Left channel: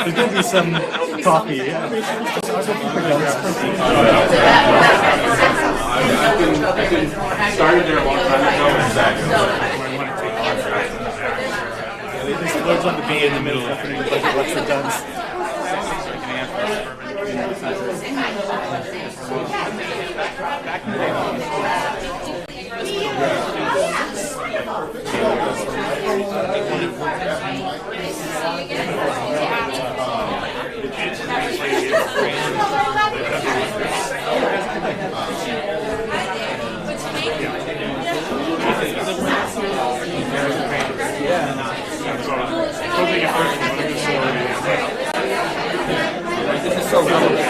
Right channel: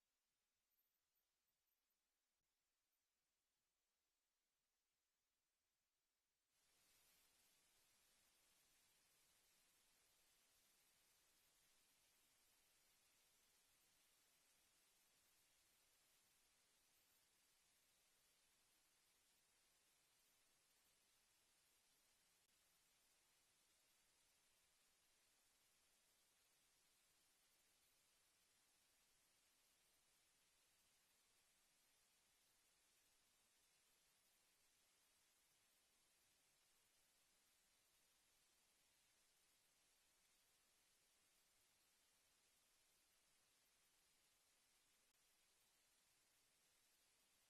There's going to be some coffee. Yeah. I've been started there a long time ago. There's words on the B in the middle. Budget lecture done. This is so relevant.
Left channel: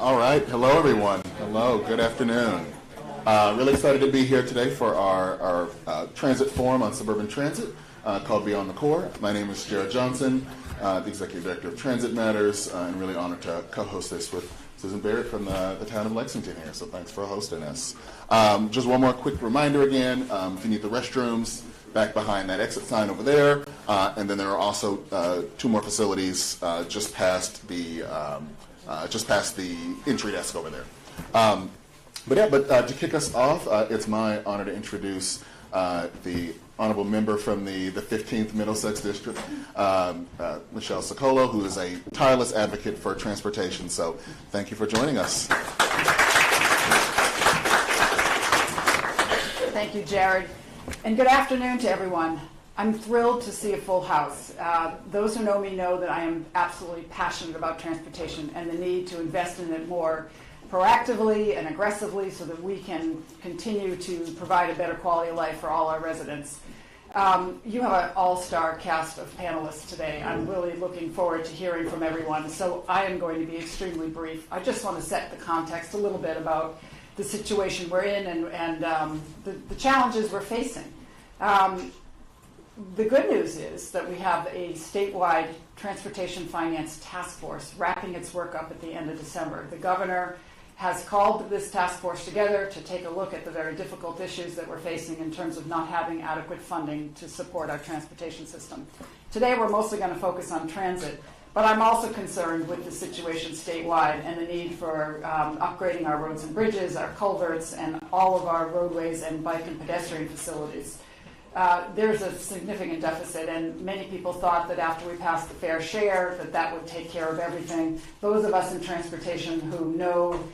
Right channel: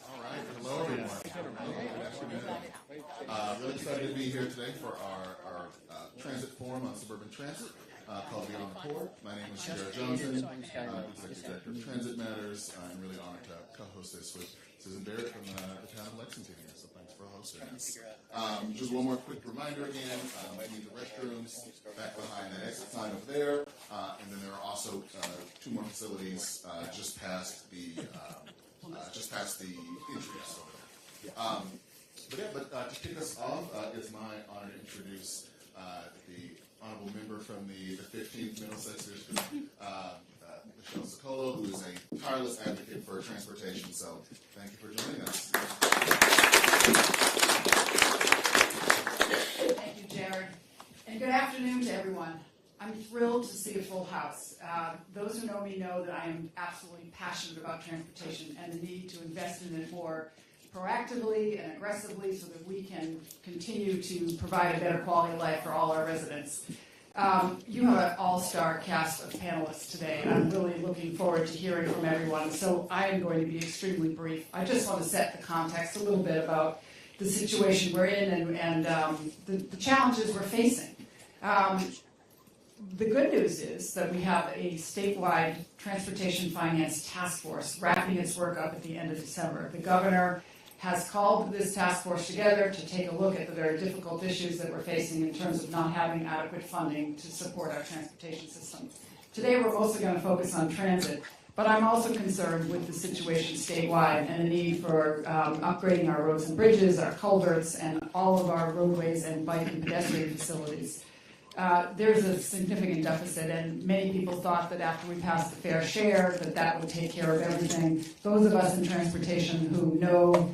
All right. Hello, everyone. Hello. Good afternoon. Really excited to be here today for our transit forum on suburban transit called Beyond the Core. My name is Jared Johnson, the Executive Director of Transit Matters, and really honored to co-host this with Susan Barrett from the town of Lexington here. So thanks for hosting us. Just one more quick reminder again, if you need the restrooms, back behind that exit sign over there. And then there are also two more facilities just past the entry desk over there. But to kick us off, it's my honor to introduce the honorable member from the 15th Middlesex District, Michelle Socolo, who is a tireless advocate for transportation. So thank you for joining us. Thank you, Jared. And good afternoon to everyone. I'm thrilled to see a full house. Those who know me know that I am absolutely passionate about transportation and the need to invest in it more proactively and aggressively so that we can continue to provide a better quality of life for all our residents. You have an all-star cast of panelists today. I'm really looking forward to hearing from everyone. So I am going to be extremely brief. I just want to set the context a little bit about the situation we're in and the challenges we're facing. The good news is that we have a statewide transportation finance task force wrapping its work up at the end of December. The governor has called this task force together to take a look at the very difficult issues that we're facing in terms of not having adequate funding to support our transportation system. Today we're mostly going to focus on transit, But I'm also concerned with the situation statewide and the need for upgrading our roads and bridges, our culverts, and all of our roadways and bike and pedestrian facilities. There's a significant deficit, and many people thought that after we passed the fair share, that would take care of everything. Those of us in transportation who know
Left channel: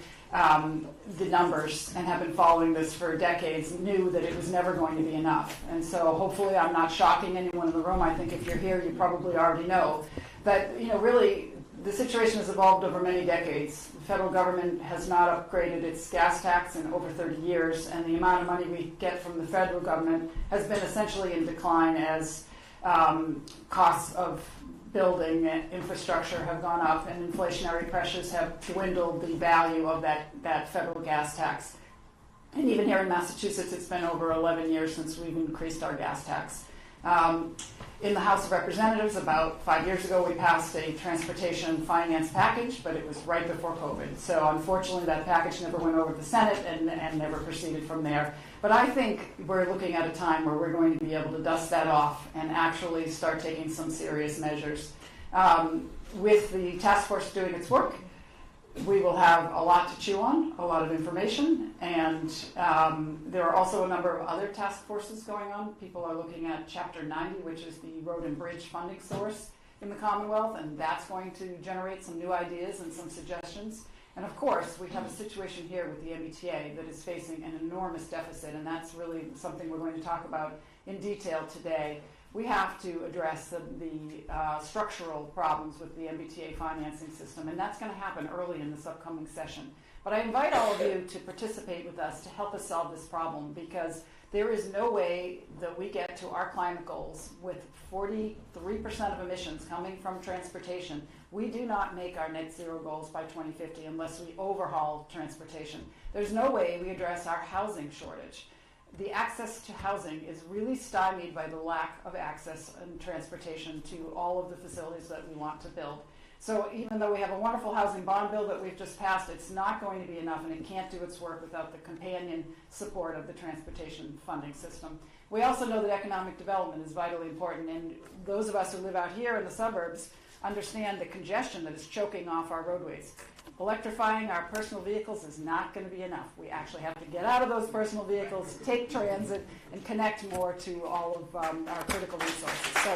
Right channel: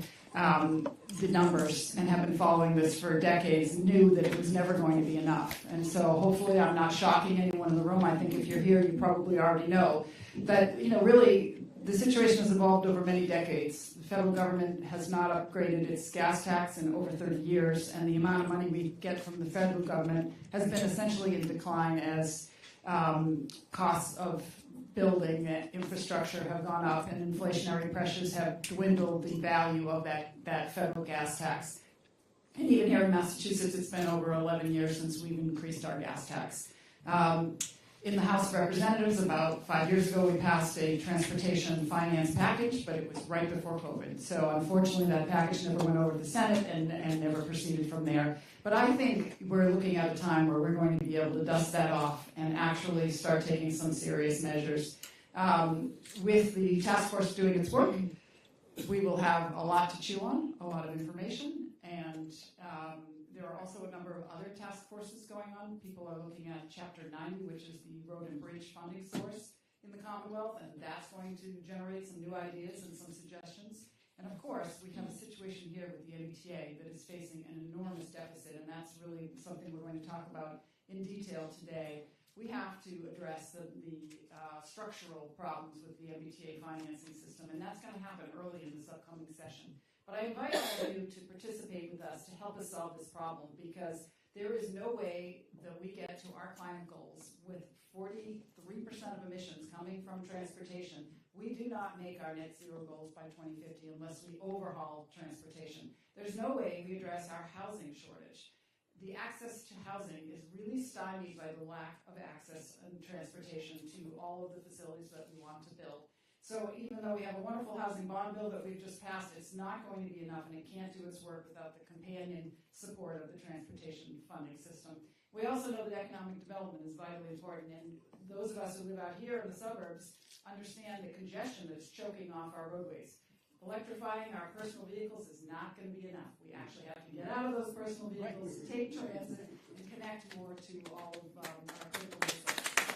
the numbers and have been following this for decades knew that it was never going to be enough. And so hopefully I'm not shocking anyone in the room. I think if you're here, you probably already know. But, really, the situation has evolved over many decades. The federal government has not upgraded its gas tax in over 30 years, and the amount of money we get from the federal government has been essentially in decline as costs of building and infrastructure have gone up and inflationary pressures have dwindled the value of that federal gas tax. And even here in Massachusetts, it's been over 11 years since we've increased our gas tax. In the House of Representatives, about 5 years ago, we passed a transportation finance package, but it was right before COVID. So unfortunately, that package never went over the Senate and never proceeded from there. But I think we're looking at a time where we're going to be able to dust that off and actually start taking some serious measures. With the task force doing its work, we will have a lot to chew on, a lot of information, and there are also a number of other task forces going on. People are looking at Chapter 90, which is the road and bridge funding source in the Commonwealth, and that's going to generate some new ideas and some suggestions. And of course, we have a situation here with the MBTA that is facing an enormous deficit, and that's really something we're going to talk about in detail today. We have to address the structural problems with the MBTA financing system, and that's going to happen early in this upcoming session. But I invite all of you to participate with us to help us solve this problem, because there is no way that we get to our climate goals with 43% of emissions coming from transportation. We do not make our net zero goals by 2050 unless we overhaul transportation. There's no way we address our housing shortage. The access to housing is really stymied by the lack of access and transportation to all of the facilities that we want to build. So even though we have a wonderful housing bond bill that we've just passed, it's not going to be enough, and it can't do its work without the companion support of the transportation funding system. We also know that economic development is vitally important, and those of us who live out here in the suburbs understand the congestion that is choking off our roadways. Electrifying our personal vehicles is not going to be enough. We actually have to get out of those personal vehicles, take transit, and connect more to all of our critical resources. So,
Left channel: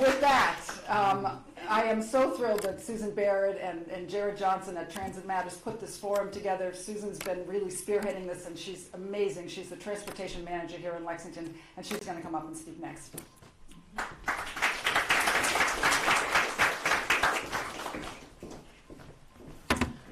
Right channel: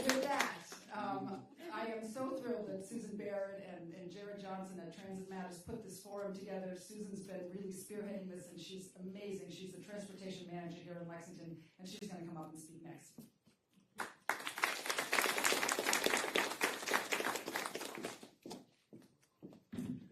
with that, I am so thrilled that Susan Barrett and Jared Johnson at Transit Matters put this forum together. Susan's been really spearheading this, and she's amazing. She's the transportation manager here in Lexington, and she's going to come up and speak next.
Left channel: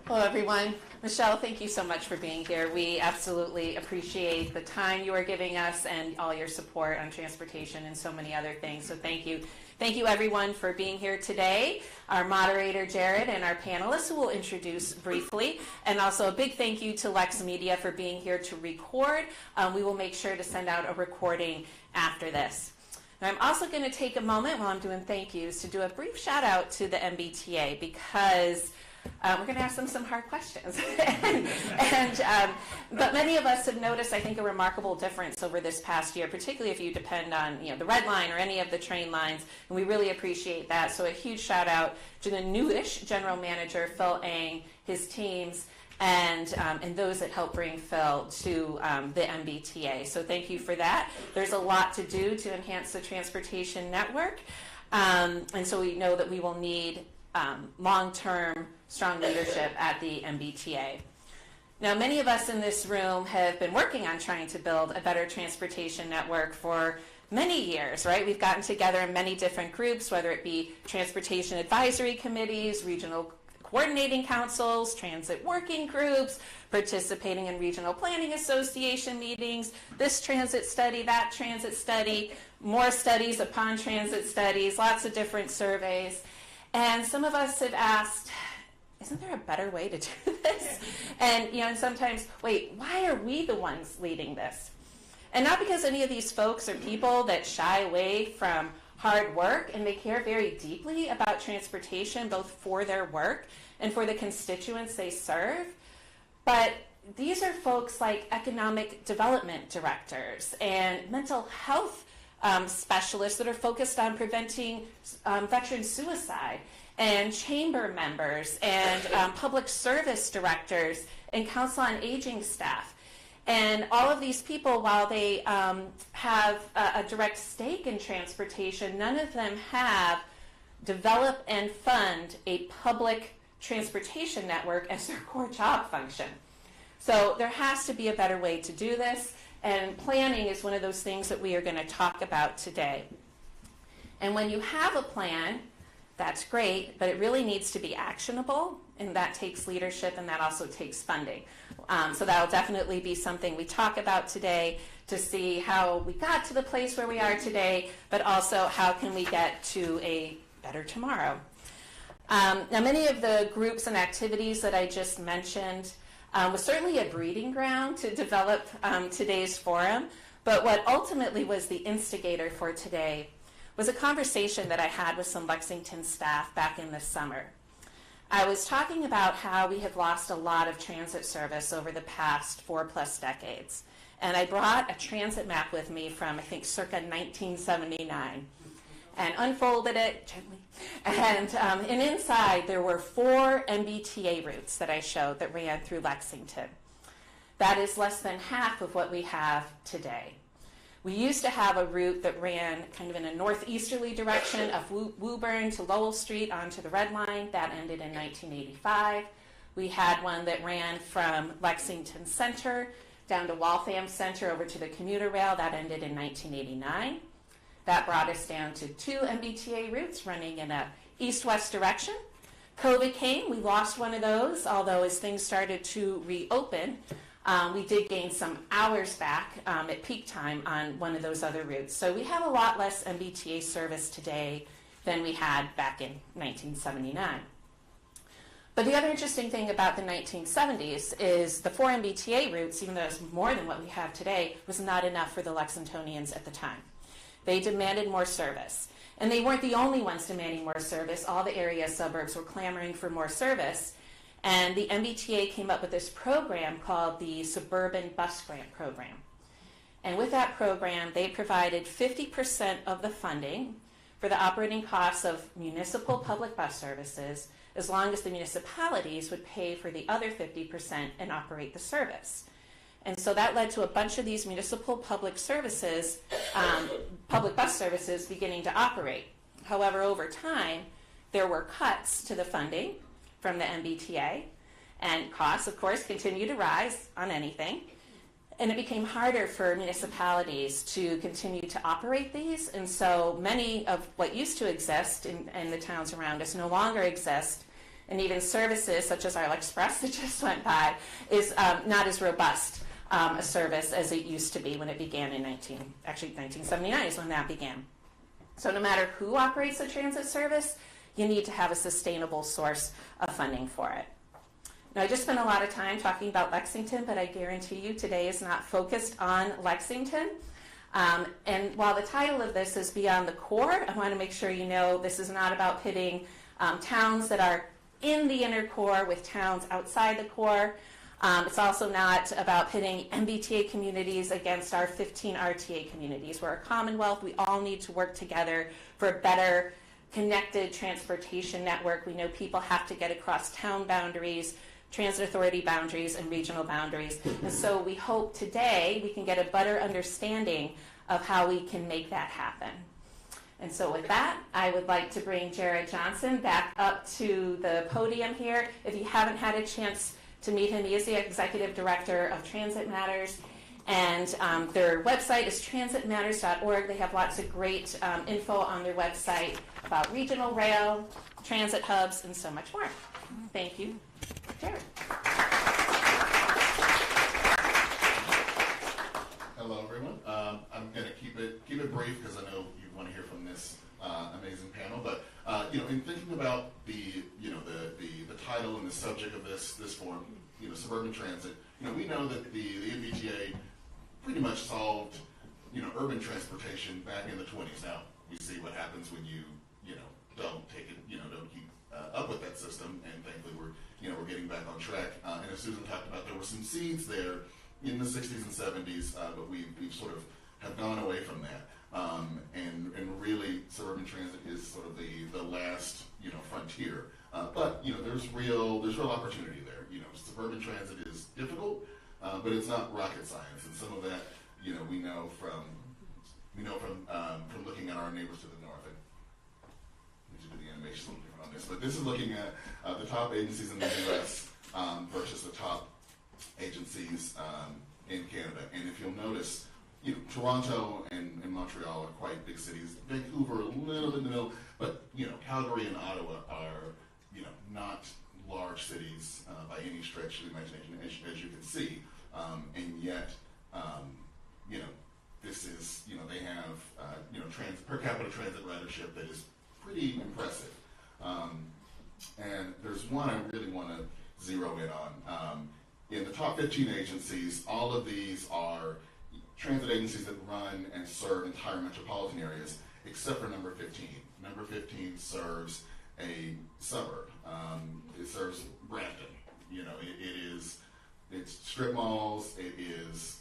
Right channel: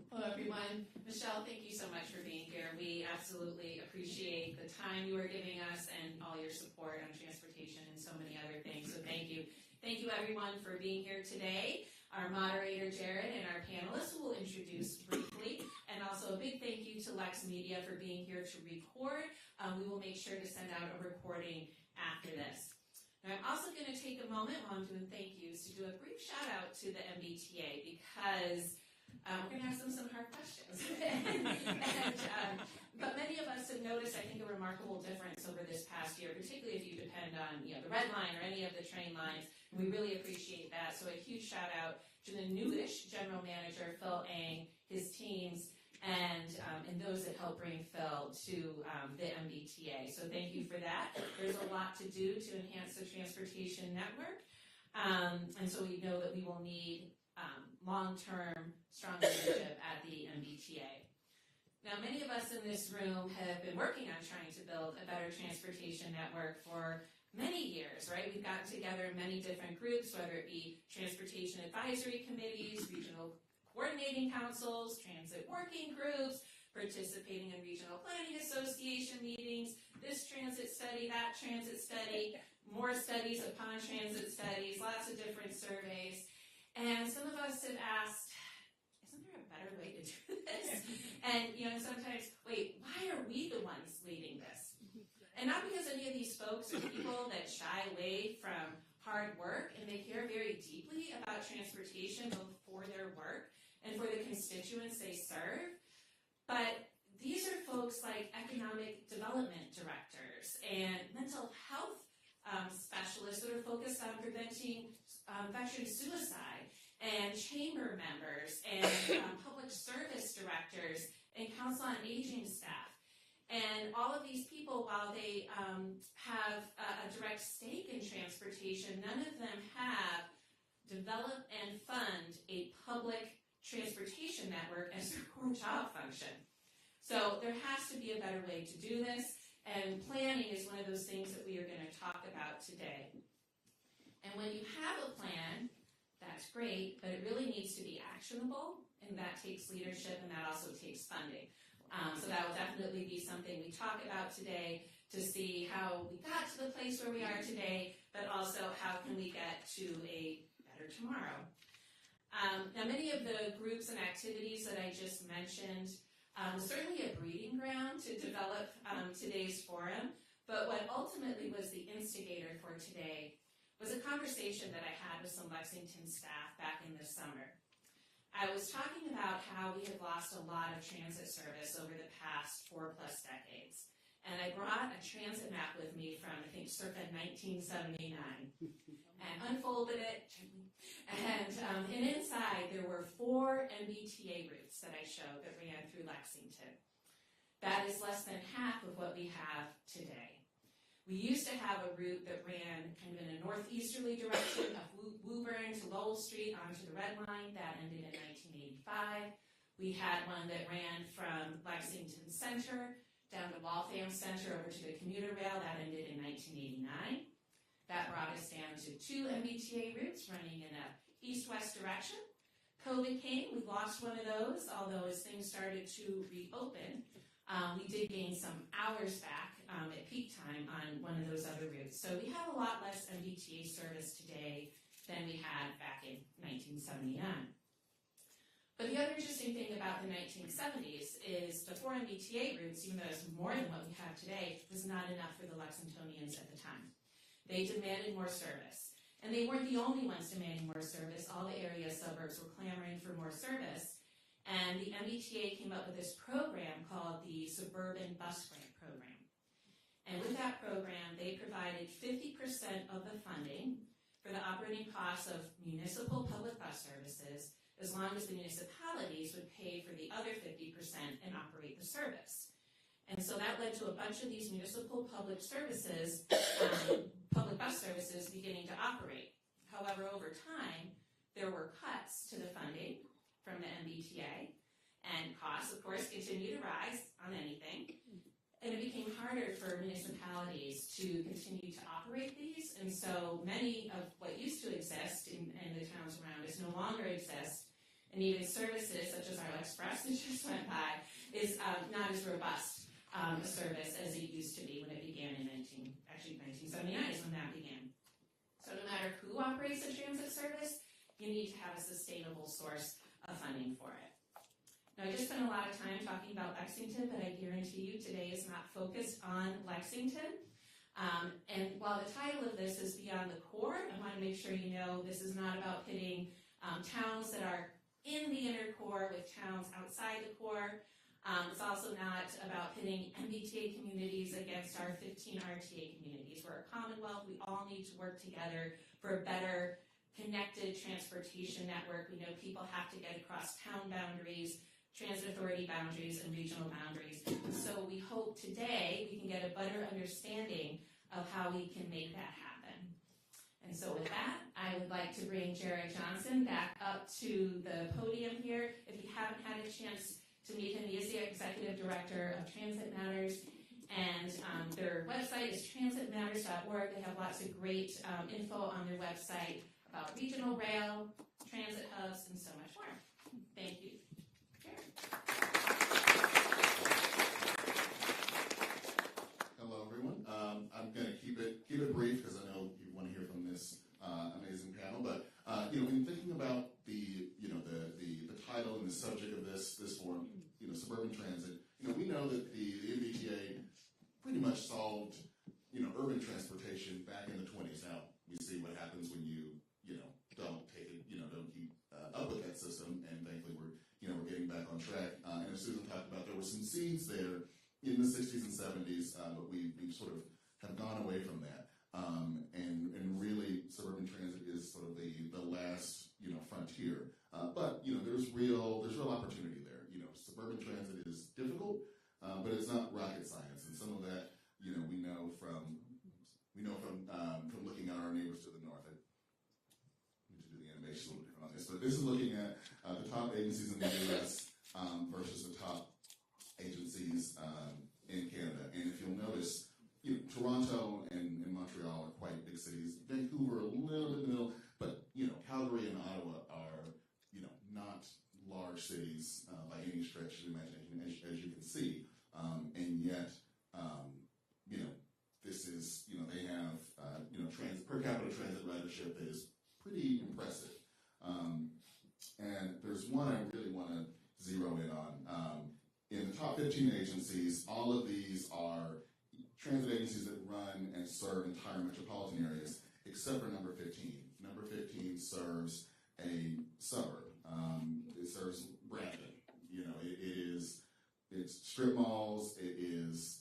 Hello, everyone. Michelle, thank you so much for being here. We absolutely appreciate the time you are giving us and all your support on transportation and so many other things. So thank you. Thank you, everyone, for being here today. Our moderator, Jared, and our panelists, who we'll introduce briefly. And also a big thank you to LexMedia for being here to record. We will make sure to send out a recording after this. Now, I'm also going to take a moment while I'm doing thank yous to do a brief shout out to the MBTA, because we're going to ask them some hard questions. But many of us have noticed, I think, a remarkable difference over this past year, particularly if you depend on the Red Line or any of the train lines, and we really appreciate that. So a huge shout out to the newish general manager, Phil Ang, his teams, and those that help bring Phil to the MBTA. So thank you for that. There's a lot to do to enhance the transportation network, and so we know that we will need long-term, strong leadership at the MBTA. Now, many of us in this room have been working on trying to build a better transportation network for many years, right? We've gotten together in many different groups, whether it be transportation advisory committees, regional coordinating councils, transit working groups, participating in regional planning association meetings, this transit study, that transit study, more studies upon transit studies, lots of different surveys. And some of us have asked, isn't there a better way to do this? And sometimes, wait, why are we the ones leading this? And not because any of these folks are people that shy away from hard work, and they care very deeply about transportation, both for their work and for the constituents they serve. But these are folks like economic development directors and mental health specialists that are focused on preventing veteran suicide, and chamber members, and public service directors, and council on aging staff. And all of these people, while they have a direct stake in transportation, none of them have developed and fund a public transportation network as their core job function. So there has to be a better way to do this, and planning is one of those things that we are going to talk about today. And when you have a plan, that's great, but it really needs to be actionable, and that takes leadership, and that also takes funding. So that'll definitely be something we talk about today to see how we got to the place where we are today, but also how can we get to a better tomorrow. Now, many of the groups and activities that I just mentioned was certainly a breeding ground to develop today's forum, but what ultimately was the instigator for today was a conversation that I had with some Lexington staff back in the summer. I was talking about how we have lost a lot of transit service over the past 4+ decades. And I brought a transit map with me from, I think, circa 1979, and unfolded it gently. And inside, there were 4 MBTA routes that I showed that ran through Lexington. That is less than half of what we have today. We used to have a route that ran kind of in a northeasterly direction of Woburn to Lowell Street onto the Red Line. That ended in 1985. We had one that ran from Lexington Center down to Waltham Center over to the commuter rail. That ended in 1989. That brought us down to 2 MBTA routes running in a east-west direction. COVID came, we lost one of those, although as things started to reopen, we did gain some hours back at peak time on one of those other routes. So we have a lot less MBTA service today than we had back in 1979. But the other interesting thing about the 1970s is the 4 MBTA routes, even though it's more than what we have today, was not enough for the Lexingtonians at the time. They demanded more service. And they weren't the only ones demanding more service. All the area suburbs were clamoring for more service. And the MBTA came up with this program called the Suburban Bus Grant Program. And with that program, they provided 50% of the funding for the operating costs of municipal public bus services, as long as the municipalities would pay for the other 50% and operate the service. And so that led to a bunch of these municipal public services, public bus services beginning to operate. However, over time, there were cuts to the funding from the MBTA, and costs, of course, continue to rise on anything. And it became harder for municipalities to continue to operate these, and so many of what used to exist in the towns around us no longer exist, and even services such as our Express that just went by is not as robust a service as it used to be when it began in 1979 is when that began. So no matter who operates a transit service, you need to have a sustainable source of funding for it. Now, I just spent a lot of time talking about Lexington, but I guarantee you today is not focused on Lexington. And while the title of this is Beyond the Core, I want to make sure you know this is not about pitting towns that are in the inner core with towns outside the core. It's also not about pitting MBTA communities against our 15 RTA communities. We're a commonwealth. We all need to work together for a better connected transportation network. We know people have to get across town boundaries, transit authority boundaries, and regional boundaries. And so we hope today we can get a better understanding of how we can make that happen. And so with that, I would like to bring Jared Johnson back up to the podium here. If you haven't had a chance to meet him, he is the Executive Director of Transit Matters. And their website is transitmatters.org. They have lots of great info on their website about regional rail, transit hubs, and so much more. Thank you, Jared. Hello, everyone. I'm going to keep it brief because I know you want to hear from this amazing panel. But in thinking about the title and the subject of this forum, suburban transit, we know that the MBTA pretty much solved urban transportation back in the 20s. Now we see what happens when you don't take it, don't keep up with that system, and thankfully we're getting back on track. And as Susan talked about, there were some seeds there in the 60s and 70s, but we've sort of have gone away from that. and really Suburban Transit is sort of the last, frontier. But, there's real opportunity there. Suburban Transit is difficult, but it's not rocket science. And some of that, we know from looking at our neighbors to the north. I need to do the animation a little different on this, but this is looking at the top agencies in the U.S. Versus the top agencies in Canada. And if you'll notice, Toronto and Montreal are quite big cities. Vancouver a little bit in the middle, but Calgary and Ottawa are not large cities by any stretch of the imagination, as you can see. And yet, this is they have per capita transit ridership that is pretty impressive. And there's one I really want to zero in on. In the top 15 agencies, all of these are transit agencies that run and serve entire metropolitan areas, except for number 15. Number 15 serves a suburb. It serves Brampton. It's strip malls. It is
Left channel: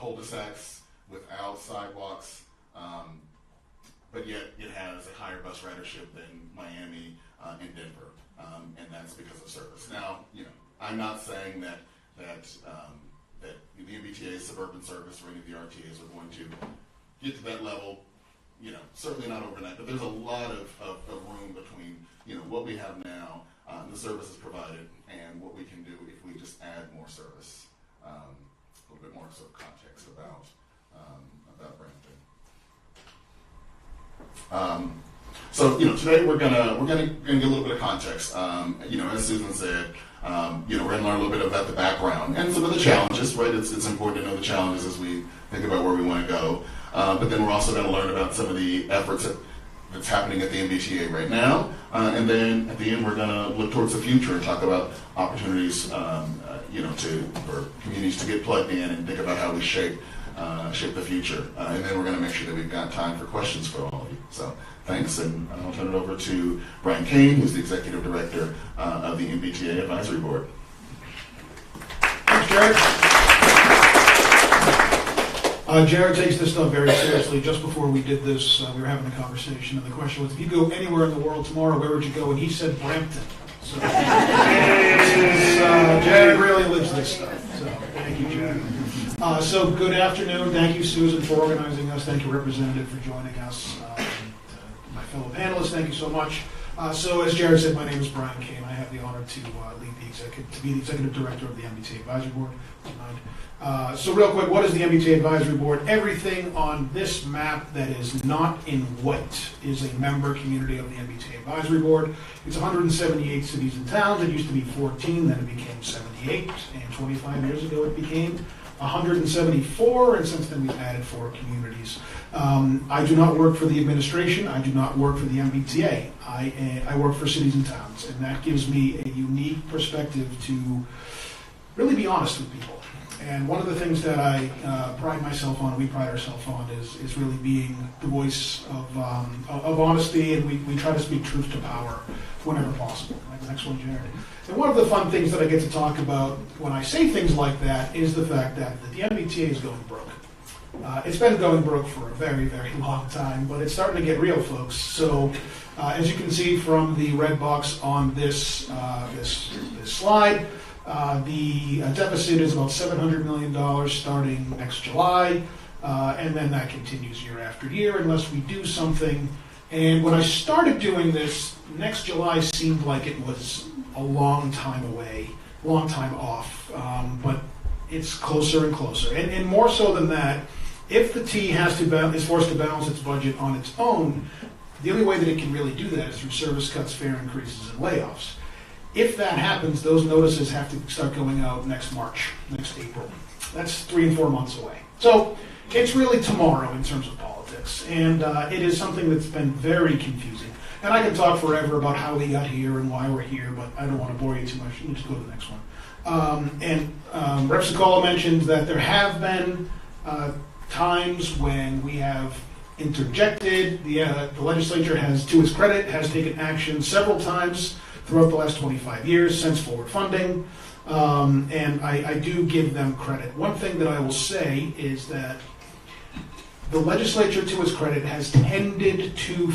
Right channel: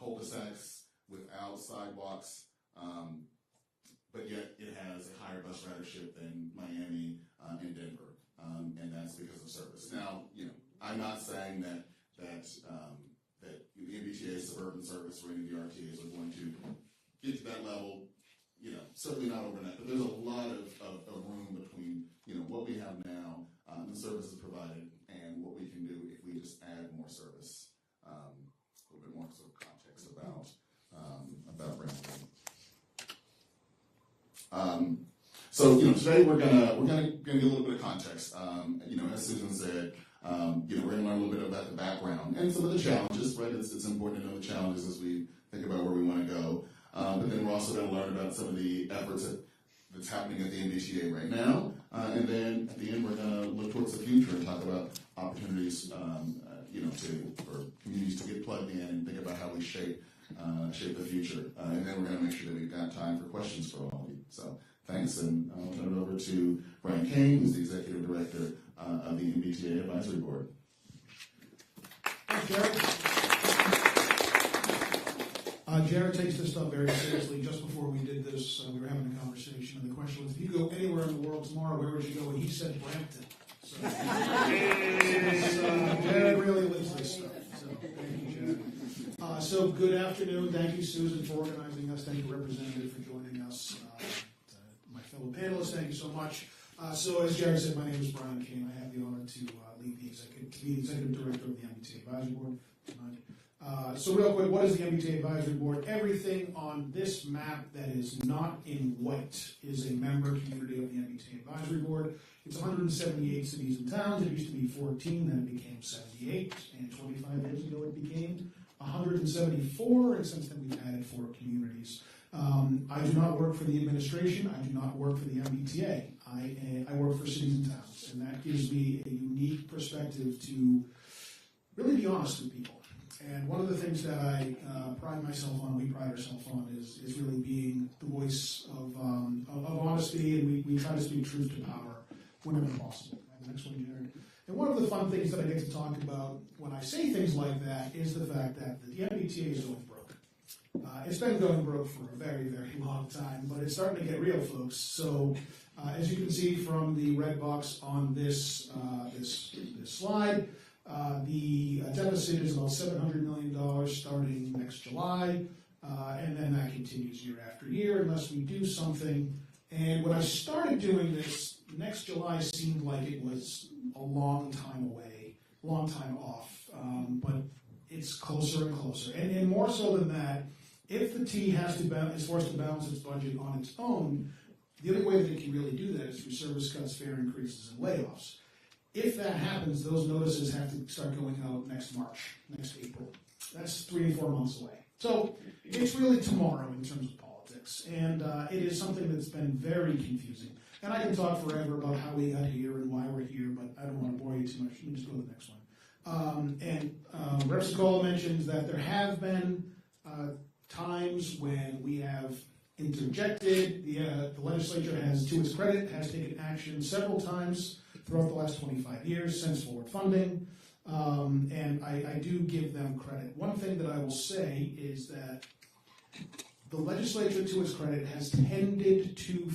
cul-de-sacs without sidewalks, but yet it has a higher bus ridership than Miami and Denver, and that's because of service. Now, I'm not saying that the MBTA Suburban service or any of the RTAs are going to get to that level, certainly not overnight, but there's a lot of room between, what we have now, and the services provided, and what we can do if we just add more service. A little bit more sort of context about Brampton. So today we're gonna get a little bit of context. As Susan said, we're gonna learn a little bit about the background and some of the challenges. Right, it's important to know the challenges as we think about where we want to go. But then we're also gonna learn about some of the efforts that's happening at the MBTA right now. And then at the end, we're gonna look towards the future and talk about opportunities, for communities to get plugged in and think about how we shape the future. And then we're going to make sure that we've got time for questions for all of you. So thanks, and I'll turn it over to Brian Kane, who's the Executive Director of the MBTA Advisory Board. Thanks, Jared. Jared takes this stuff very seriously. Just before we did this, we were having a conversation, and the question was, if you go anywhere in the world tomorrow, where would you go? And he said Brampton. So, Jared really lives this stuff. So thank you, Jared. So good afternoon. Thank you, Susan, for organizing us. Thank you, Representative, for joining us. My fellow panelists, thank you so much. So as Jared said, my name is Brian Kane. I have the honor to be the Executive Director of the MBTA Advisory Board. So real quick, what is the MBTA Advisory Board? Everything on this map that is not in white is a member community of the MBTA Advisory Board. It's 178 cities and towns. It used to be 14, then it became 78, and 25 years ago it became 174, and since then we've added 4 communities. I do not work for the administration. I do not work for the MBTA. I work for cities and towns, and that gives me a unique perspective to really be honest with people. And one of the things that I pride myself on, we pride ourselves on, is really being the voice of honesty, and we try to speak truth to power whenever possible. Like the next one, Jared. And one of the fun things that I get to talk about when I say things like that is the fact that the MBTA is going broke. It's been going broke for a very, very long time, but it's starting to get real, folks. So as you can see from the red box on this slide, the deficit is about $700 million starting next July, and then that continues year after year unless we do something. And when I started doing this, next July seemed like it was a long time away, long time off, but it's closer and closer. And more so than that, if the T is forced to balance its budget on its own, the only way that it can really do that is through service cuts, fare increases, and layoffs. If that happens, those notices have to start going out next March, next April. That's 3 and 4 months away. So it's really tomorrow in terms of politics. And it is something that's been very confusing. And I can talk forever about how we got here and why we're here, but I don't want to bore you too much. Let me just go to the next one. Rep. Sikola mentioned that there have been times when we have interjected. The legislature has, to its credit, has taken action several times throughout the last 25 years since forward funding, and I do give them credit. One thing that I will say is that the legislature, to its credit, has tended to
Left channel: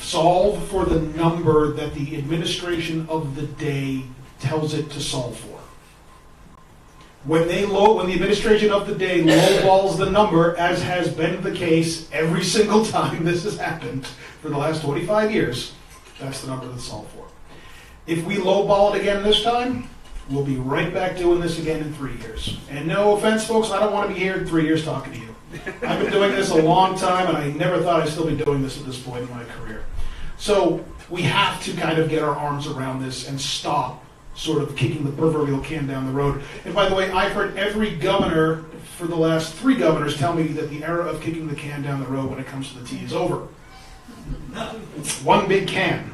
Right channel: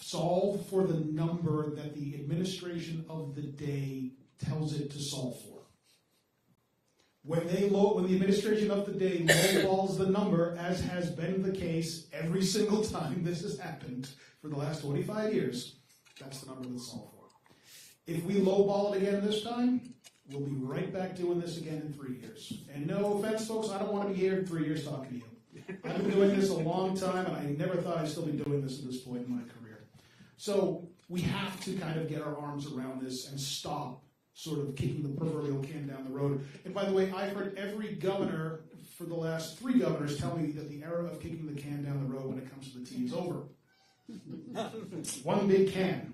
solve for the number that the administration of the day tells it to solve for. When the administration of the day lowballs the number, as has been the case every single time this has happened for the last 25 years, that's the number that's solved for. If we lowball it again this time, we'll be right back doing this again in 3 years. And no offense, folks, I don't want to be here in 3 years talking to you. I've been doing this a long time, and I never thought I'd still be doing this at this point in my career. So we have to kind of get our arms around this and stop sort of kicking the proverbial can down the road. And by the way, I've heard every governor for the last 3 governors tell me that the era of kicking the can down the road when it comes to the T is over. One big can.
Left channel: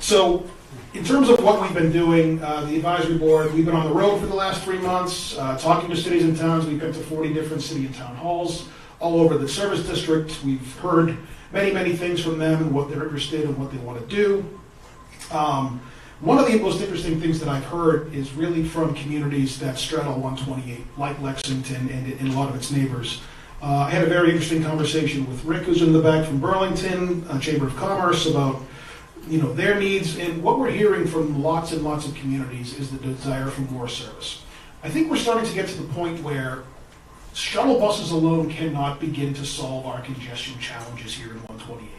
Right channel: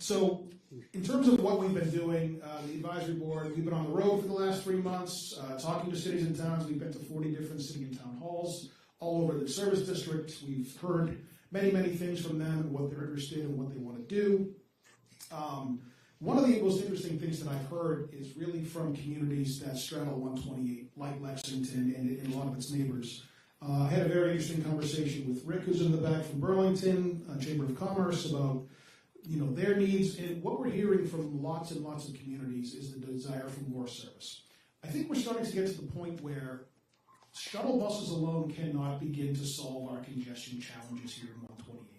So in terms of what we've been doing, the advisory board, we've been on the road for the last 3 months, talking to cities and towns. We've been to 40 different city and town halls all over the service district. We've heard many, many things from them and what they're interested in and what they want to do. One of the most interesting things that I've heard is really from communities that straddle 128, like Lexington and a lot of its neighbors. I had a very interesting conversation with Rick, who's in the back from Burlington, Chamber of Commerce, about their needs. And what we're hearing from lots and lots of communities is the desire for more service. I think we're starting to get to the point where shuttle buses alone cannot begin to solve our congestion challenges here in 128.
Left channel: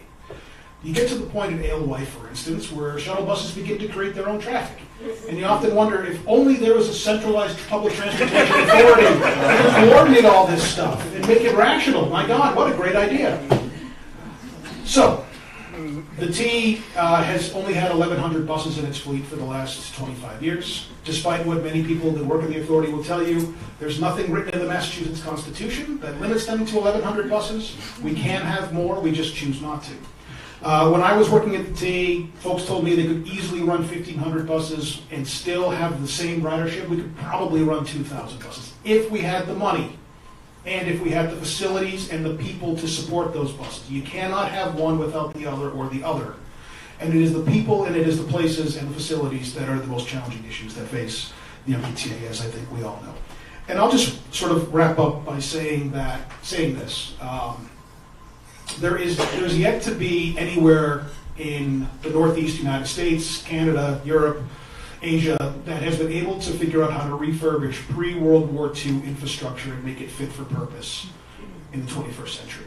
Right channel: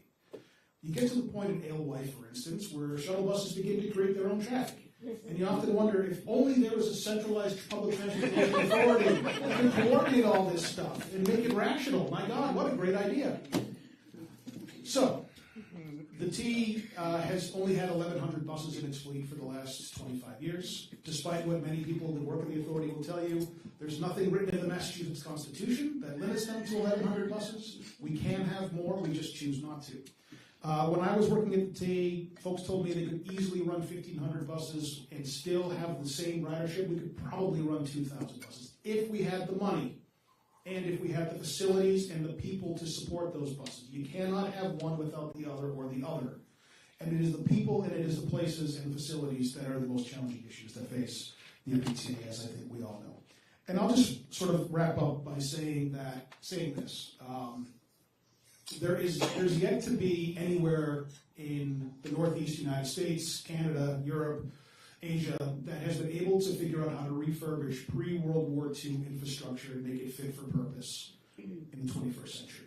You get to the point in Alewife, for instance, where shuttle buses begin to create their own traffic. And you often wonder if only there was a centralized public transportation authority that could coordinate all this stuff and make it rational. My God, what a great idea. So, the T has only had 1,100 buses in its fleet for the last 25 years. Despite what many people that work in the authority will tell you, there's nothing written in the Massachusetts Constitution that limits them to 1,100 buses. We can have more, we just choose not to. When I was working at the T, folks told me they could easily run 1,500 buses and still have the same ridership. We could probably run 2,000 buses if we had the money and if we had the facilities and the people to support those buses. You cannot have one without the other or the other. And it is the people and it is the places and the facilities that are the most challenging issues that face the MBTA, as I think we all know. And I'll just sort of wrap up by saying this. There's yet to be anywhere in the Northeast United States, Canada, Europe, Asia, that has been able to figure out how to refurbish pre-World War II infrastructure and make it fit for purpose in the 21st century.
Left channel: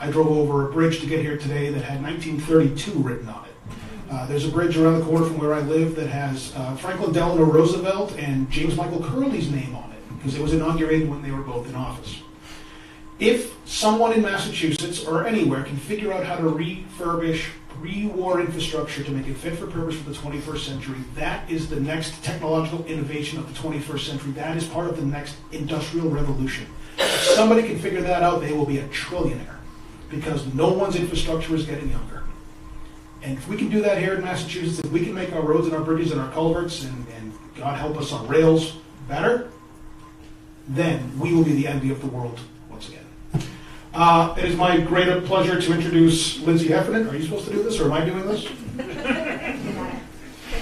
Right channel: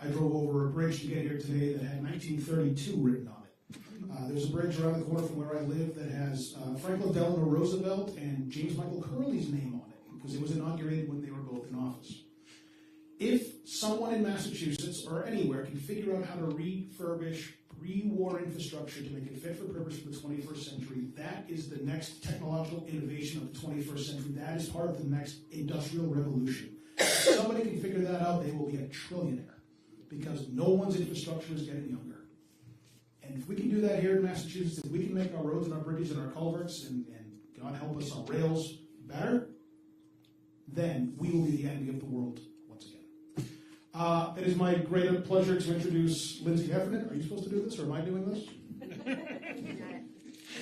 I drove over a bridge to get here today that had 1932 written on it. There's a bridge around the corner from where I live that has Franklin Delano Roosevelt and James Michael Curley's name on it because it was inaugurated when they were both in office. If someone in Massachusetts or anywhere can figure out how to refurbish pre-war infrastructure to make it fit for purpose for the 21st century, that is the next technological innovation of the 21st century. That is part of the next industrial revolution. If somebody can figure that out, they will be a trillionaire because no one's infrastructure is getting younger. And if we can do that here in Massachusetts, if we can make our roads and our bridges and our culverts and God help us, our rails better, then we will be the envy of the world once again. It is my great pleasure to introduce Lindsay Heffernan. Are you supposed to do this, or am I doing this?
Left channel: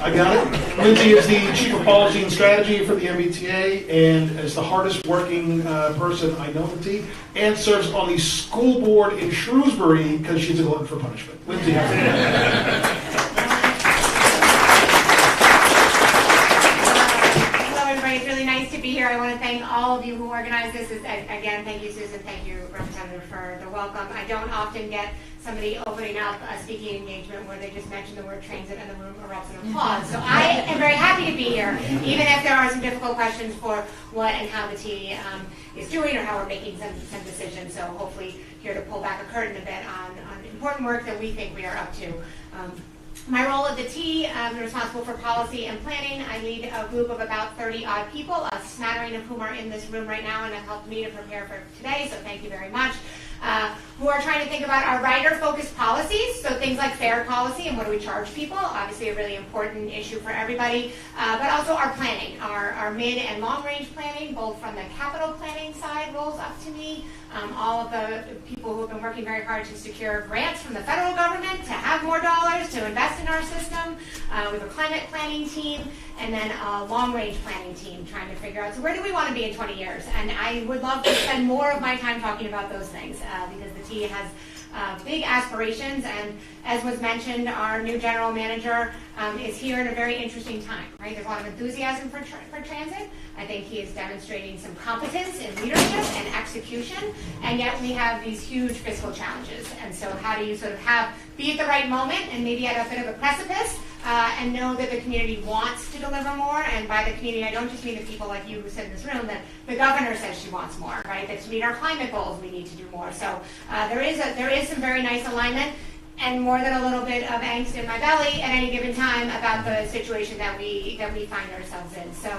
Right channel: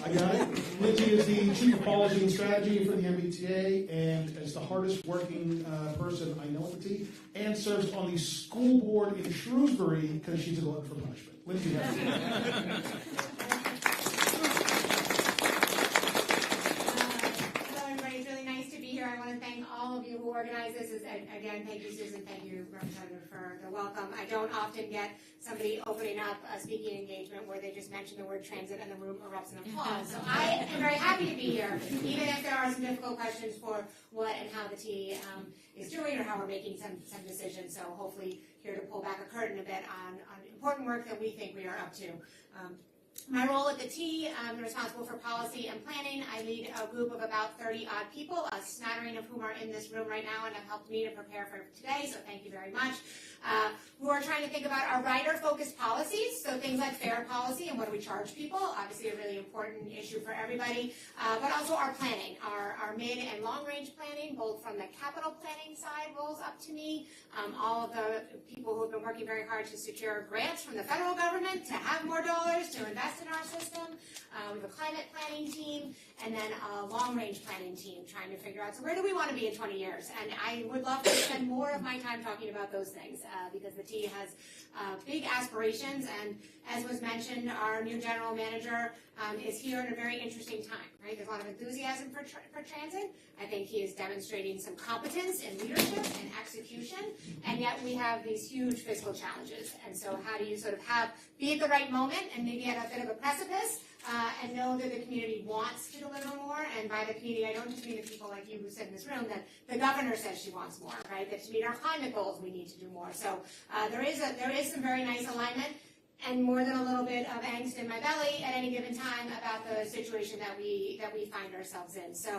I got it. Lindsay is the Chief of Policy and Strategy for the MBTA and is the hardest working person I know at the T, and serves on the school board in Shrewsbury because she's a glutton for punishment. Lindsay Heffernan. Here. I want to thank all of you who organized this. Again, thank you, Susan. Thank you, Representative, for the welcome. I don't often get somebody opening up a speaking engagement where they just mention the word transit and the room erupts in applause. So I am very happy to be here, even if there are some difficult questions for what and how the T is doing or how we're making some decisions. So hopefully here to pull back a curtain a bit on important work that we think we are up to. My role at the T, I'm responsible for policy and planning. I lead a group of about 30-odd people, a smattering of whom are in this room right now and have helped me to prepare for today, so thank you very much, who are trying to think about our rider-focused policies, so things like fare policy and what do we charge people, obviously a really important issue for everybody, but also our planning, our mid and long-range planning, both from the capital planning side rolls up to me, all of the people who have been working very hard to secure grants from the federal government to have more dollars to invest in our system. We have a climate planning team, and then a long-range planning team trying to figure out, so where do we want to be in 20 years? And I would love to spend more of my time talking about those things because the T has big aspirations, and as was mentioned, our new general manager is here at a very interesting time, right? There's a lot of enthusiasm for transit. I think he is demonstrating some competence in leadership and execution, and yet we have these huge fiscal challenges. And so how do you sort of be at the right moment and maybe at a bit of a precipice and know that the community wants to deliver more? And by the community, I don't just mean the people like you who sit in this room, that the governor says she wants more, right? That to meet our climate goals, we need to do more. So there is some very nice alignment, and more than a little bit of angst in my belly at any given time about the situation that we find ourselves in. So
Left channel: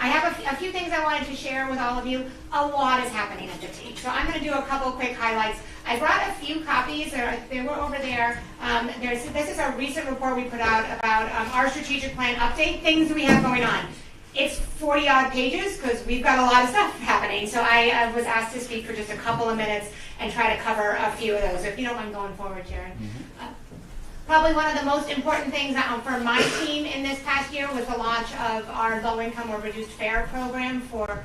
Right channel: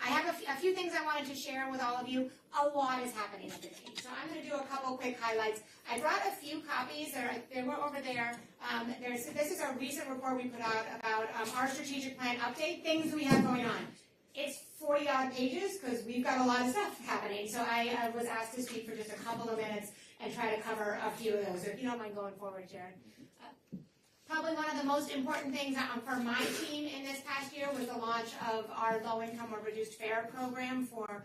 I have a few things I wanted to share with all of you. A lot is happening at the T. So I'm going to do a couple quick highlights. I brought a few copies. They were over there. This is a recent report we put out about our strategic plan update, things we have going on. It's 40-odd pages because we've got a lot of stuff happening. So I was asked to speak for just a couple of minutes and try to cover a few of those. If you don't mind going forward, Sharon. Probably one of the most important things for my team in this past year was the launch of our low-income or reduced fare program for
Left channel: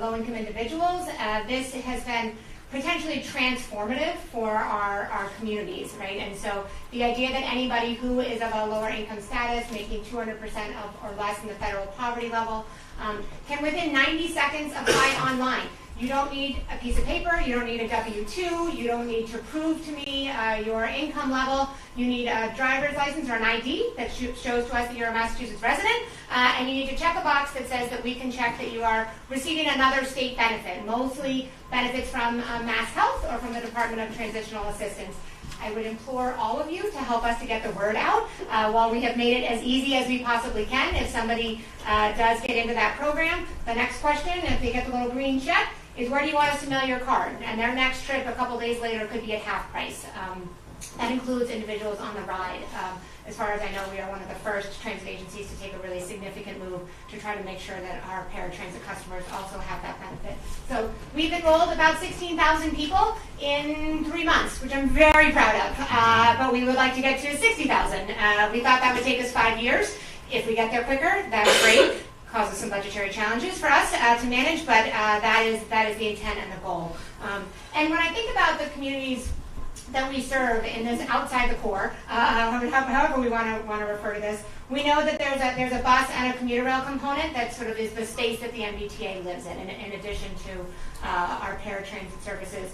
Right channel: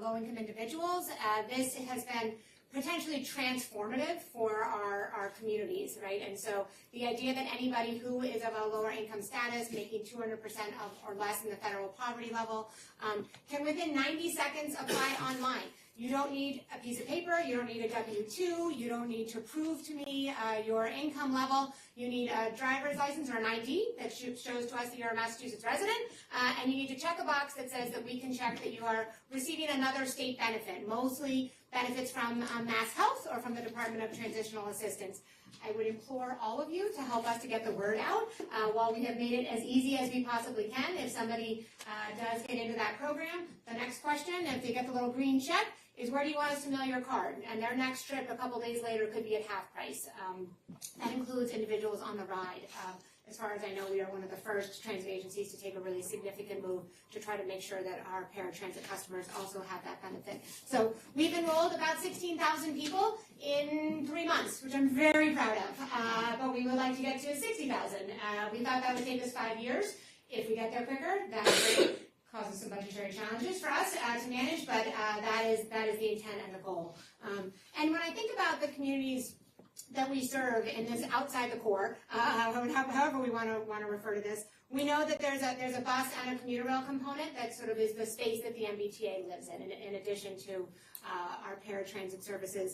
low-income individuals. This has been potentially transformative for our communities, right? And so the idea that anybody who is of a lower income status, making 200% of or less in the federal poverty level, can within 90 seconds apply online. You don't need a piece of paper, you don't need a W-2, you don't need to prove to me your income level. You need a driver's license or an ID that shows to us that you're a Massachusetts resident, and you need to check a box that says that we can check that you are receiving another state benefit, mostly benefits from Mass Health or from the Department of Transitional Assistance. I would implore all of you to help us to get the word out. While we have made it as easy as we possibly can, if somebody does get into that program, the next question, if they get the little green check, is where do you want us to mail your card? And their next trip a couple days later could be at half price. That includes individuals on the ride. As far as I know, we are one of the first transit agencies to take a really significant move to try to make sure that our paratransit customers also have that benefit. So we've enrolled about 16,000 people in 3 months, which I'm very proud of, but we would like to get to 60,000. We thought that would take us 5 years. If we get there quicker, that's great. Causes some budgetary challenges for us to manage, but that is the intent and the goal. And when I think about the communities that we serve in this outside the core, however we want to refer to this, we know that there's a bus and a commuter rail component that sort of is the space that the MBTA lives in addition to our paratransit services.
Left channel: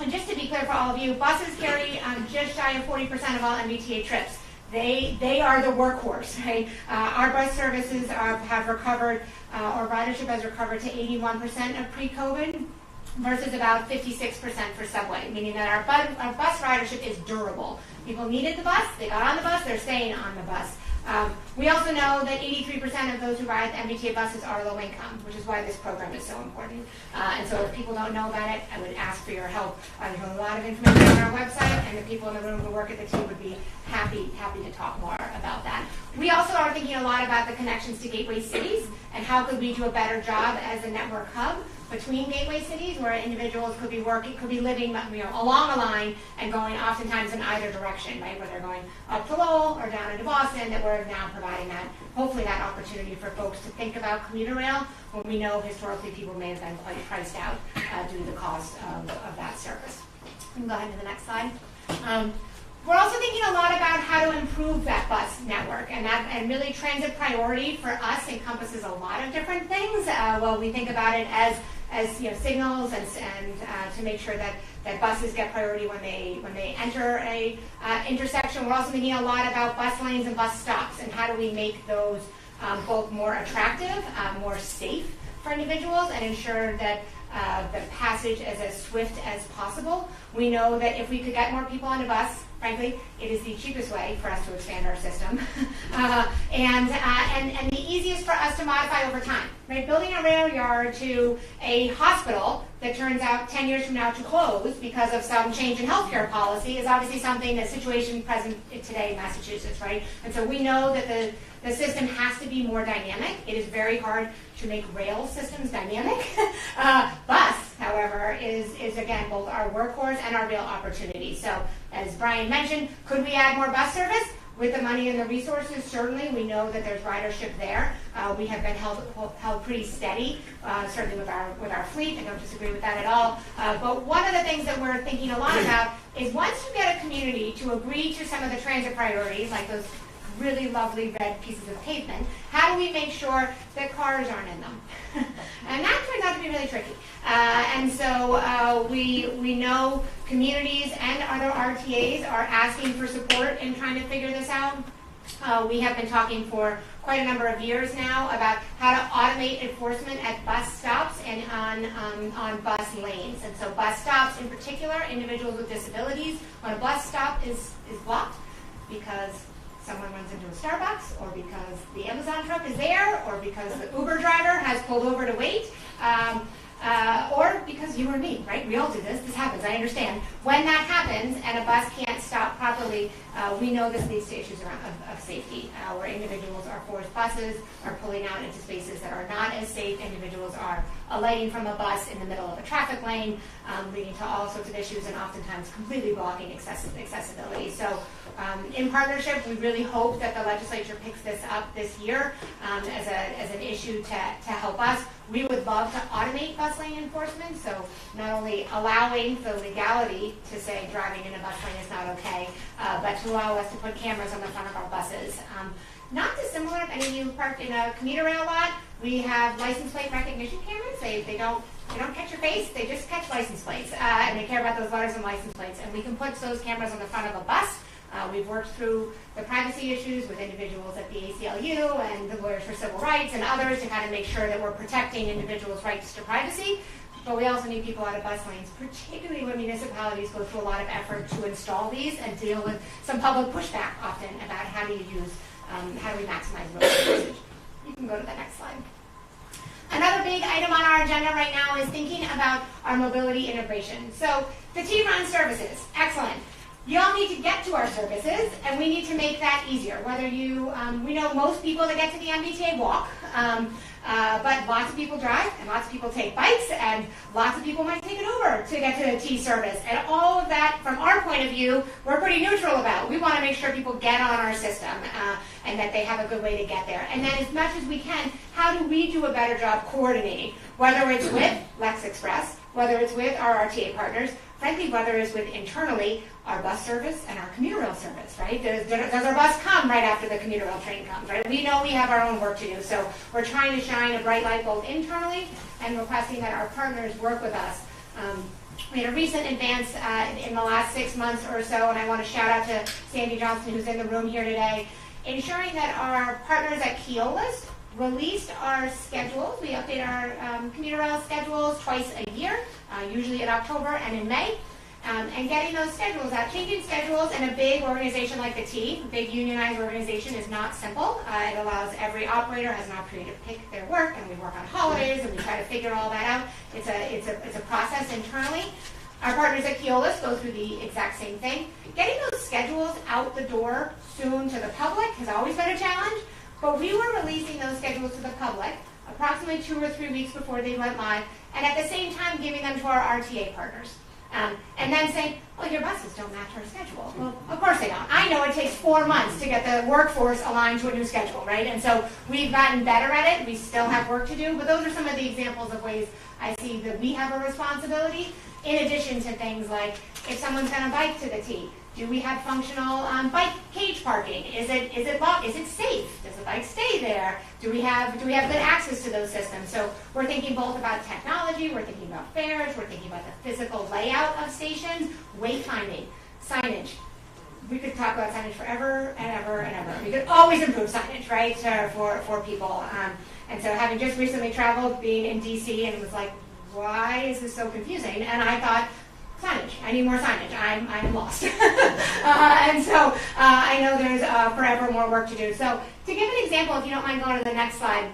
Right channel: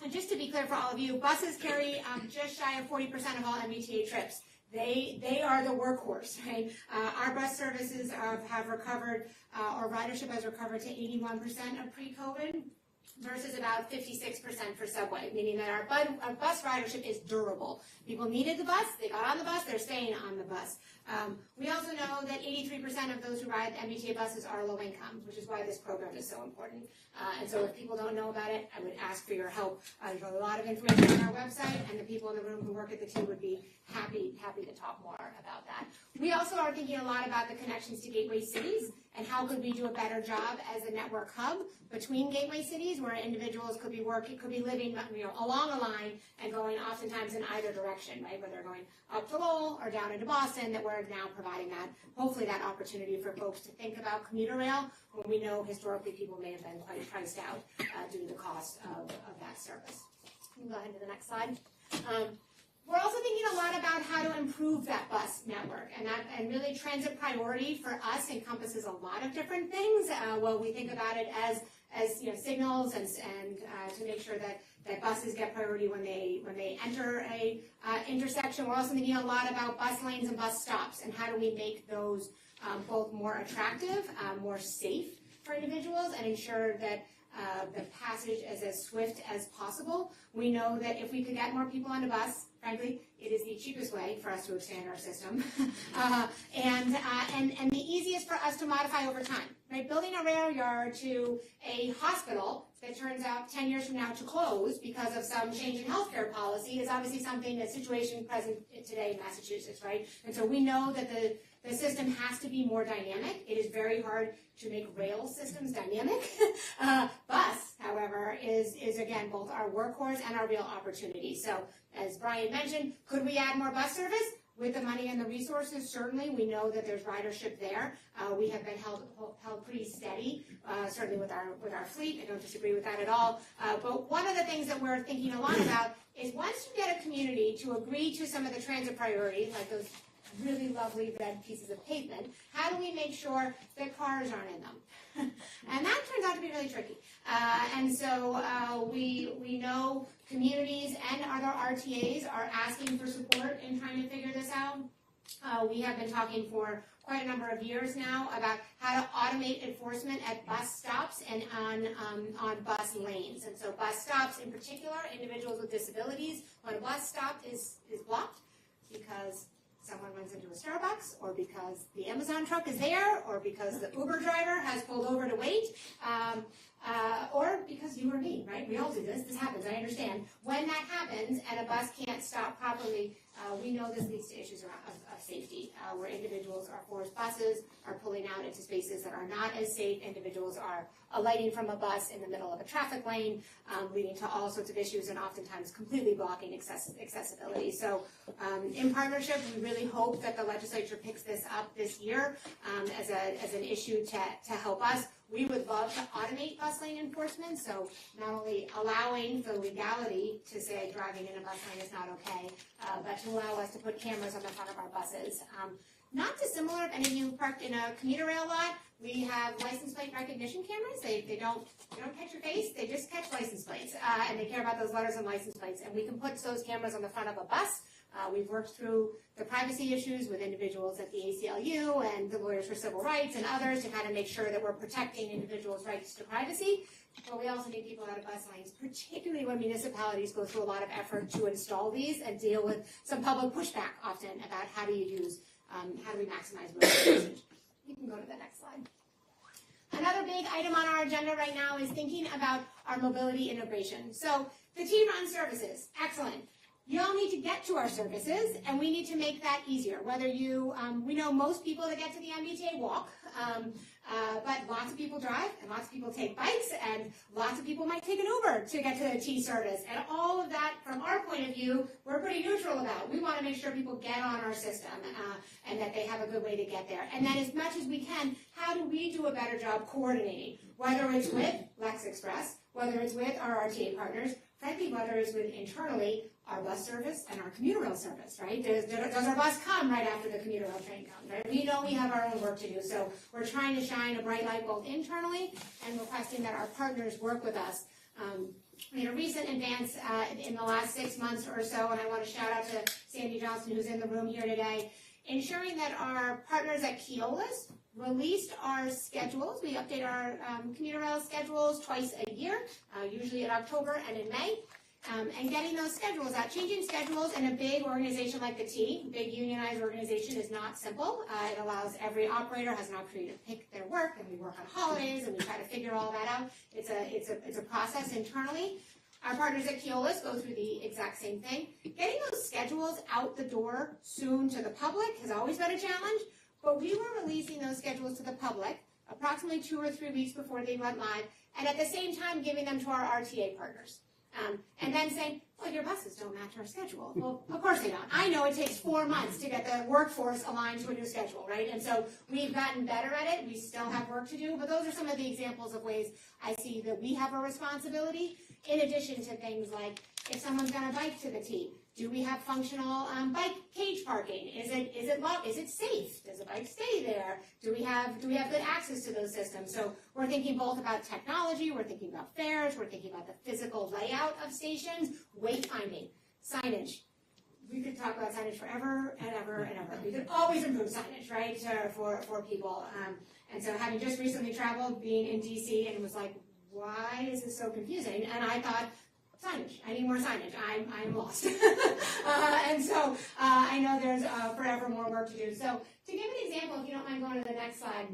And just to be clear for all of you, buses carry just shy of 40% of all MBTA trips. They are the workhorse, right? Our bus services have recovered, or ridership has recovered to 81% of pre-COVID versus about 56% for subway, meaning that our bus ridership is durable. People needed the bus, they got on the bus, they're staying on the bus. We also know that 83% of those who ride the MBTA buses are low income, which is why this program is so important. And so if people don't know about it, I would ask for your help. There's a lot of information on our website, and the people in the room who work at the team would be happy to talk more about that. We also are thinking a lot about the connections to gateway cities and how could we do a better job as a network hub between gateway cities where individuals could be living along a line and going oftentimes in either direction, right? Where they're going up to Lowell or down into Boston, that we're now providing that, hopefully that opportunity for folks to think about commuter rail when we know historically people may have been quite priced out due to the cost of that service. We can go ahead to the next slide. We're also thinking a lot about how to improve that bus network, and really transit priority for us encompasses a lot of different things. We think about it as signals and to make sure that buses get priority when they enter a intersection. We're also thinking a lot about bus lanes and bus stops and how do we make those both more attractive, more safe for individuals, and ensure that the passage is as swift as possible. We know that if we could get more people on a bus, frankly, it is the cheapest way for us to expand our system, and the easiest for us to modify over time. Right? Building a rail yard to a hospital that turns out 10 years from now to close because of some change in healthcare policy is obviously something, a situation present today in Massachusetts, right? And so we know that the system has to be more dynamic. It is very hard to make rail systems dynamic. Bus however, is again both our workhorse and our real opportunity. So as Brian mentioned, could we add more bus service? With the money and the resources, certainly, we know that there's ridership there. We have been held pretty steady, certainly with our fleet. I don't disagree with that at all. But one of the things that we're thinking a lot about is once you get a community to agree to some of the transit priorities, like those really lovely red pieces of pavement, how do we make sure that cars aren't in them? And that turns out to be really tricky. And so we know communities and other RTAs are asking for support in trying to figure this out. We have been talking for quite a number of years now about how to automate enforcement at bus stops and on bus lanes. And so bus stops in particular, individuals with disabilities, when a bus stop is blocked because someone runs into a Starbucks, or because the Amazon truck is there, or because the Uber driver has pulled over to wait, or because you or me, right? We all do this. This happens. I understand. When that happens and a bus can't stop properly, we know this leads to issues around of safety, where individuals are forced buses, are pulling out into spaces that are not as safe. Individuals are alighting from a bus in the middle of a traffic lane, leading to all sorts of issues and oftentimes completely blocking accessibility. So in partnership, we really hope that the legislature picks this up this year as an issue to help us. We would love to automate bus lane enforcement, so not only allowing the legality to say driving in a bus lane is not okay, but to allow us to put cameras on the front of our buses. Not dissimilar if any of you parked in a commuter rail lot. We have license plate recognition cameras. They don't catch your face, they just catch license plates, and they care about those letters and license plates. And we can put those cameras on the front of a bus. We've worked through the privacy issues with individuals at the ACLU and the Lawyers for Civil Rights and others to kind of make sure that we're protecting individuals' rights to privacy. But we also need people out of bus lanes, particularly when municipalities go through a lot of effort to install these and deal with some public pushback often about how do we maximize road usage. You can go to the next slide. Another big item on our agenda right now is thinking about our mobility integration. So the T runs services, excellent. You all need to get to our services, and we need to make that easier. Whether we know most people that get to the MBTA walk, but lots of people drive, and lots of people take bikes, and lots of people might take an Uber to get to the T service. And all of that, from our point of view, we're pretty neutral about. We want to make sure people get on our system and that they have a good way to get there. And then as much as we can, how do we do a better job coordinating? Whether it's with Lex Express, whether it's with our RTA partners, frankly, whether it's with internally our bus service and our commuter rail service, right? Does our bus come right after the commuter rail train comes, right? We know we have our own work to do, so we're trying to shine a bright light both internally and requesting that our partners work with us. We had a recent advance in the last 6 months or so, and I want to shout out to Sandy Johnson, who's in the room here today, ensuring that our partners at Keolis released our schedules. We update our commuter rail schedules twice a year, usually in October and in May. And getting those schedules out. Changing schedules in a big organization like the T, a big unionized organization, is not simple. It allows every operator has an opportunity to pick their work, and we work on holidays, and we try to figure all that out. It's a process internally. Our partners at Keolis go through the exact same thing. Getting those schedules out the door soon to the public has always been a challenge, but we were releasing those schedules to the public approximately 2 or 3 weeks before they went live, and at the same time giving them to our RTA partners. And then saying, well, your buses don't match our schedule. Well, of course they don't. I know it takes 4 months to get the workforce aligned to a new schedule, right? And so we've gotten better at it. We still have work to do, but those are some of the examples of ways I see that we have a responsibility, in addition to things like if someone's going to bike to the T, do we have functional bike cage parking? Is it locked? Is it safe? Does the bike stay there? Do we have good access to those systems? So we're thinking both about technology, we're thinking about fares, we're thinking about the physical layout of stations, wayfinding, signage. We could talk about signage forever and ever and ever. We could always improve signage, right, for people. And so having just recently traveled, being in DC, and it was like, why is this so confusing? And I thought, signage. I need more signage. I'm lost. And so I know there's forever more work to do. So to give an example, if you don't mind going to the next slide,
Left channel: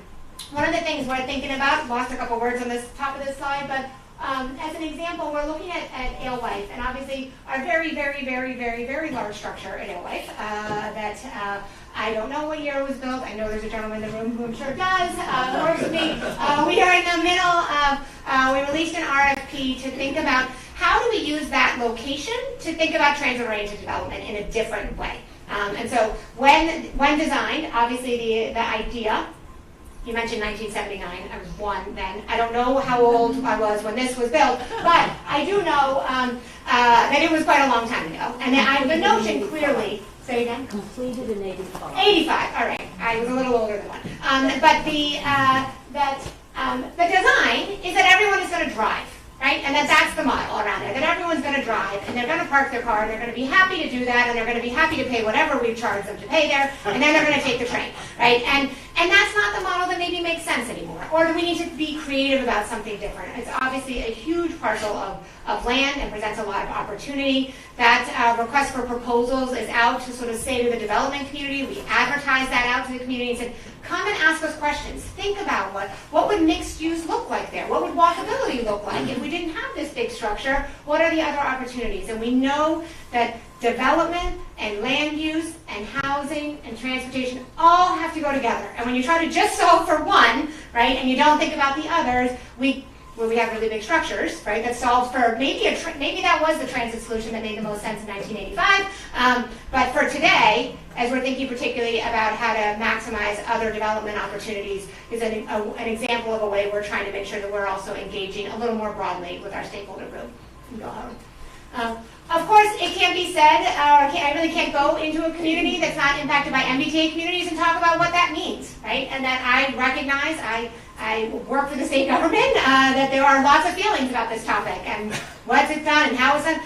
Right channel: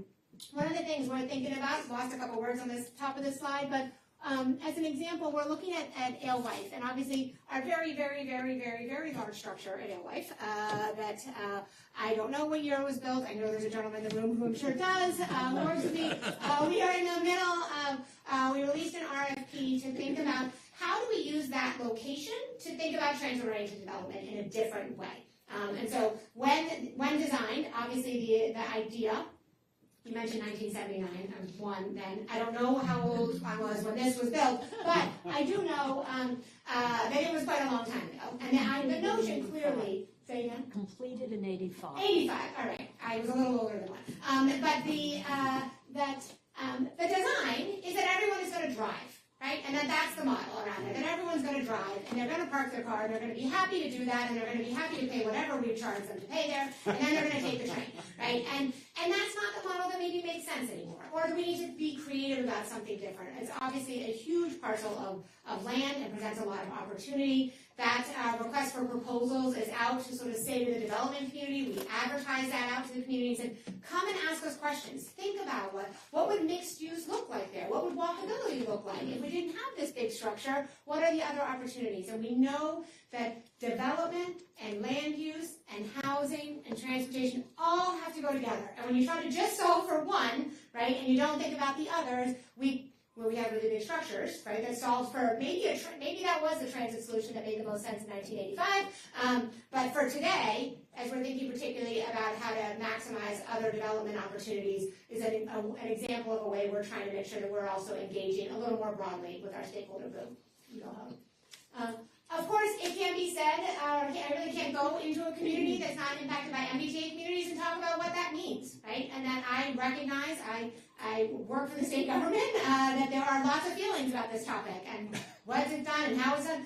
one of the things we're thinking about, lost a couple words on this top of this slide, but as an example, we're looking at Alewife, and obviously our very, very, very, very, very large structure at Alewife that I don't know what year it was built. I know there's a gentleman in the room who I'm sure does. Works with me. We are in the middle of, we released an RFP to think about how do we use that location to think about transit-oriented development in a different way. And so when designed, obviously the idea, you mentioned 1979, I was 1 then. I don't know how old I was when this was built, but I do know that it was quite a long time ago. And the notion clearly, say again? Completed in 85. 85, all right. I was a little older than 1. But the design is that everyone is going to drive. Right? And that's the model around it, that everyone's going to drive, and they're going to park their car, and they're going to be happy to do that, and they're going to be happy to pay whatever we've charged them to pay there, and then they're going to take the train, right? And that's not the model that maybe makes sense anymore, or do we need to be creative about something different? It's obviously a huge parcel of land and presents a lot of opportunity. That request for proposals is out to sort of say to the development community, we advertise that out to the community and said, come and ask us questions. Think about what would mixed use look like there? What would walkability look like if we didn't have this big structure? What are the other opportunities? And we know that development and land use and housing and transportation all have to go together. And when you try to just solve for one, right, and you don't think about the others, we have really big structures, right, that solves for maybe that was the transit solution that made the most sense in 1985. But for today, as we're thinking particularly about how to maximize other development opportunities, is an example of a way we're trying to make sure that we're also engaging a little more broadly with our stakeholder group. Of course, it can't be said, I really can't go into a community that's not impacted by MBTA communities and talk about what that means, right? And that I recognize, I work for the state government, that there are lots of feelings about this topic and what's it done and how it's done.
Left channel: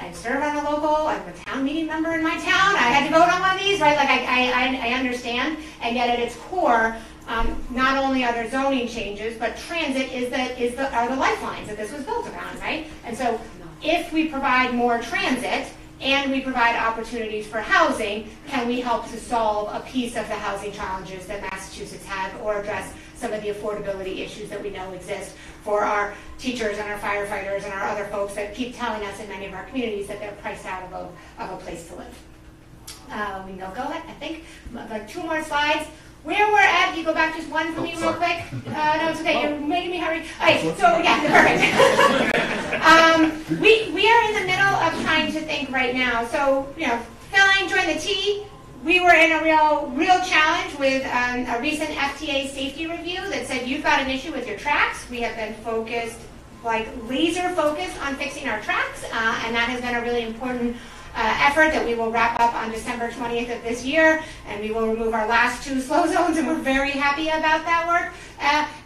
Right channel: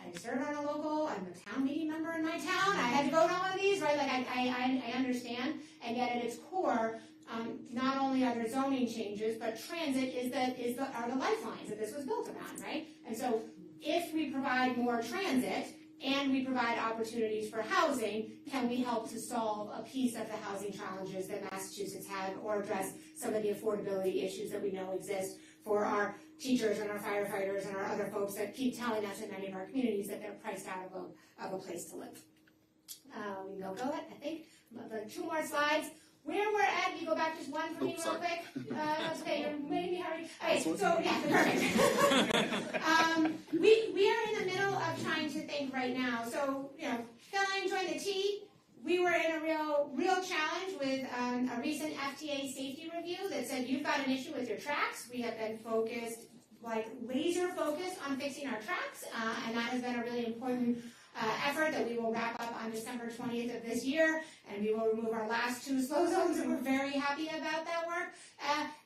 I serve on a local, I'm a town meeting member in my town, I had to vote on one of these, right? Like I understand, and yet at its core, not only are there zoning changes, but transit are the lifelines that this was built around, right? And so if we provide more transit and we provide opportunities for housing, can we help to solve a piece of the housing challenges that Massachusetts have, or address some of the affordability issues that we know exist for our teachers and our firefighters and our other folks that keep telling us in many of our communities that they're priced out of a place to live. We can go ahead, I think, like 2 more slides. Where we're at, you go back just one for me real quick. No, it's okay, you're making me hurry. All right, so yeah, perfect. We are in the middle of trying to think right now. So, filling, join the T. We were in a real challenge with a recent FTA safety review that said you've got an issue with your tracks. We have been focused, like laser focused on fixing our tracks, and that has been a really important effort that we will wrap up on December 20th of this year, and we will remove our last 2 slow zones, and we're very happy about that work.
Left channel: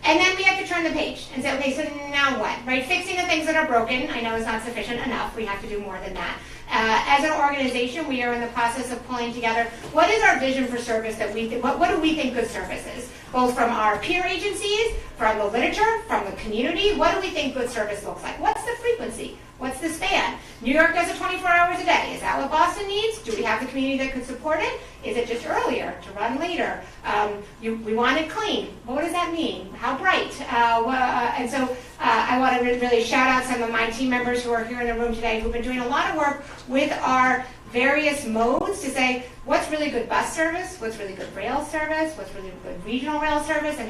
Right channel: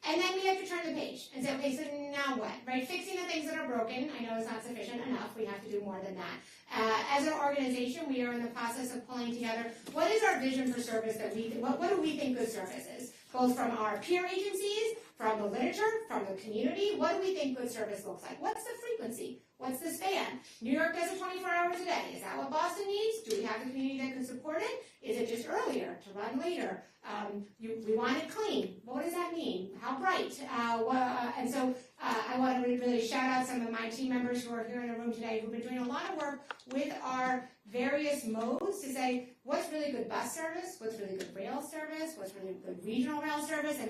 And then we have to turn the page and say, okay, so now what, right? Fixing the things that are broken, I know is not sufficient enough. We have to do more than that. As an organization, we are in the process of pulling together what is our vision for service that what do we think good service is? Both from our peer agencies, from the literature, from the community, what do we think good service looks like? What's the frequency? What's the span? New York does it 24 hours a day. Is that what Boston needs? Do we have the community that could support it? Is it just earlier, to run later? We want it clean. What does that mean? How bright? And so I want to really shout out some of my team members who are here in the room today who've been doing a lot of work with our various modes to say what's really good bus service, what's really good rail service, what's really good regional rail service, and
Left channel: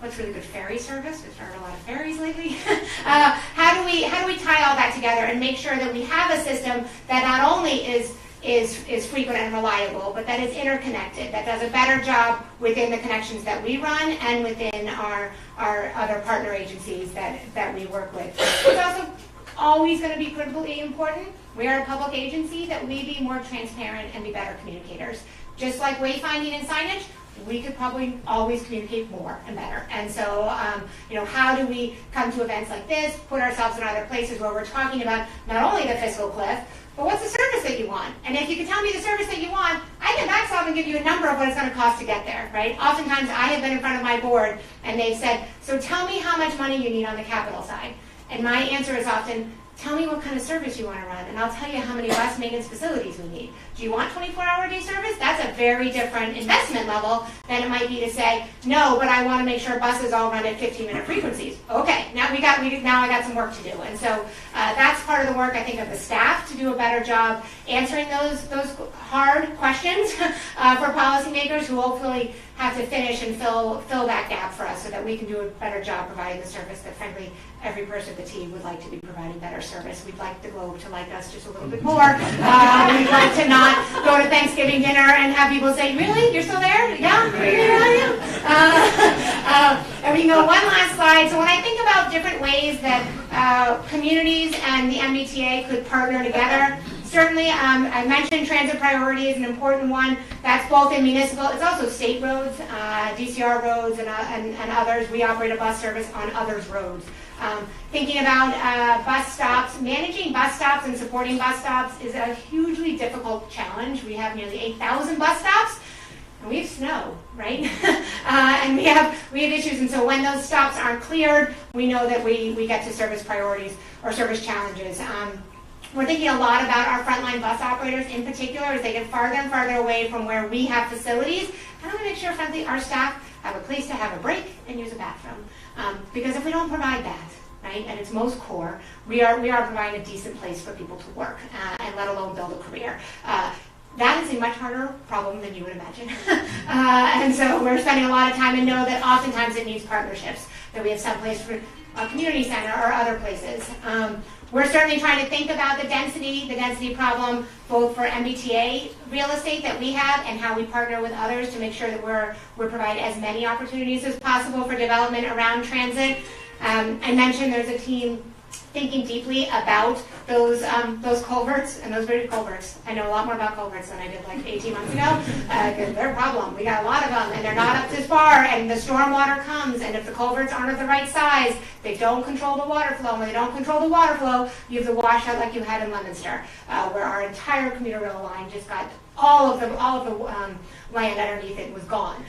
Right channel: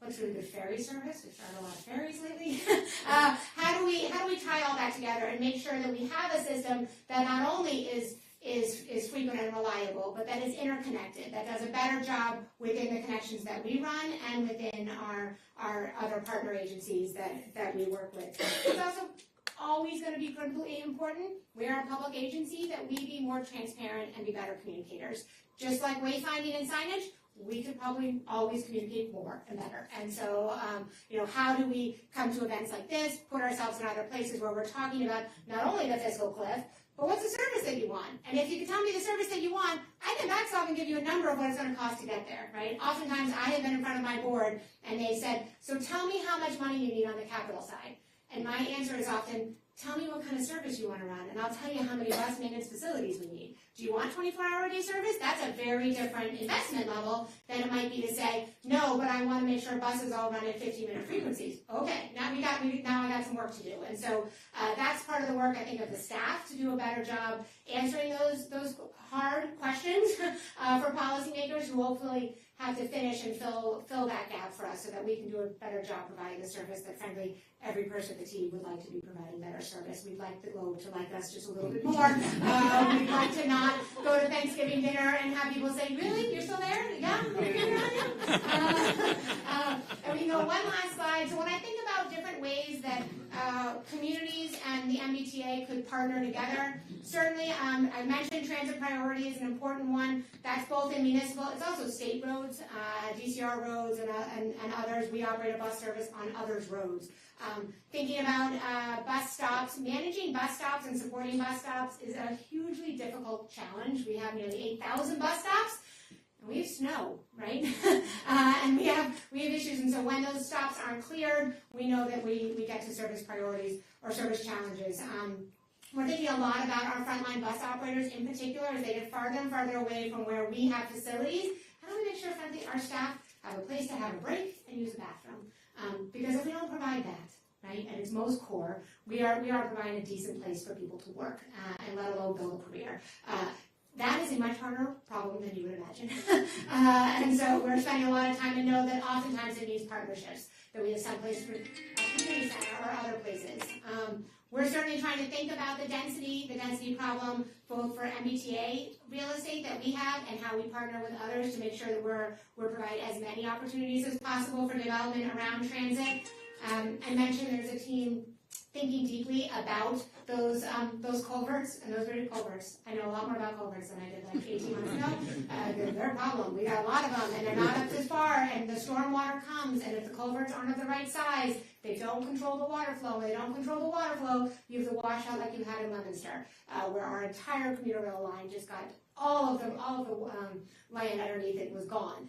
what's really good ferry service. We've started a lot of ferries lately. How do we tie all that together and make sure that we have a system that not only is frequent and reliable, but that is interconnected, that does a better job within the connections that we run and within our other partner agencies that we work with. It's also always going to be critically important. We are a public agency that we be more transparent and be better communicators. Just like wayfinding and signage, we could probably always communicate more and better. And so, how do we come to events like this, put ourselves in other places where we're talking about not only the fiscal cliff, but what's the service that you want? And if you can tell me the service that you want, I can back solve and give you a number of what it's going to cost to get there, right? Oftentimes, I have been in front of my board, and they've said, so tell me how much money you need on the capital side. And my answer is often, tell me what kind of service you want to run, and I'll tell you how many bus maintenance facilities we need. Do you want 24-hour day service? That's a very different investment level than it might might be to say, no, but I want to make sure buses all run at 15-minute frequencies. Okay, now I got some work to do. And so that's part of the work, I think, of the staff to do a better job answering those hard questions for policymakers who hopefully have to finish and fill that gap for us so that we can do a better job providing the service that, frankly, every person at the team would like to be providing better service. We'd like the Globe to like us just a little bit more. We'd like to not go to Thanksgiving dinner and have people say, really? You're still there? Yeah? Here I am. And we can go one last slide. So when I think about different ways that communities and the MBTA could partner together, certainly, I mentioned transit priority is an important one. That's both in municipal, it's also state roads, DCR roads, and others. We operate a bus service on others' roads. Thinking about bus stops, managing bus stops and supporting bus stops is a hugely difficult challenge. We have nearly 8,000 bus stops, and we have snow, right? And we have issues, and so when those stops aren't cleared, we know that we get to service priorities or service challenges. We're thinking a lot about our frontline bus operators in particular as they get farther and farther away from where we have facilities. How do we make sure, frankly, our staff have a place to have a break and use a bathroom? Because if we don't provide that, right, at its most core, we are providing a decent place for people to work and let alone build a career. That is a much harder problem than you would imagine. And so we're spending a lot of time and know that oftentimes it needs partnerships, that we have some place for a community center or other places. We're certainly trying to think about the density problem, both for MBTA real estate that we have and how we partner with others to make sure that we're providing as many opportunities as possible for development around transit. I mentioned there's a team thinking deeply about those culverts and those bridge culverts. I know a lot more about culverts than I did like 18 months ago, because they're a problem. We got a lot of them, and they're not up this far, and the stormwater comes, and if the culverts aren't of the right size, they don't control the water flow. When they don't control the water flow, you have the washout like you had in Leominster, where our entire commuter rail line just got all of the land underneath it was gone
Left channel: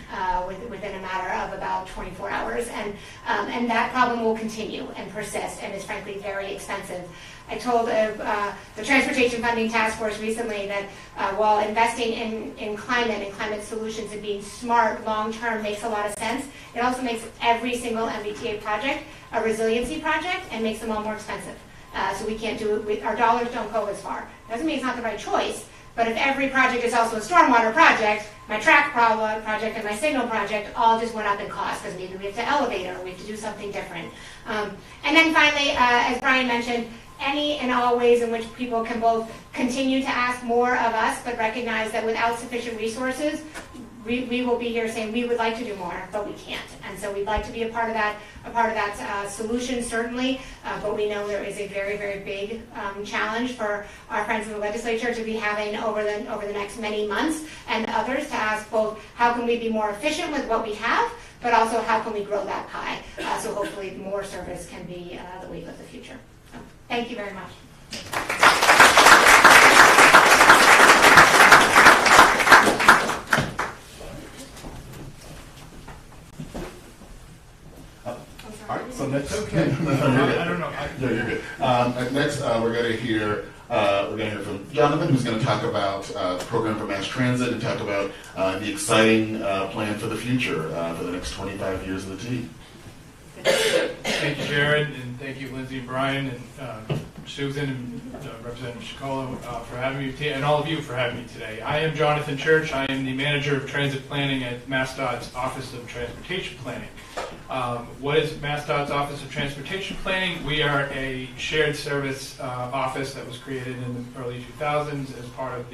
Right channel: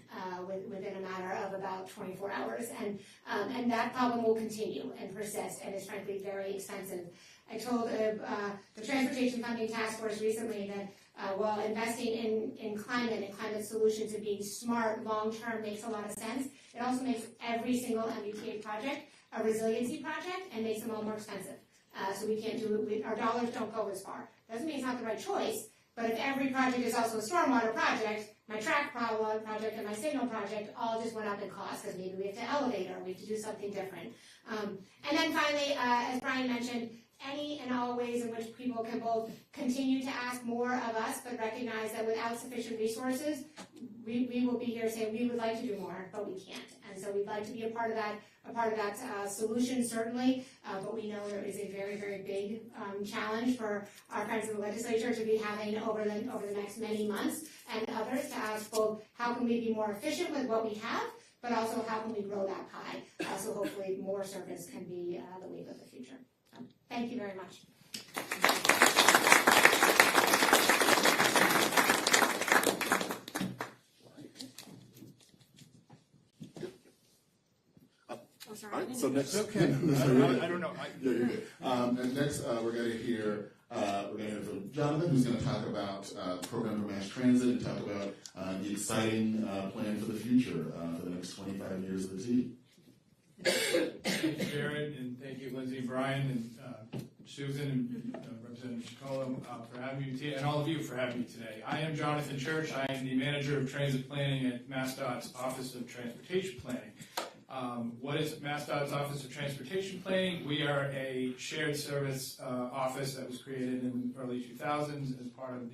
within a matter of about 24 hours, and that problem will continue and persist and is frankly very expensive. I told the Transportation Funding Task Force recently that while investing in climate and climate solutions and being smart long-term makes a lot of sense, it also makes every single MBTA project a resiliency project and makes them all more expensive. So we can't do it, our dollars don't go as far. Doesn't mean it's not the right choice, but if every project is also a stormwater project, my track project and my signal project all just went up in cost because maybe we have to elevate or we have to do something different. And then finally, as Brian mentioned, any and all ways in which people can both continue to ask more of us, but recognize that without sufficient resources, we will be here saying we would like to do more, but we can't. And so we'd like to be a part of that solution, certainly, but we know there is a very, very big challenge for our friends in the legislature to be having over the next many months, and others to ask both how can we be more efficient with what we have, but also how can we grow that pie, so hopefully more service can be the wave of the future. So, thank you very much. All right, so next, Okay. No, I don't know. you're good. Next, we're going to hear from Jonathan, who's going to talk about the program for mass transit and talk about the exciting plan for the future for the next 25 years of the T. Thank you, Jared, and thank you, Lindsay and Brian, and Susan and Representative Chicola for having me, and all of you for having me today. I am Jonathan Church. I am the Manager of Transit Planning at MassDOT's Office of Transportation Planning. What is MassDOT's Office of Transportation Planning? We are a shared service office that was created in the early 2000s as part of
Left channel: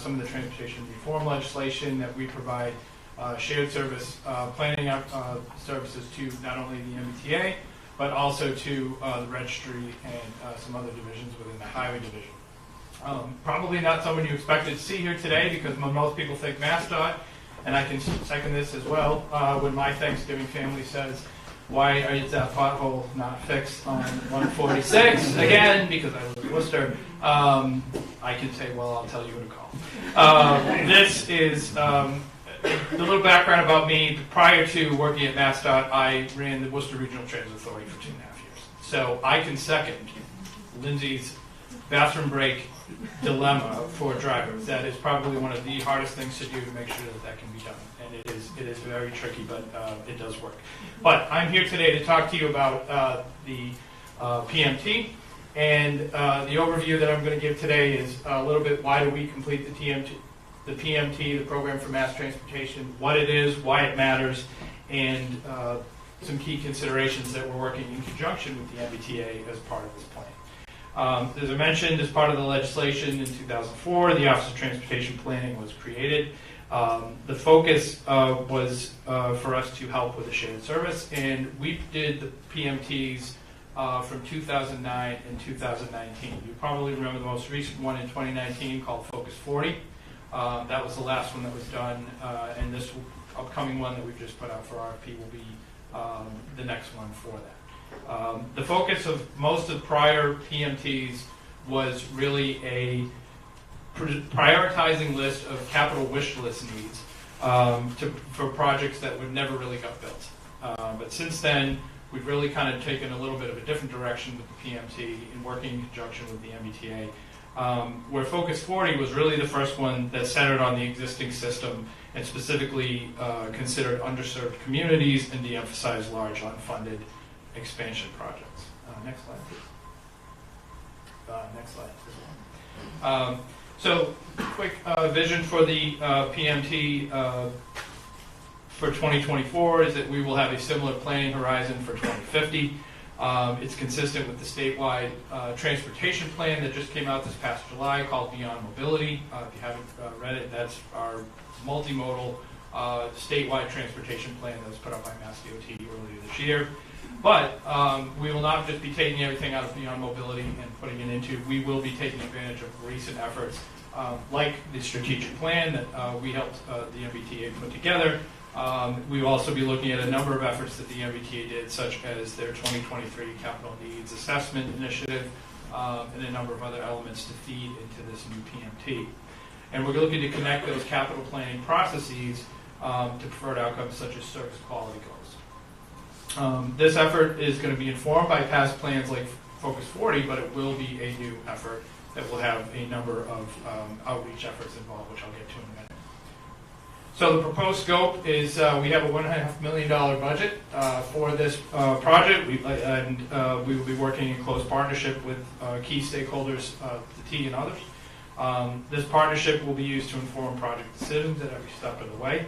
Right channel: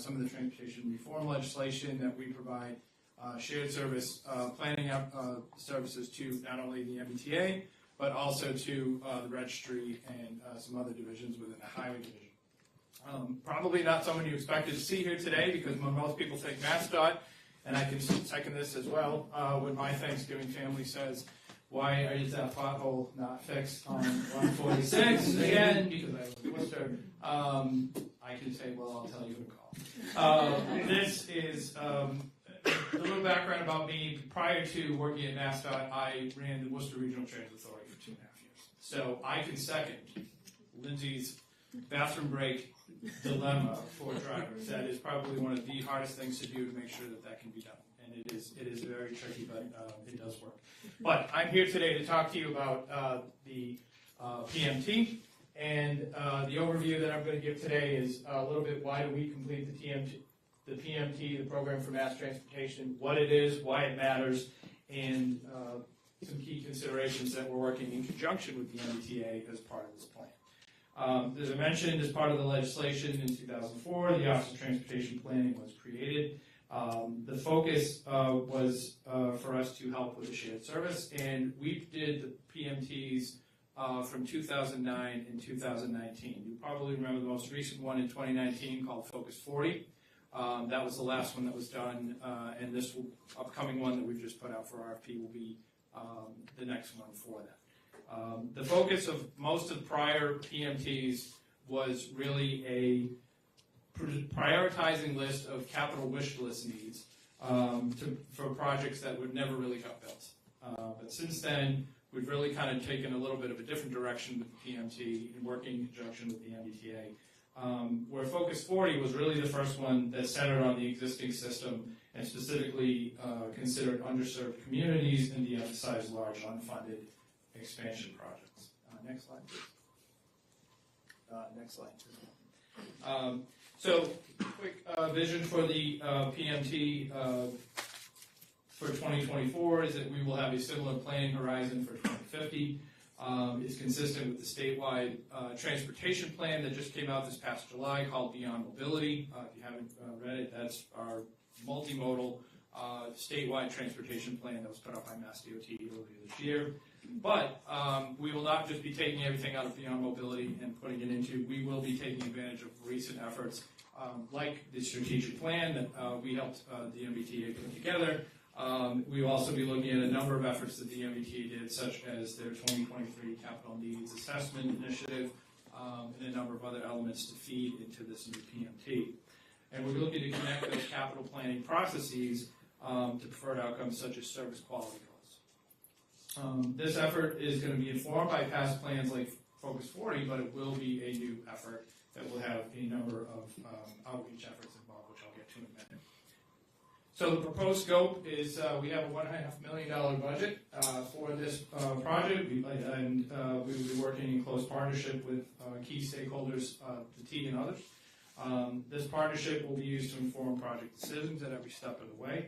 some of the transportation reform legislation that we provide shared service planning services to not only the MBTA, but also to the registry and some other divisions within the highway division. Probably not someone you expected to see here today, because most people think MassDOT, and I can second this as well, when my Thanksgiving family says, why is that pothole not fixed on 146 again, because I live in Worcester, I can say, well, I'll tell you who to call. This is the little background about me. Prior to working at MassDOT, I ran the worcester Regional Transit Authority for 2.5 years. So I can second Lindsay's bathroom break dilemma for drivers. That is probably one of the hardest things to do to make sure that that can be done. And It is very tricky, but it does work. But I'm here today to talk to you about the PMT, and the overview that I'm going to give today is a little bit why do we complete the PMT, the Program for Mass Transportation, what it is, why it matters, and some key considerations that we're working in conjunction with the MBTA as part of this plan. As I mentioned, as part of the legislation in 2004, the Office of Transportation Planning was created. The focus was for us to help with the shared service, and we did the PMTs from 2009 and 2019. You probably remember the most recent one in 2019 called Focus 40. That was the last one that was done, and this upcoming one that we've just put out for RFP will be the next one for that. The focus of most of prior PMTs was really a prioritizing list of capital wish list needs for projects that would never really got built. But since then, we've really kind of taken a little bit of a different direction with the PMT in working in conjunction with the MBTA. Where Focus 40 was really the first one that centered on the existing system and specifically considered underserved communities and de-emphasized large unfunded expansion projects. Next slide, please. Next slide. So, quick vision for the PMT for 2024 is that we will have a similar planning horizon for 2050. It's consistent with the statewide transportation plan that just came out this past July called Beyond Mobility. If you haven't read it, that's our multimodal statewide transportation plan that was put out by MassDOT earlier this year. But we will not just be taking everything out of Beyond Mobility and putting it into, we will be taking advantage of recent efforts like the strategic plan that we helped the MBTA put together. We will also be looking at a number of efforts that the MBTA did, such as their 2023 Capital Needs Assessment Initiative, and a number of other elements to feed into this new PMT. And we're looking to connect those capital planning processes to preferred outcomes such as service quality goals. This effort is going to be informed by past plans like Focus 40, but it will be a new effort that will have a number of outreach efforts involved, which I'll get to in a minute. So the proposed scope is we have a $1.5 million budget for this project, and we will be working in close partnership with key stakeholders, the T and others. This partnership will be used to inform project decisions at every step of the way.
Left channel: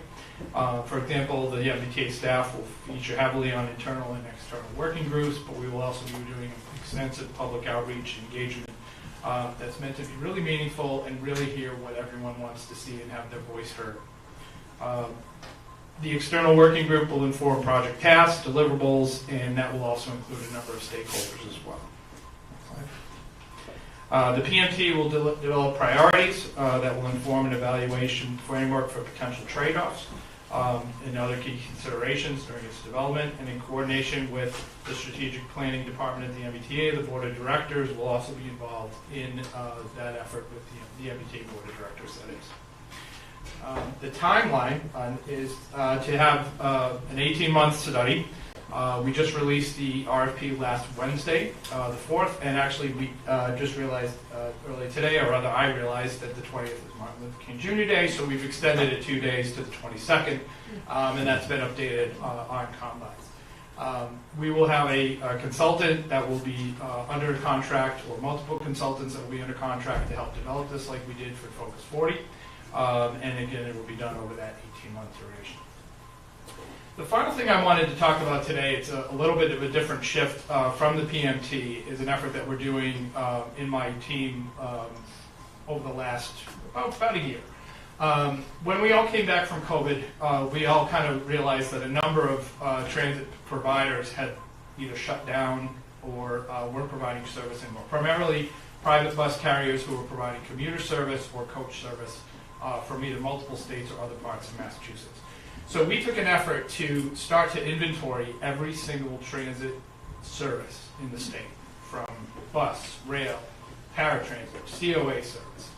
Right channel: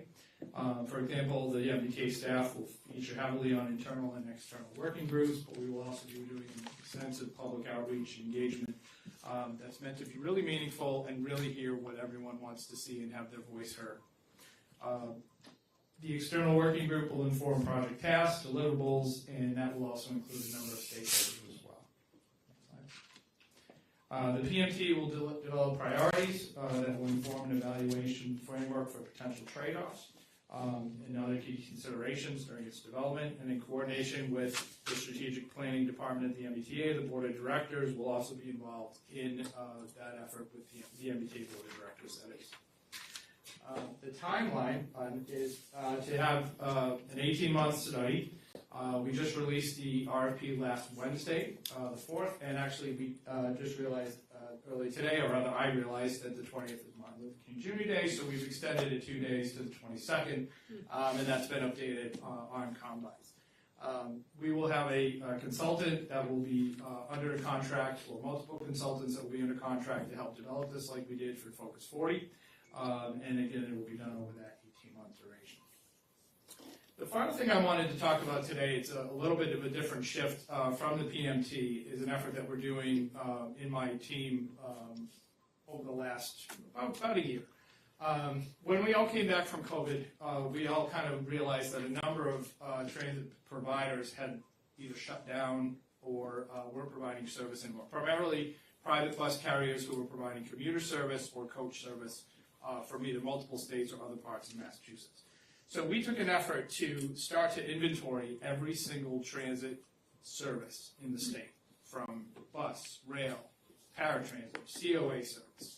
For example, the MBTA staff will feature heavily on internal and external working groups, but we will also be doing extensive public outreach engagement that's meant to be really meaningful and really hear what everyone wants to see and have their voice heard. The external working group will inform project tasks, deliverables, and that will also include a number of stakeholders as well. The PMT will develop priorities that will inform an evaluation framework for potential trade-offs and other key considerations during its development, and in coordination with the Strategic Planning Department at the MBTA, the Board of Directors will also be involved in that effort with the MBTA Board of Directors, that is. The timeline is to have an 18-month study. We just released the RFP last Wednesday, the 4th, and actually we just realized earlier today, or rather I realized that the 20th is Martin Luther King Jr. Day, so we've extended it 2 days to the 22nd, and that's been updated on Combines. We will have a consultant that will be under contract, or multiple consultants that will be under contract to help develop this like we did for Focus 40. And again, it will be done over that 18-month duration. The final thing I wanted to talk about today, it's a little bit of a different shift from the PMT, is an effort that we're doing in my team over the last about a year. When we all came back from COVID, we all kind of realized that a number of transit providers had either shut down or weren't providing service anymore. Primarily private bus carriers who were providing commuter service or coach service from either multiple states or other parts of Massachusetts. So we took an effort to start to inventory every single transit service in the state, from bus, rail, paratransit, COA service,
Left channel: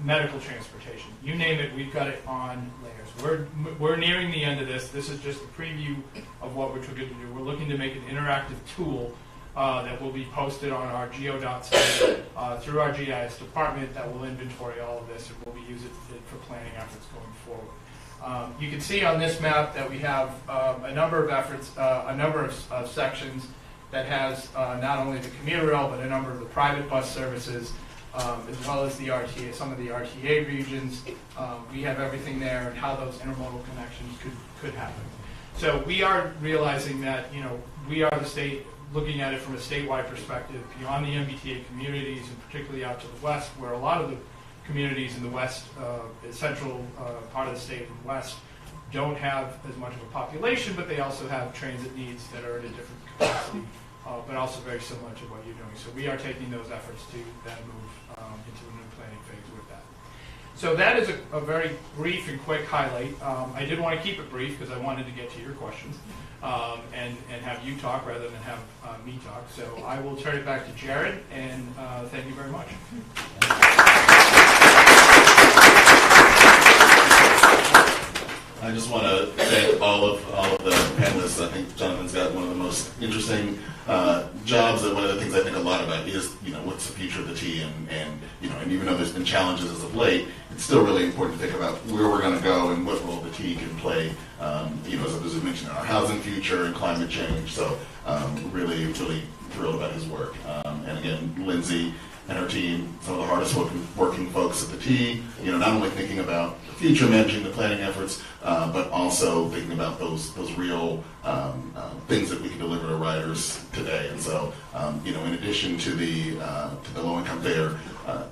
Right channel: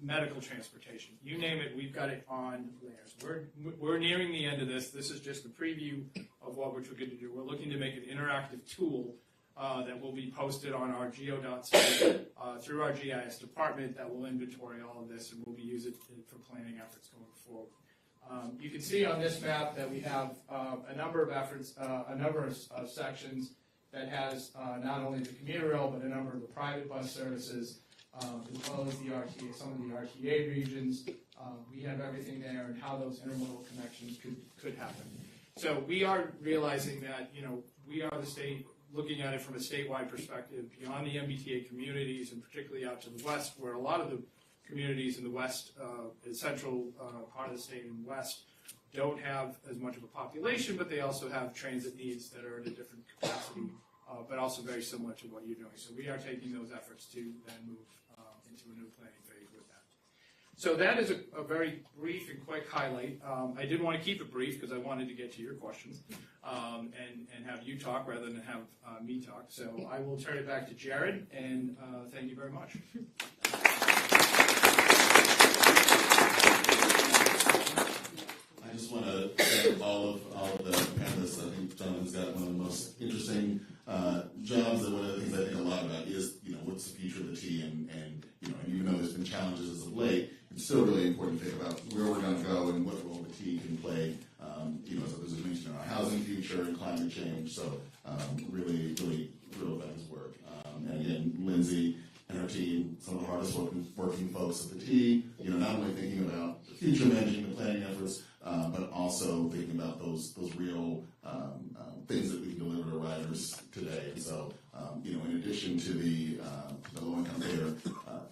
medical transportation, you name it, we've got it on layers. We're nearing the end of this. This is just a preview of what we're trying to do. We're looking to make an interactive tool that will be posted on our GeoDot site through our GIS department that will inventory all of this, and we'll be using it for planning efforts going forward. You can see on this map that we have a number of efforts, a number of sections that has not only the commuter rail, but a number of the private bus services, as well as the RTA, some of the RTA regions. We have everything there and how those intermodal connections could happen. So we are realizing that, you know, we are the state looking at it from a statewide perspective beyond the MBTA communities, and particularly out to the west, where a lot of the communities in the west, central part of the state and west, don't have as much of a population, but they also have transit needs that are at a different capacity, but also very similar to what you're doing. So we are taking those efforts to then move into a new planning phase with that. So that is a very brief and quick highlight. I did want to keep it brief because I wanted to get to your questions and have you talk rather than have me talk. So I will turn it back to Jared, and thank you very much. I just want to thank all of the panelists. I think Jonathan's got one of the most interesting jobs, and one of the things I think a lot about is, you know, what's the future of the T, and you know, and even though there's been challenges as of late, it's still really important to think about where we're going to go and what role the T can play. You know, as we mentioned, in our housing future and climate change. So really, really thrilled about his work. And again, Lindsay and her team, some of the hardest working folks at the T, you know, not only thinking about the future, managing the planning efforts, but also thinking about those real things that we can deliver to riders today. And so, you know, in addition to the low-income fare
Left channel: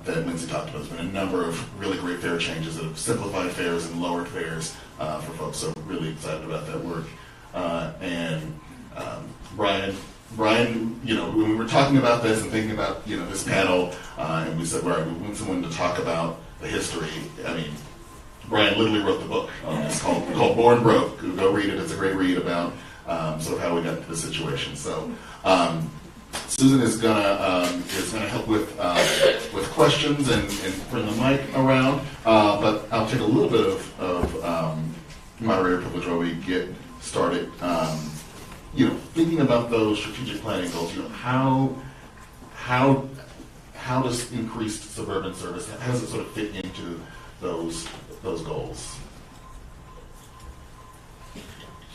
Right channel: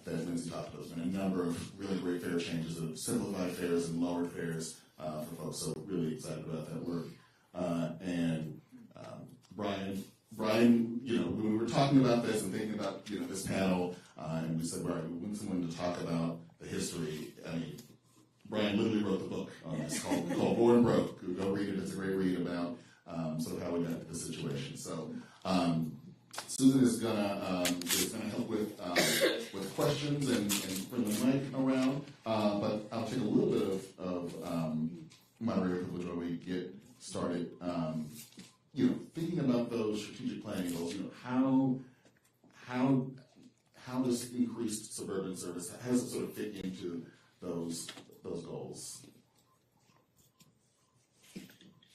that Lindsay talked about, there's been a number of really great fare changes that have simplified fares and lowered fares for folks. So really excited about that work. And Brian, you know, when we were talking about this and thinking about, you know, this panel, and we said, right, we want someone to talk about the history. I mean, Brian literally wrote the book on this called Born Broke. Go read it. It's a great read about sort of how we got to this situation. So Susan is gonna help with questions and bring the mic around. But I'll take a little bit of moderator privilege while we get started. You know, thinking about those strategic planning goals, you know, how does increased suburban service, how does it sort of fit into those goals?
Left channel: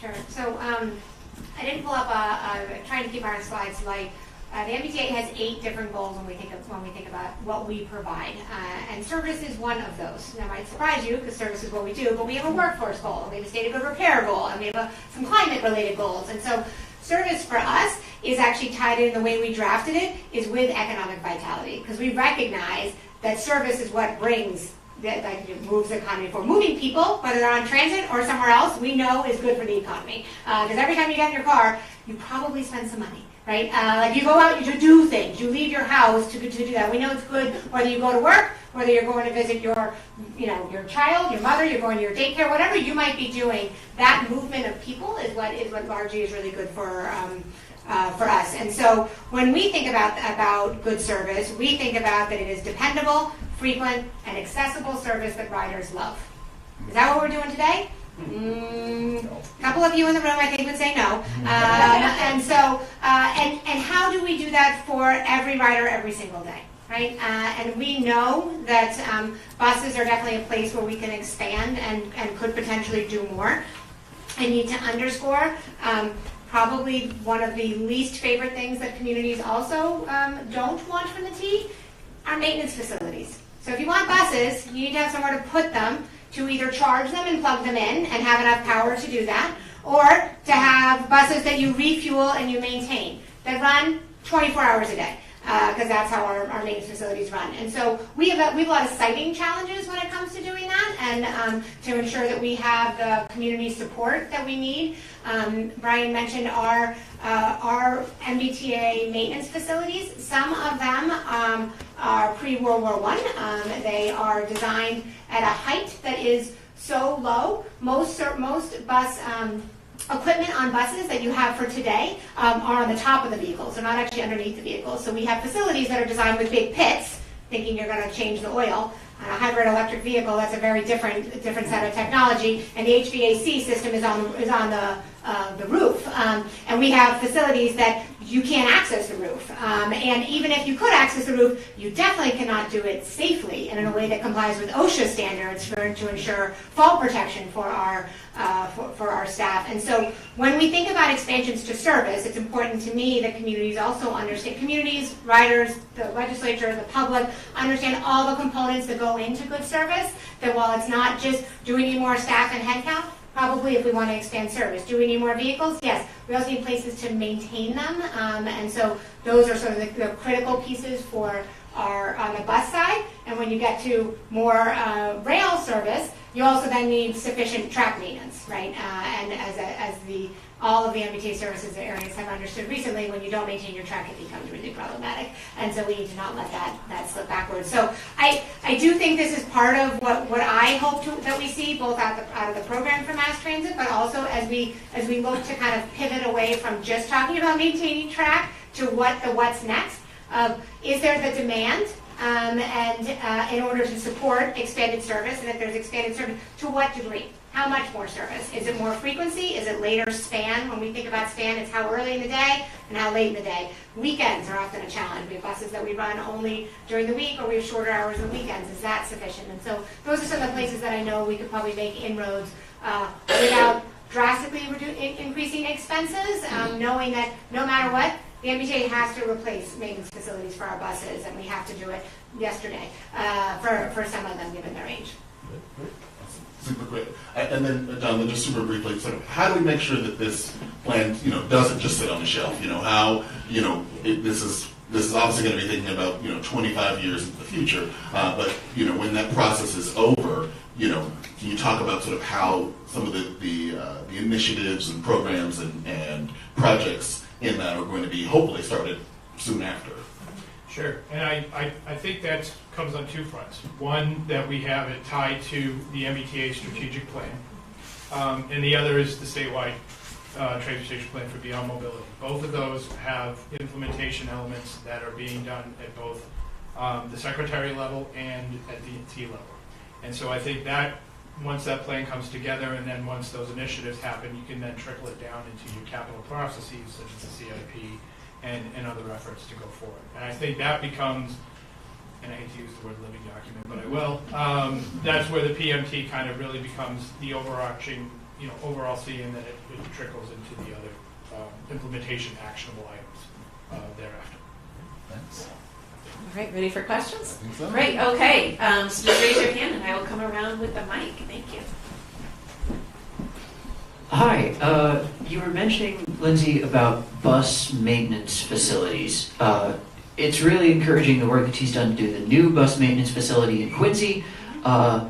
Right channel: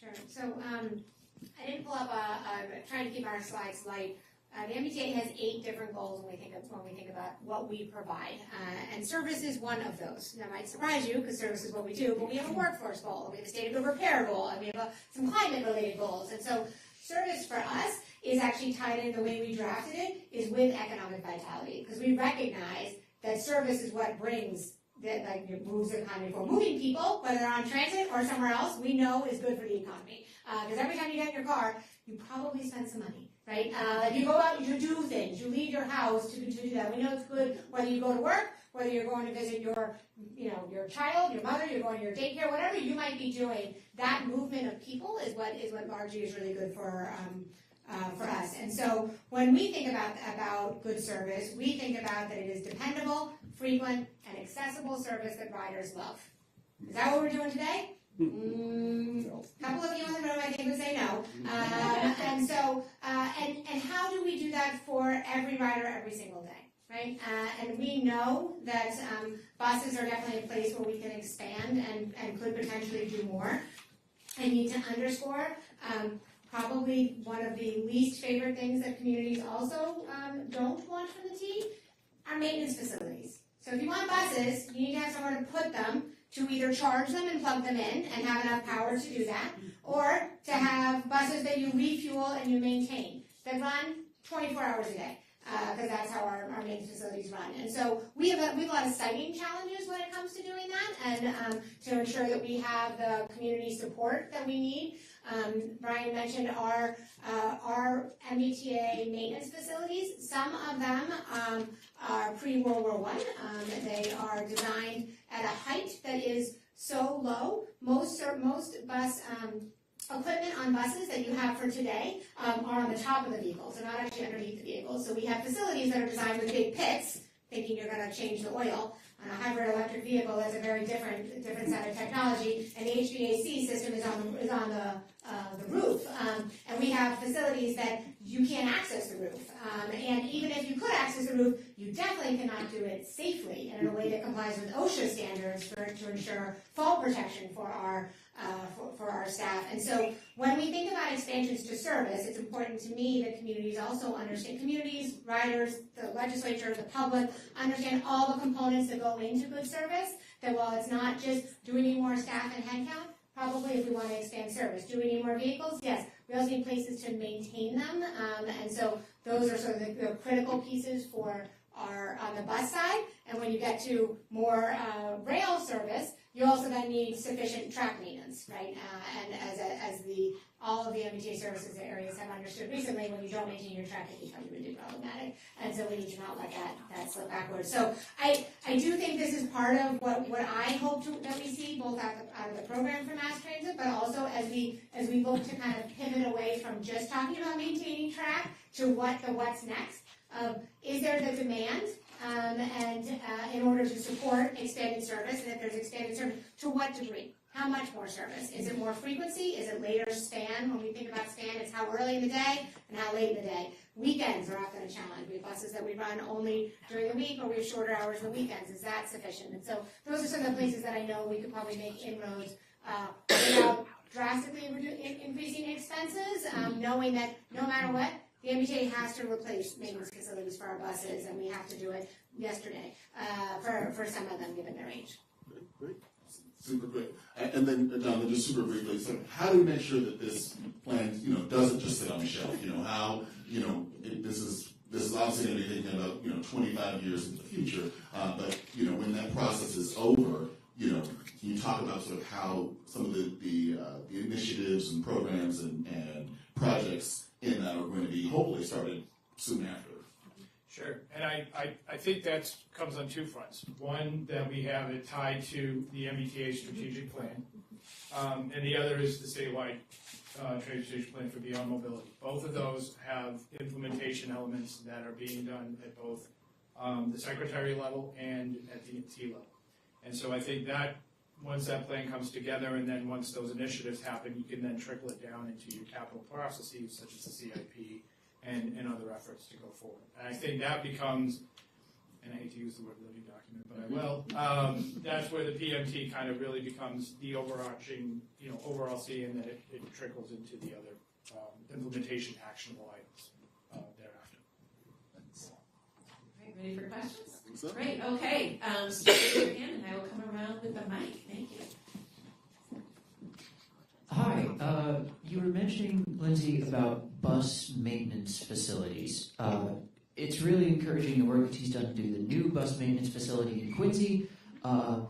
Sure. So I didn't pull up trying to keep our slides light. The MBTA has 8 different goals when we think about what we provide, and service is one of those. That might surprise you because service is what we do, but we have a workforce goal, we have a state of good repair goal, and we have some climate-related goals. And so service for us is actually tied in, the way we drafted it is with economic vitality, because we recognize that service is what brings that moves the economy forward. Moving people, whether they're on transit or somewhere else, we know is good for the economy. Because every time you get in your car, you probably spend some money, right? Like you go out, you do things, you leave your house to do that. We know it's good whether you go to work, whether you're going to visit your child, your mother, you're going to your daycare, whatever you might be doing. That movement of people is what largely is really good for us. And so when we think about good service, we think about that it is dependable, frequent, and accessible service that riders love. Is that what we're doing today? A couple of you in the room, I think, would say no. And so, and how do we do that for every rider every single day, right? And we know that buses are definitely a place where we can expand and could potentially do more. I need to underscore probably one of the least favorite things that communities also don't want from the T are maintenance facilities. So if you want buses, you need to have somewhere to put them, to either charge them and plug them in and have enough power to do that, or to have buses that you refuel and you maintain, that run 24 hours a day, because that's how our maintenance facilities run. And so we have a lot of siting challenges when it comes to doing that, and to ensure that we have the community support that we need. Brian mentioned our MBTA maintenance facilities. Some of them are pre-World War I. They are designed at a height that is so low. Most bus equipment on buses that you have for today are on the top of the vehicles. They're not actually underneath the vehicles. So we have facilities that are designed with big pits, thinking you're going to change the oil, On a hybrid electric vehicle, that's a very different set of technology, and the HVAC system is on the roof. And we have facilities that you can't access the roof. And even if you could access the roof, you definitely cannot do it safely and in a way that complies with OSHA standards to ensure fall protection for our staff. And so when we think about expansions to service, it's important to me that communities also understand, communities, riders, the legislature, the public, understand all the components that go into good service, that while it's not just do we need more staff and headcount, probably if we want to expand service. Do we need more vehicles? Yes. We also need places to maintain them. And so those are sort of the critical pieces for our on the bus side. And when you get to more rail service, you also then need sufficient track maintenance, right? And as all of the MBTA services areas have understood recently, when you don't maintain your track, it becomes really problematic. And so we need to not let that slip backwards. So I do think this is part of what I hope that we see, both out of the program for mass transit, but also as we look to kind of pivot away from just talking about maintaining track to what's next. Is there the demand? And in order to support expanded service, and if there's expanded service, to what degree? How much more service? Is it more frequency? Is it later span? When we think about span, it's how early in the day and how late in the day. Weekends are often a challenge. We have buses that we run only during the week, or we have shorter hours on weekends. Is that sufficient? And so those are some of the places that I know we could probably make inroads without drastically increasing expenses, knowing that no matter what, the MBTA has to replace maintenance facilities for our buses, and we have to do it yesterday for some of them, given their age. Super quick. And then, Jonathan, just super briefly, sort of, how do we make sure that this plan, doesn't just sit on the shelf? How, this is obviously going to be thinking about, 25 years in the future. But, when that process is over, can you talk about sort of how some of the initiatives and programs and projects in that are going to be hopefully started soon after? Sure, and I think that comes on two fronts. One, that we have it tied to the MBTA strategic plan, and the other is the statewide transportation plan for beyond mobility. Both of those have implementation elements that are being done at both the secretary level and at the T level. And so I think that once that plan comes together, and then once those initiatives happen, you can then trickle it down into your capital processes, such as the CIP, and other efforts to go forward. And I think that becomes, and I hate to use the word living document, but I will, that's where the PMT kind of really becomes the overarching, overall seeing that it trickles into the other implementation actionable items thereafter. Thanks. All right, ready for questions? I think so. Great, okay. So just raise your hand and I will come around with the mic. Thank you. Hi, you were mentioning, Lindsay, about bus maintenance facilities. It's really encouraging the work that she's done to do the new bus maintenance facility in Quincy. That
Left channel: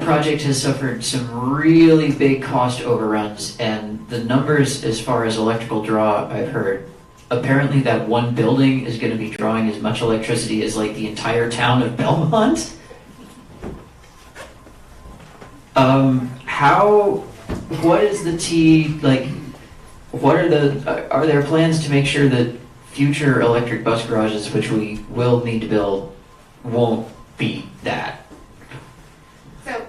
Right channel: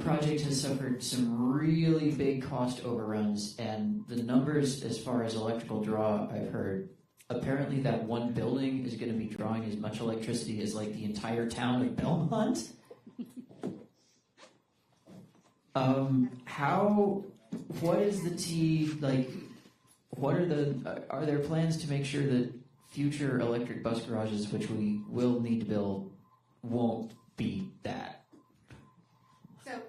project has suffered some really big cost overruns, and the numbers as far as electrical draw, I've heard, apparently that one building is going to be drawing as much electricity as like the entire town of Belmont. What is the are there plans to make sure that future electric bus garages, which we will need to build, won't be that? So,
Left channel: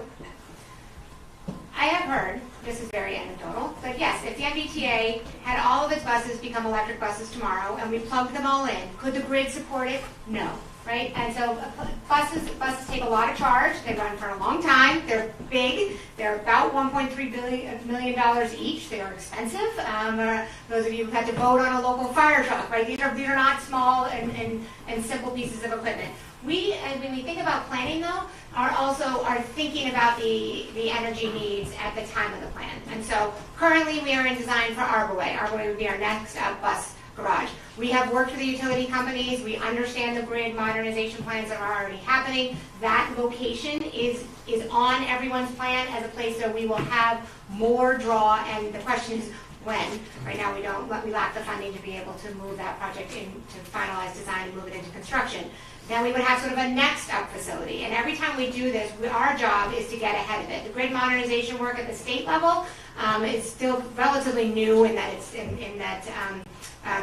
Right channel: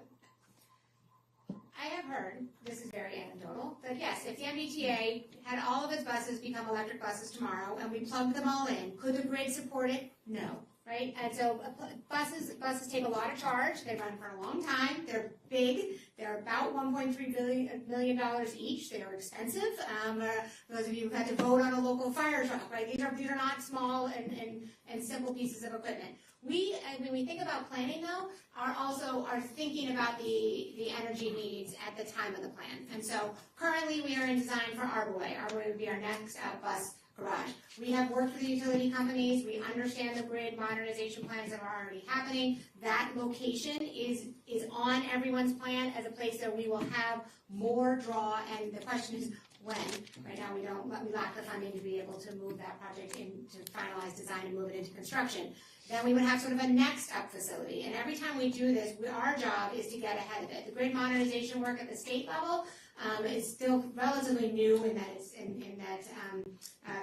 I have heard, this is very anecdotal, but yes, if the MBTA had all of its buses become electric buses tomorrow and we plugged them all in, could the grid support it? No. Right? And so buses take a lot of charge. They run for a long time. They're big. They're about $1.3 million each. They are expensive. Those of you who've had to vote on a local fire truck, right? These are not small and simple pieces of equipment. We, and when we think about planning though, are thinking about the energy needs at the time of the plan. And so currently we are in design for Arborway. Arborway would be our next bus garage. We have worked with the utility companies. We understand the grid modernization plans that are already happening. That location is on everyone's plan as a place where we will have more draw, and the question is when. Right now we lack the funding to be able to move that project into finalized design and move it into construction. Then we would have sort of a next up facility. And every time we do this, our job is to get ahead of it. The grid modernization work at the state level is still relatively new in that it's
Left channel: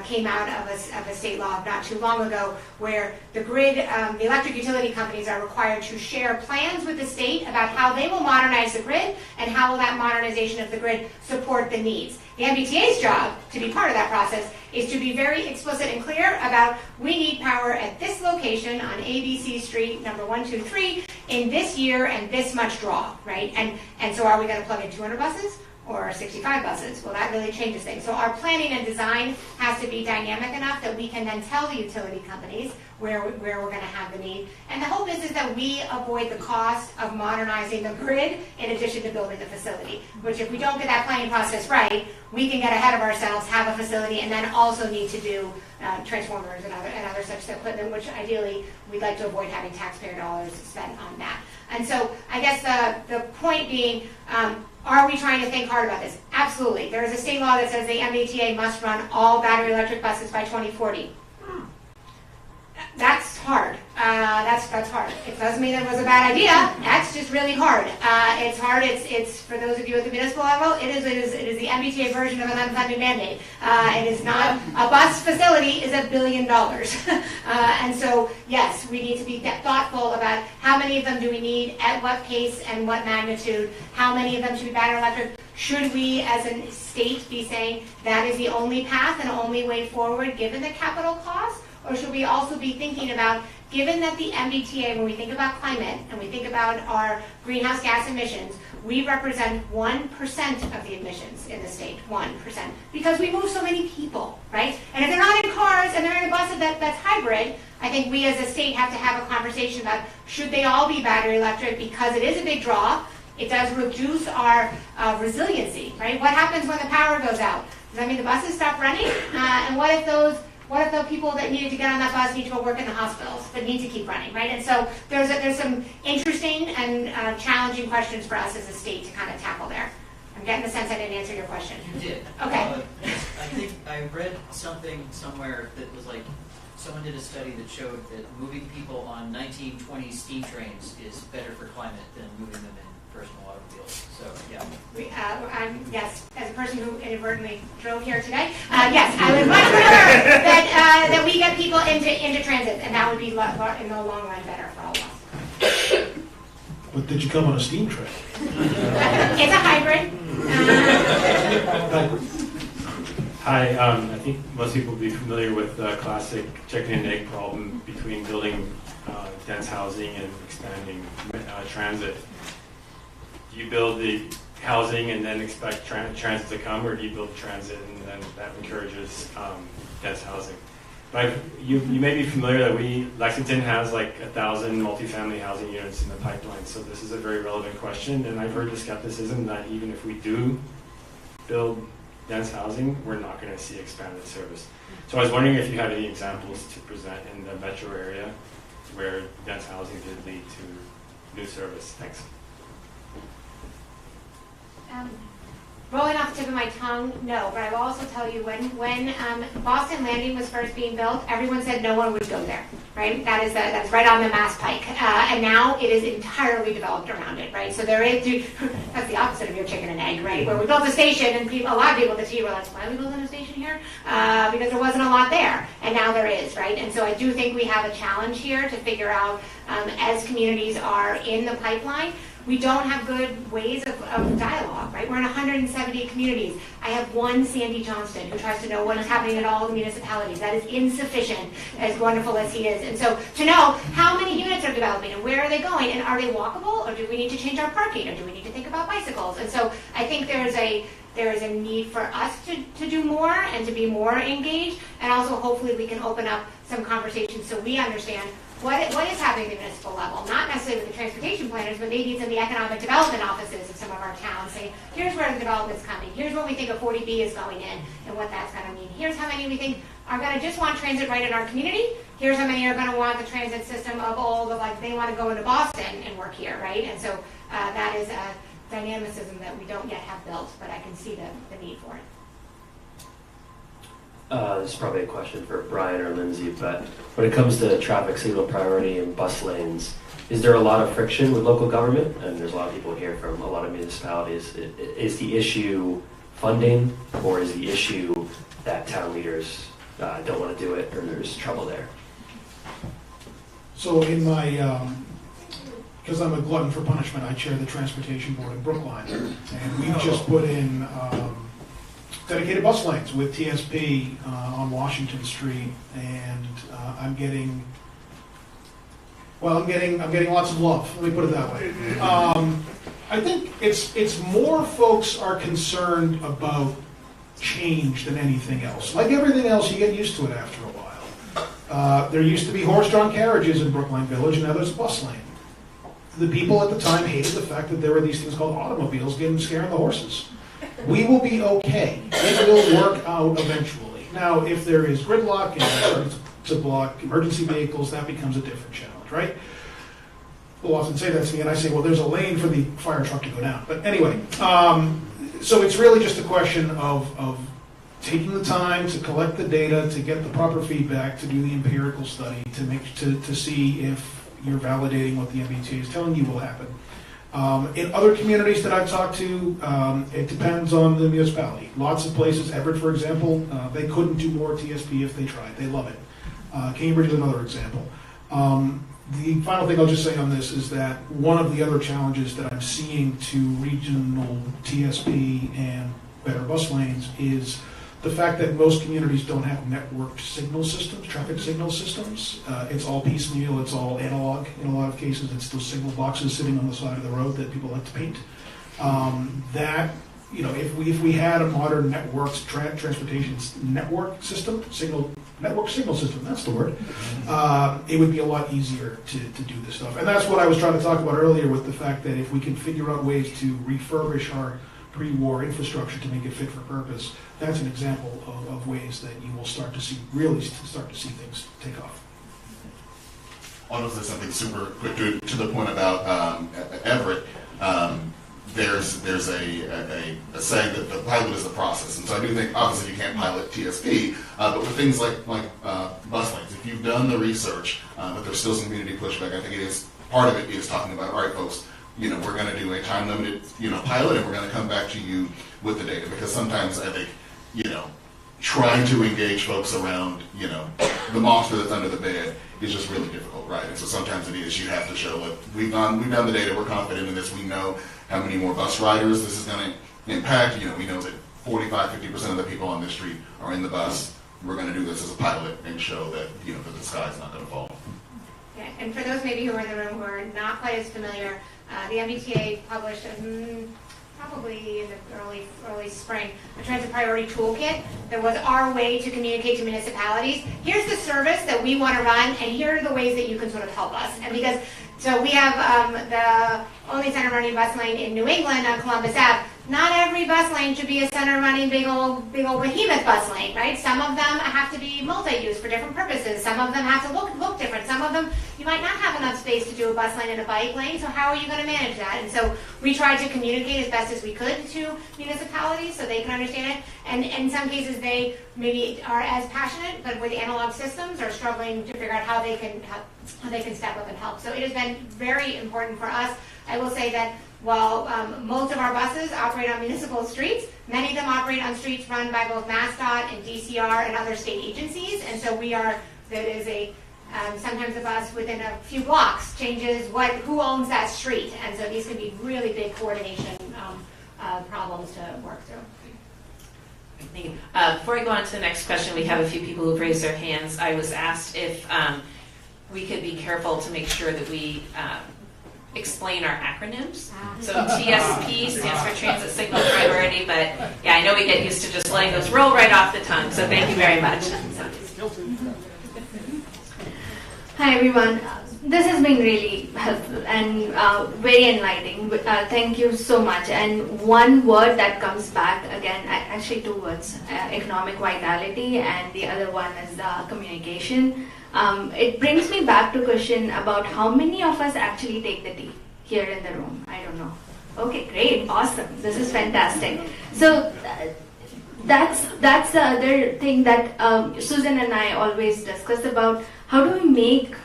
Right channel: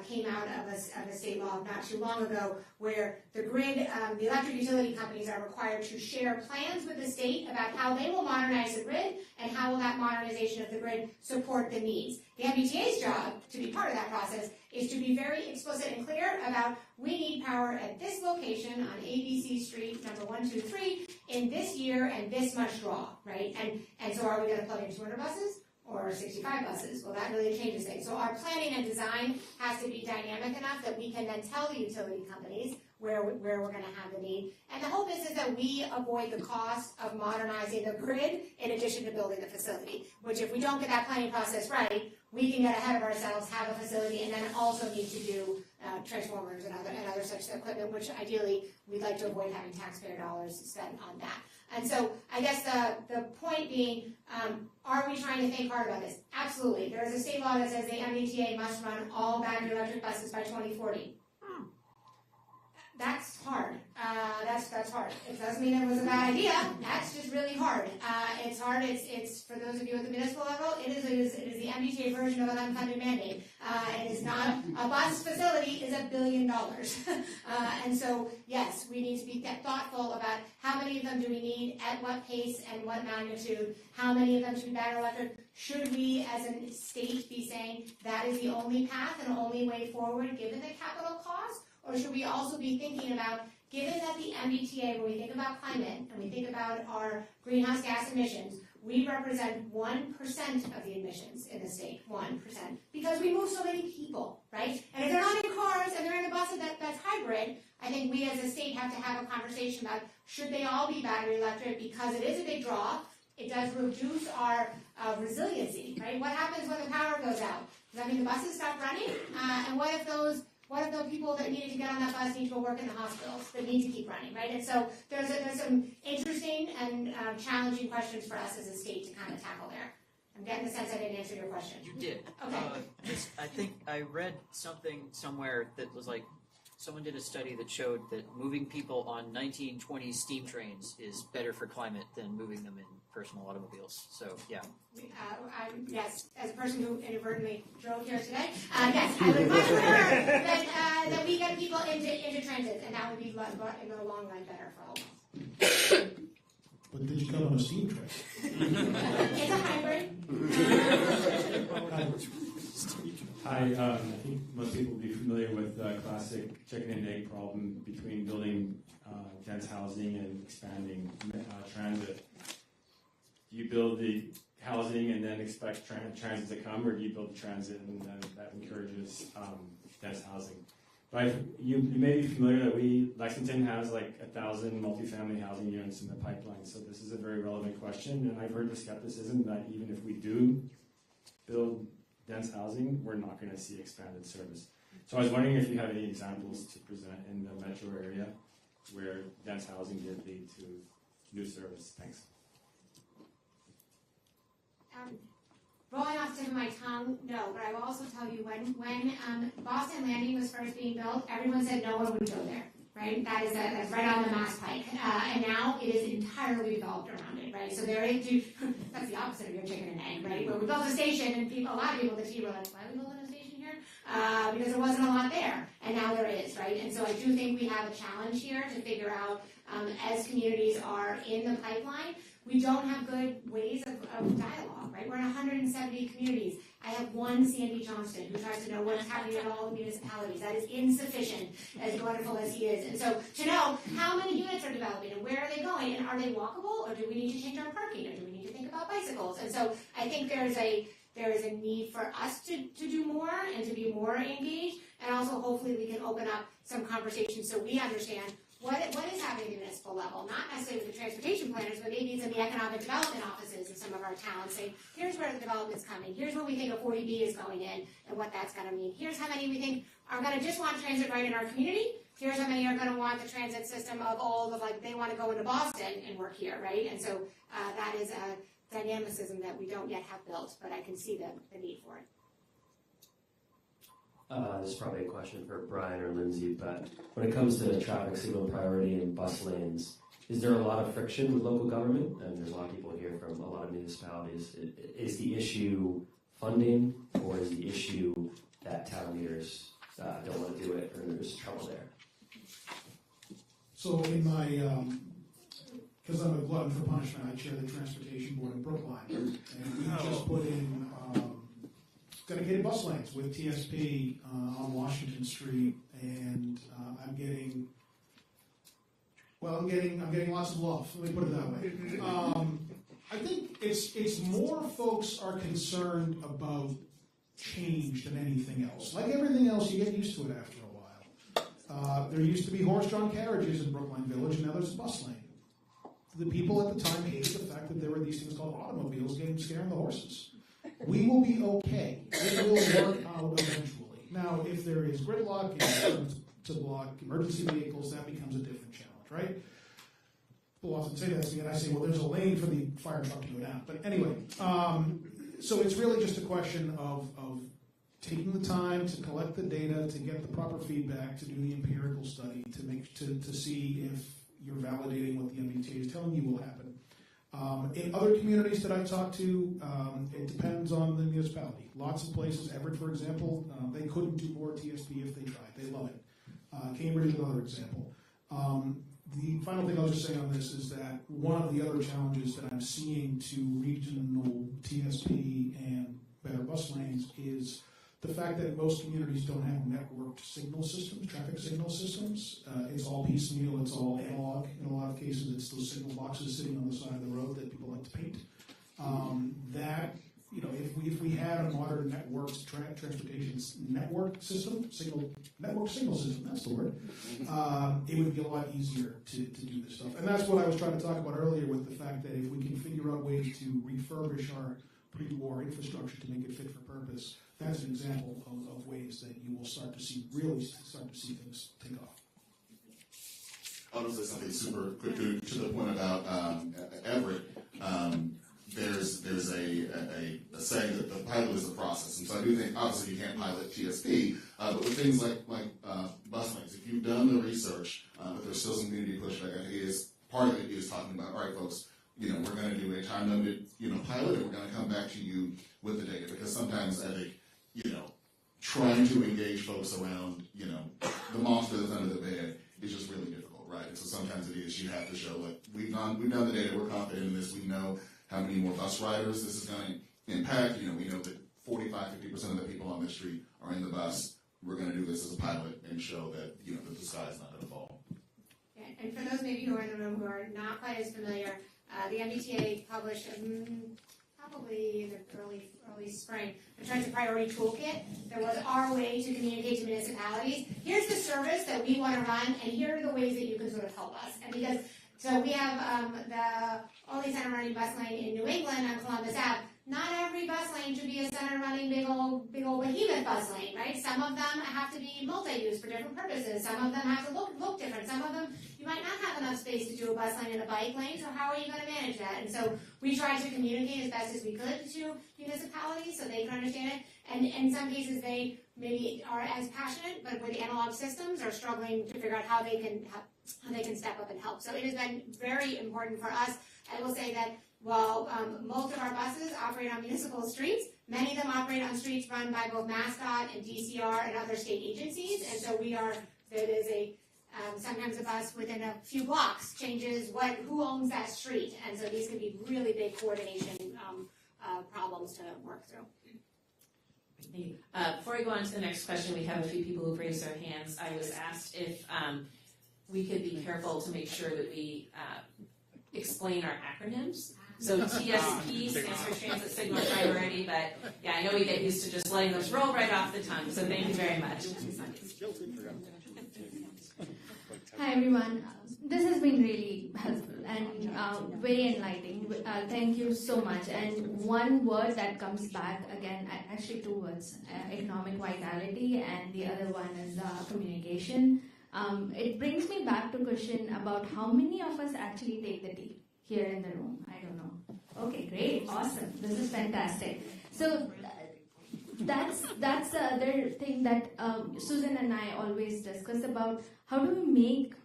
came out of a state law not too long ago, where the grid, the electric utility companies are required to share plans with the state about how they will modernize the grid and how will that modernization of the grid support the needs. The MBTA's job, to be part of that process, is to be very explicit and clear about, we need power at this location on ABC Street, number 123, in this year and this much draw, right? And so are we going to plug in 200 buses or 65 buses? Well, that really changes things. So our planning and design has to be dynamic enough that we can then tell the utility companies where we're going to have the need. And the hope is that we avoid the cost of modernizing the grid in addition to building the facility, which if we don't get that planning process right, we can get ahead of ourselves, have a facility, and then also need to do transformers and other such equipment, which ideally we'd like to avoid having taxpayer dollars spent on that. And so I guess the point being, are we trying to think hard about this? Absolutely. There is a state law that says the MBTA must run all battery electric buses by 2040. That's hard. That's hard. It doesn't mean it was a bad idea. That's just really hard. It's hard. It's for those of you at the municipal level. It is the MBTA version of an unfunded mandate. It is not a bus facility. Is $1 billion. And so yes, we need to be thoughtful about how many of them do we need, at what pace and what magnitude. How many of them should be battery electric? Should we, as a state, be saying that is the only path and only way forward, given the capital cost? Or should we also be thinking about, given that the MBTA, when we think about climate and we think about our greenhouse gas emissions, we represent 1% of the emissions in the state, 1%, because we move so many people, right? And if they're not in cars and they're in a bus that's hybrid, I think we as a state have to have a conversation about, should they all be battery electric, because it is a big draw. It does reduce our resiliency, right? What happens when the power goes out? Does that mean the buses stop running? And what if the people that needed to get on that bus need to go work in the hospitals but need to keep running, right? And so there's some interesting and challenging questions for us as a state to kind of tackle there. I'm getting the sense I didn't answer your question. You did. Okay. I think I read something somewhere that was like, someone did a study that showed that moving people on 1920 steam trains is better for climate than moving them in personal automobiles. So yeah. Yes, as a person who inadvertently drove here today, yes, I would much prefer that we get people into transit, and that would be in the long run better for all of us. But did you come on a steam train? It's a hybrid. Hi, I think most people will be familiar with the classic chicken and egg problem between building dense housing and expanding transit. Do you build the housing and then expect transit to come, or do you build transit and then that encourages dense housing? But you may be familiar that Lexington has like 1,000 multifamily housing units in the pipeline, so this is a very relevant question, and I've heard the skepticism that even if we do build dense housing, we're not going to see expanded service. So I was wondering if you have any examples to present in the metro area where dense housing did lead to new service. Thanks. Rolling off the tip of my tongue, no, but I will also tell you when Boston Landing was first being built, everyone said no one would go there, right? That's right on the Mass Pike, and now it is entirely developed around it, right? So there is, that's the opposite of your chicken and egg, right? Where we built a station and a lot of people at the city were like, why are we building a station here? Because there wasn't a lot there, and now there is, right? And so I do think we have a challenge here to figure out, as communities are in the pipeline, we don't have good ways of dialogue, right? We're in 170 communities. I have one Sandy Johnston who tries to know what is happening in all the municipalities. That is insufficient, as wonderful as he is. And so to know how many units are developing and where are they going, and are they walkable, or do we need to change our parking, or do we need to think about bicycles? And so I think there is a need for us to do more and to be more engaged, and also hopefully we can open up some conversations so we understand what is happening at the municipal level, not necessarily with the transportation planners, but maybe it's in the economic development offices of some of our towns saying, here's where the development's coming, here's what we think a 40B is going in, and what that's going to mean. Here's how many we think are going to just want transit right in our community. Here's how many are going to want the transit system of all the, like, they want to go into Boston and work here, right? And so that is a dynamicism that we don't yet have built, but I can see the need for it. This is probably a question for Brian or Lindsay, but when it comes to traffic signal priority and bus lanes, is there a lot of friction with local government? And there's a lot of people here from a lot of municipalities. Is the issue funding, or is the issue that town leaders don't want to do it or there's trouble there? So in my, because I'm a glutton for punishment, I chair the transportation board in Brookline, and we just put in dedicated bus lanes with TSP on Washington Street, and I'm getting lots of love. Let me put it that way. I think it's more folks are concerned about change than anything else. Like everything else, you get used to it after a while. There used to be horse-drawn carriages in Brookline Village, and now there's a bus lane. The people at the time hated the fact that there were these things called automobiles scaring the horses. We will be okay. It will work out eventually. Now, if there is gridlock and it starts to block emergency vehicles, that becomes a different challenge, right? People often say that to me, and I say, well, there's a lane for the fire truck to go down. But anyway, so it's really just a question of taking the time to collect the data, to get the proper feedback, to do the empirical study, to see if you're validating what the MBTA is telling you will happen. In other communities that I've talked to, it depends on the municipality. Lots of places, Everett, for example, they couldn't do more TSP if they tried. They love it. Cambridge is another example. The final thing I'll just say on this is that one of the other challenges that I'm seeing to regional TSP and better bus lanes is the fact that most communities don't have networked signal systems, traffic signal systems. It's all piecemeal, it's all analog. In a lot of cases, it's those signal boxes sitting on the side of the road that people like to paint. If we had a modern networked transportation network system, network signal system, that's the word, it would be a lot easier to do this stuff. And that's what I was trying to talk about earlier with the fact that if we can figure out ways to refurbish our pre-war infrastructure to make it fit for purpose, that's an example of ways that you will start to see things take off. I'll just say something super quick to the point about Everett. There's a saying that the pilot is the process, and so I do think obviously you can't pilot TSP, but with things like bus lanes, if you've done the research, but there's still some community pushback, I think it is part of it is talking about, all right, folks, we're going to do a time limited pilot, and we're going to come back to you with the data, because sometimes I think trying to engage folks around the monster that's under the bed is just really difficult, right? And so sometimes it is you have to show, look, we've done the data, we're confident in this, we know how many more bus riders this is going to impact. We know that 45-50% of the people on this street are in the bus. We're going to do this as a pilot and show that that the sky's not going to fall. Yeah, and for those maybe who are in the room who are not quite as familiar, the MBTA published probably in the early spring a transit priority toolkit that was our way to communicate to municipalities. Here's the service that we want to run, and here are the ways that you can sort of help us. And because so we have the only center running bus lane in New England on Columbus Ave. Not every bus lane should be a center running big old behemoth bus lane, right? Some of them have to be multi-use for different purposes. Some of them have to look different. Some of them you might not have enough space to do a bus lane and a bike lane, so how are you going to manage that? And so we tried to communicate as best as we could to municipalities so they can understand it. And in some cases they maybe are as passionate, but with analog systems are struggling to figure out how they can step up and help. So it has been very important for us. I will say that while most of our buses operate on municipal streets, many of them operate on streets run by both MassDOT and DCR and other state agencies. And so there is sometimes a bus within a few blocks changes who owns that street. And so these can be really big coordination problems to work through. Thank you. Before I go on to the next question, we have a few people who've raised their hands. I was asked if we could be careful to make sure that we explain our acronyms. So TSP stands for Transit Signal Priority, but yeah, I know we get used to just letting those roll right off the tongue, so thank you very much. Hi everyone. This has been really helpful and very enlightening. Thank you so much. And one word that comes back again, actually two words, economic vitality, and the other one is communication. It brings me back to a question about how many of us actually take the tea here in the room. I don't know. Okay, great, awesome. This is fantastic. So that's the other thing that Susan and I always discuss about. How do we make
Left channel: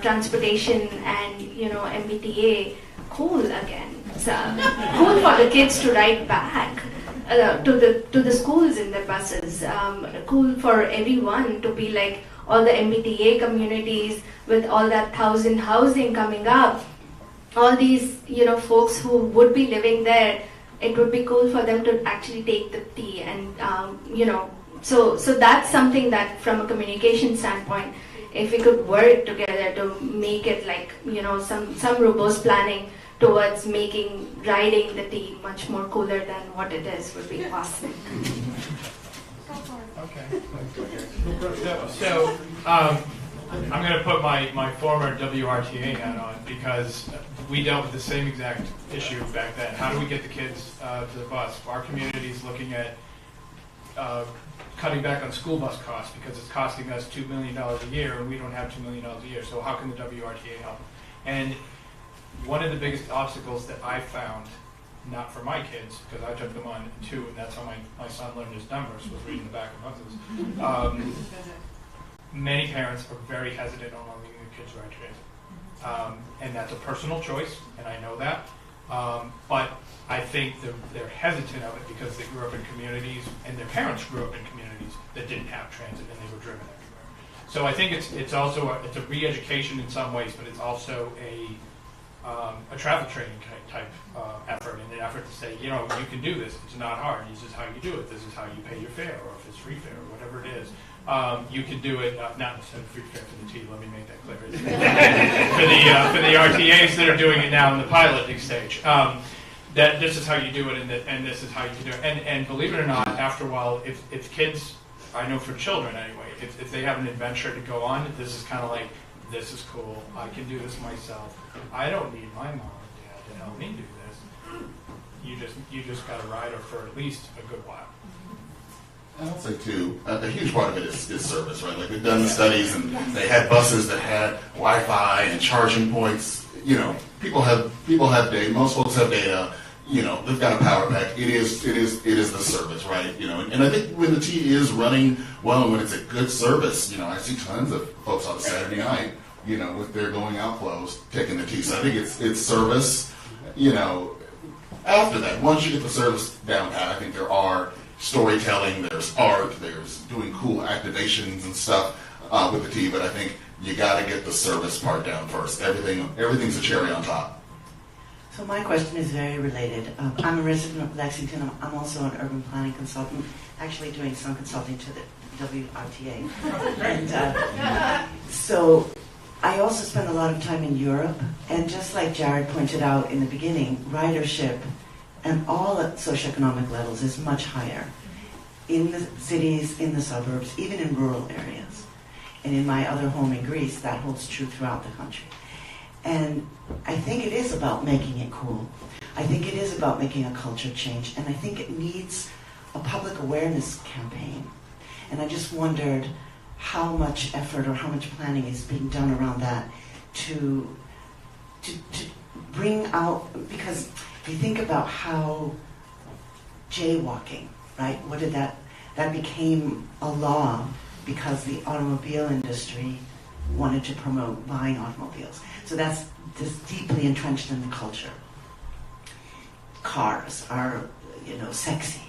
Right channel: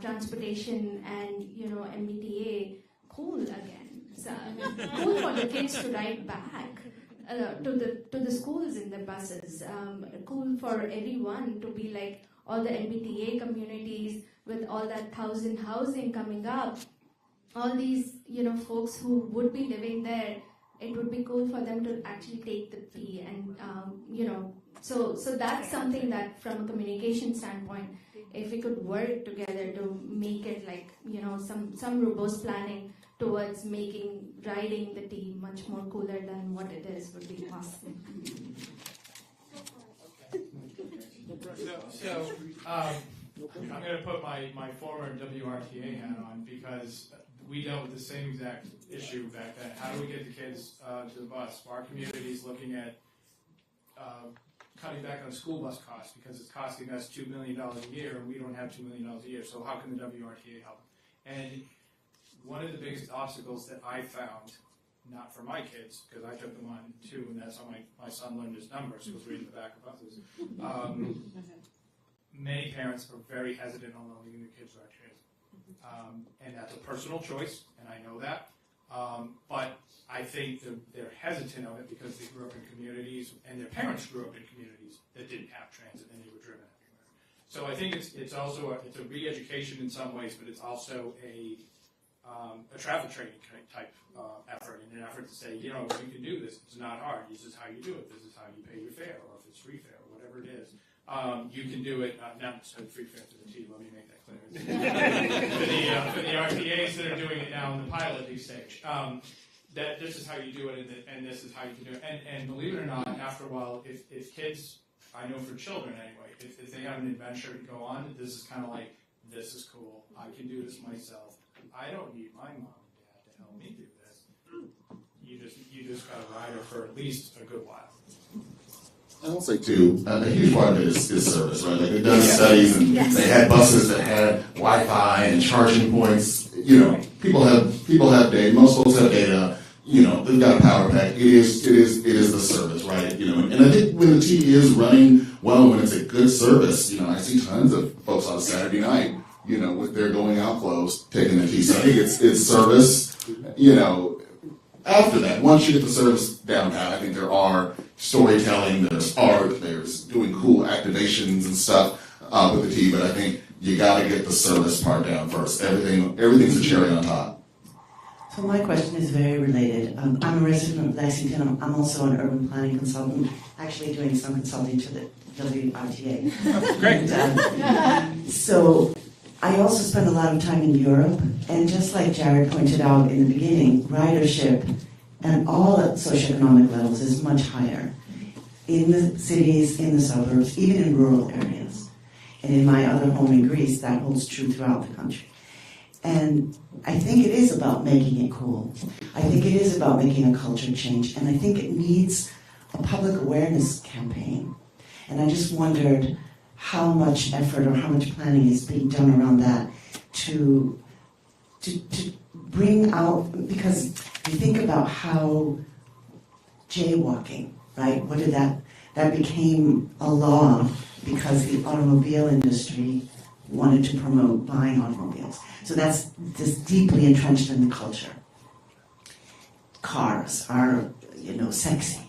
transportation and MBTA cool again? So cool for the kids to ride back. to the schools in their buses. Cool for everyone to be like all the MBTA communities with all that 1,000 housing coming up. All these, folks who would be living there, it would be cool for them to actually take the T and, so that's something that from a communication standpoint, if we could work together to make it like, some robust planning towards making riding the T much more cooler than what it is would be awesome. Okay. So I'm going to put my former WRTA hat on because we dealt with the same exact issue back then. How do we get the kids to the bus? Our community's looking at cutting back on school bus costs because it's costing us $2 million a year and we don't have $2 million a year. So how can the WRTA help? And one of the biggest obstacles that I found, not for my kids, because I took them on too, and that's how my son learned his numbers, was reading the back of buses. Many parents are very hesitant on letting their kids ride transit. And that's a personal choice, and I know that. But I think they're hesitant of it because they grew up in communities, and their parents grew up in communities that didn't have transit, and they were driven everywhere. So I think it's also it's a re-education in some ways, but it's also a travel training type effort, and an effort to say, you can do this. It's not hard. This is how you do it. This is how you pay your fare, or if it's free fare, or whatever it is. You can do it, not necessarily free fare for the T, let me make that clear. for the RTAs that are doing it now in the piloting stage. That this is how you do it, and this is how you do it. And believe it or not, after a while, if kids, I know for children anyway, if they have an adventure to go on, this is kind of like, this is cool, I can do this myself. I don't need my mom or dad to help me do this. You just got to ride her for at least a good while. I'll say too, a huge part of it is service, right? Like they've done studies and they had buses that had Wi-Fi and charging points. People have data. Most folks have data. They've got a power pack. It is the service, right? And I think when the T is running well, when it's a good service, I see tons of folks on Saturday night, with their going out clothes, taking the T. So I think it's service. After that, once you get the service down pat, I think there are storytelling, there's art, there's doing cool activations and stuff with the T, but I think you got to get the service part down first. Everything's a cherry on top. So my question is very related. I'm a resident of Lexington. I'm also an urban planning consultant, actually doing some consulting to the WRTA. Oh, great. And, so I also spend a lot of time in Europe, and just like Jared pointed out in the beginning, ridership and all at socioeconomic levels is much higher in the cities, in the suburbs, even in rural areas. And in my other home in Greece, that holds true throughout the country. And I think it is about making it cool. I think it is about making a culture change. And I think it needs a public awareness campaign. And I just wondered how much effort or how much planning is being done around that to bring out, because you think about how jaywalking, right? What did that became a law because the automobile industry wanted to promote buying automobiles. So that's just deeply entrenched in the culture. Cars are, sexy.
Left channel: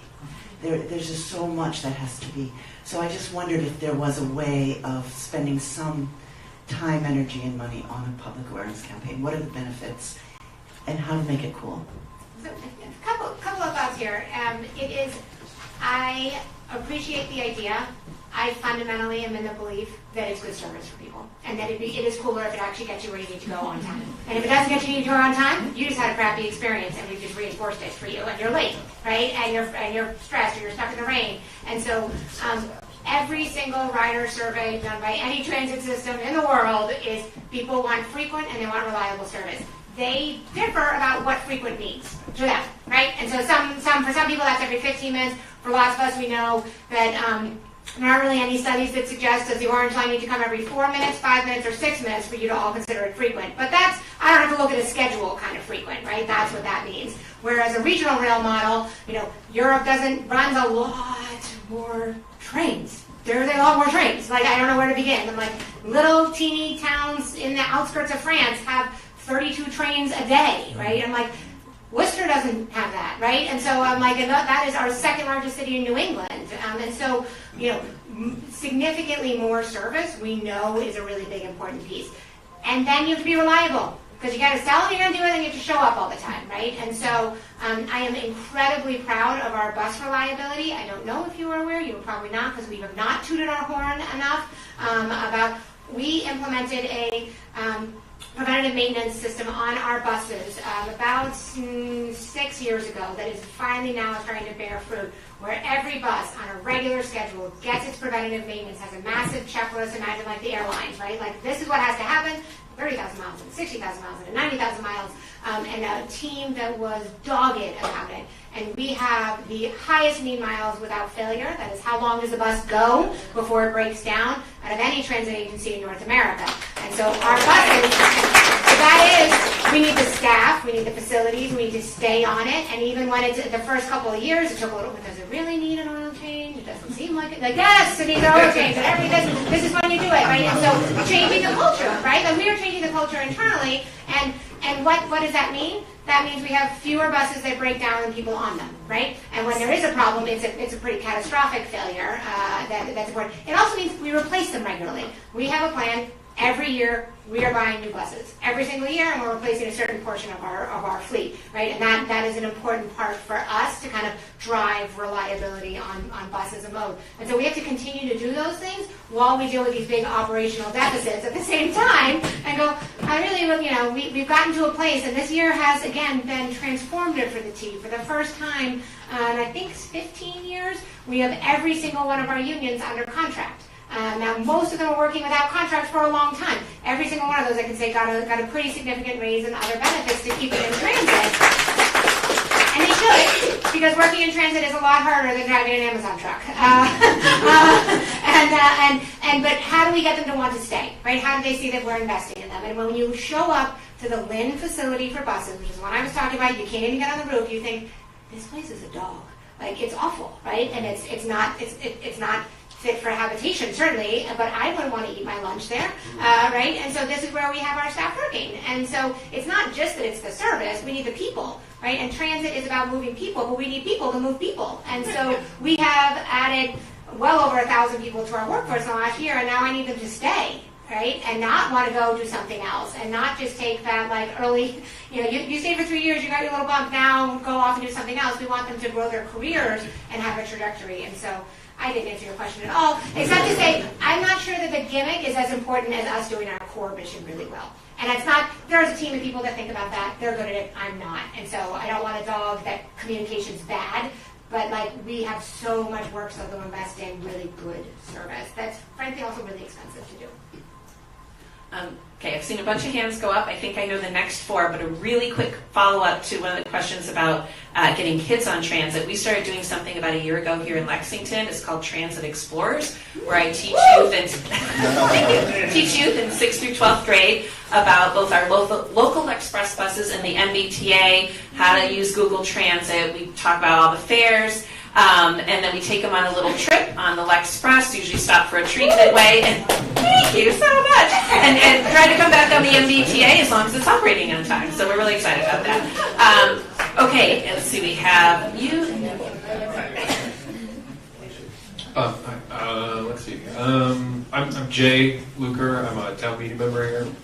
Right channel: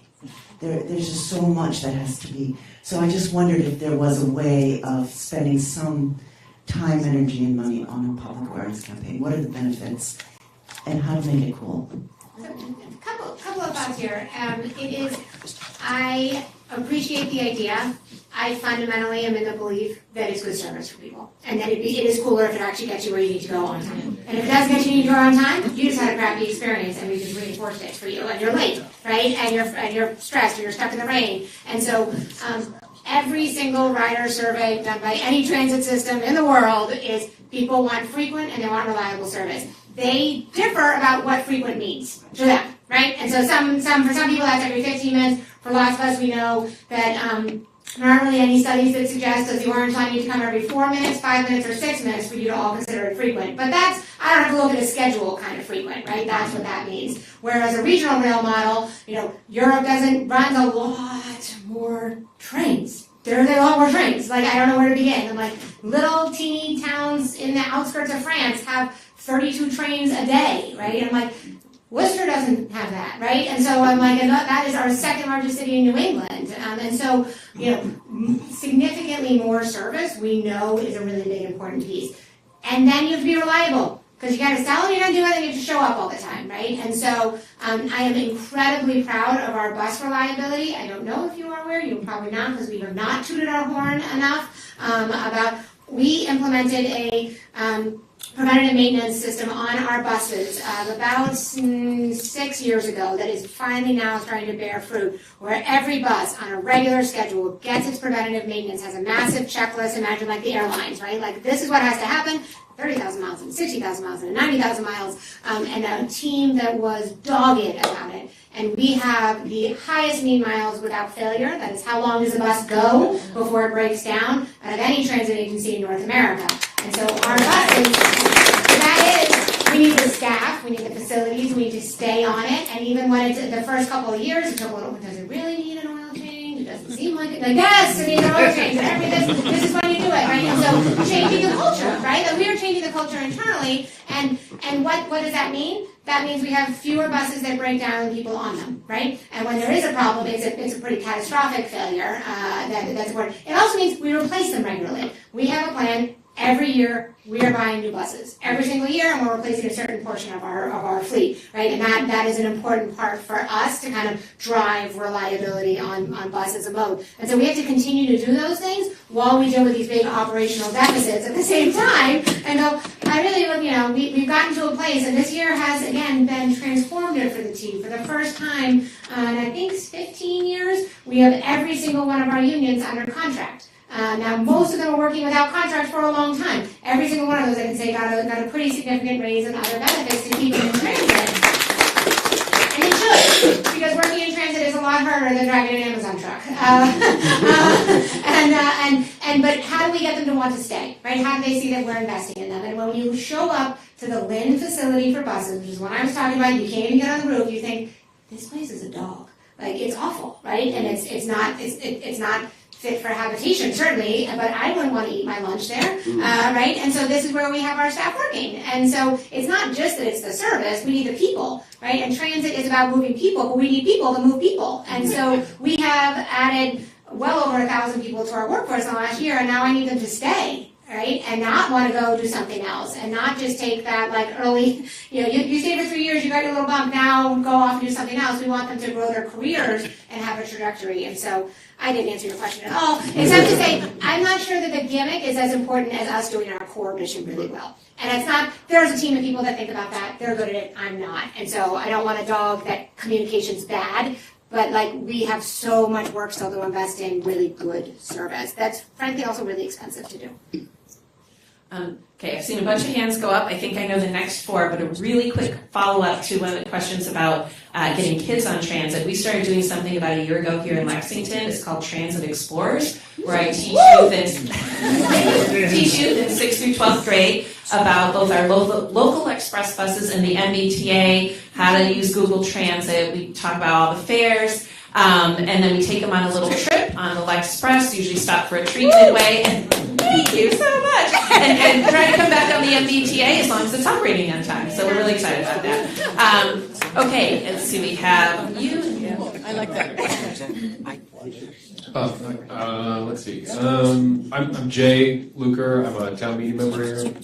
There's just so much that has to be. So I just wondered if there was a way of spending some time, energy, and money on a public awareness campaign. What are the benefits, and how to make it cool? So, a couple of thoughts here. I appreciate the idea. I fundamentally am in the belief that it's good service for people, and that it is cooler if it actually gets you where you need to go on time. And if it doesn't get you on time, you just had a crappy experience, and we just reinforced it for you, and you're late, right? And you're stressed, or you're stuck in the rain. And so, every single rider survey done by any transit system in the world is people want frequent and they want reliable service. They differ about what frequent means to them, right? And so for some people that's every 15 minutes. For lots of us, we know that there aren't really any studies that suggest that the orange line needs to come every 4 minutes, 5 minutes, or 6 minutes for you to all consider it frequent. But I don't have to look at a schedule kind of frequent, right? That's what that means. Whereas a regional rail model, Europe runs a lot more trains. There's a lot more trains. Like, I don't know where to begin. I'm like, little teeny towns in the outskirts of France have 32 trains a day, right? And I'm like, Worcester doesn't have that, right? And so I'm like, and that is our second largest city in New England. And so, significantly more service we know is a really big important piece. And then you have to be reliable, because you got to sell it, you got to do it, and you have to show up all the time, right? And so I am incredibly proud of our bus reliability. I don't know if you are aware, you're probably not, because we have not tooted our horn enough we implemented a preventative maintenance system on our buses about 6 years ago that is finally now starting to bear fruit, where every bus on a regular schedule gets its preventative maintenance, has a massive checklist. Imagine like the airlines, right? Like, this is what has to happen, 30,000 miles and 60,000 miles and 90,000 miles, and a team that was dogged about it. And we have the highest mean miles without failure. That is, how long does a bus go before it breaks down, out of any transit agency in North America. And so our buses, that is, we need the staff, we need the facilities, we need to stay on it. And even when it's the first couple of years, it took a little, does it really need an oil change? It doesn't seem like it. Like, yes, it needs an oil change. And this is when you do it, right? And so changing the culture, right? Like, we are changing the culture internally. And what does that mean? That means we have fewer buses that break down than people on them, right? And when there is a problem, it's a pretty catastrophic failure that's important. It also means we replace them regularly. We have a plan. Every year, we are buying new buses. Every single year, and we're replacing a certain portion of our fleet, right? And that is an important part for us to kind of drive reliability on buses and mode. And so we have to continue to do those things while we deal with these big operational deficits at the same time. And go, we've gotten to a place, and this year has, again, been transformative for the team. For the first time in, I think, 15 years, we have every single one of our unions under contract. Now, most of them are working without contracts for a long time. Every single one of those, I can say, got a pretty significant raise and other benefits to keep them in transit. And they should, because working in transit is a lot harder than driving an Amazon truck. But how do we get them to want to stay, right? How do they see that we're investing in them? And when you show up to the Lynn facility for buses, which is what I was talking about, you can't even get on the roof, you think, this place is a dog. Like, it's awful, right? And it's not fit for habitation, certainly, but I wouldn't want to eat my lunch there, right? And so this is where we have our staff working. And so it's not just that it's the service, we need the people, right? And transit is about moving people, but we need people to move people. And so we have added well over 1,000 people to our workforce in the last year, and now I need them to stay, right? And not want to go do something else, and not just take that like early, you stay for 3 years, you got your little bump, now go off and do something else. We want them to grow their careers and have a trajectory. And so I didn't answer your question at all, except to say I'm not sure that the gimmick is as important as us doing our core mission really well. And it's not, there's a team of people that think about that, they're good at it, I'm not. And so I don't want a dog that communication's bad, but like, we have so much work still to invest in really good service. That's frankly also really expensive to do. Okay, I've seen a bunch of hands go up. I think I know the next four, but a really quick follow-up to one of the questions about getting kids on transit. We started doing something about a year ago here in Lexington. It's called Transit Explorers, where I teach youth in 6th through 12th grade about both our local express buses and the MBTA, how to use Google Transit. We talk about all the fares. And then we take them on a little trip on the Lexpress, usually stop for a treat midway, and thank you so much, and try to come back on the MBTA as long as it's operating on time. So we're really excited about that. Okay, let's see, we have you. I like that. Let's see. I'm Jay Luker. I'm a town meeting member here.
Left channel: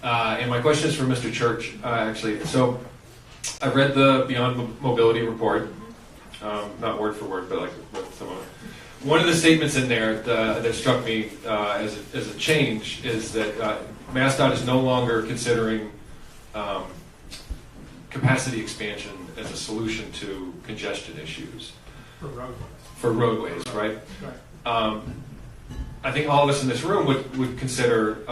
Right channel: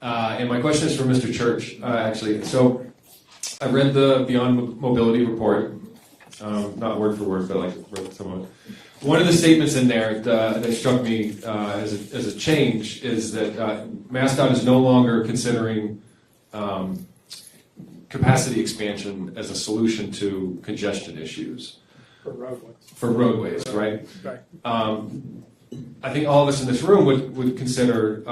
And my question is for Mr. Church, actually. So I read the Beyond Mobility report. Not word for word, but like some of it. One of the statements in there that struck me as a change is that MassDOT is no longer considering capacity expansion as a solution to congestion issues. For roadways, right? Right. I think all of us in this room would consider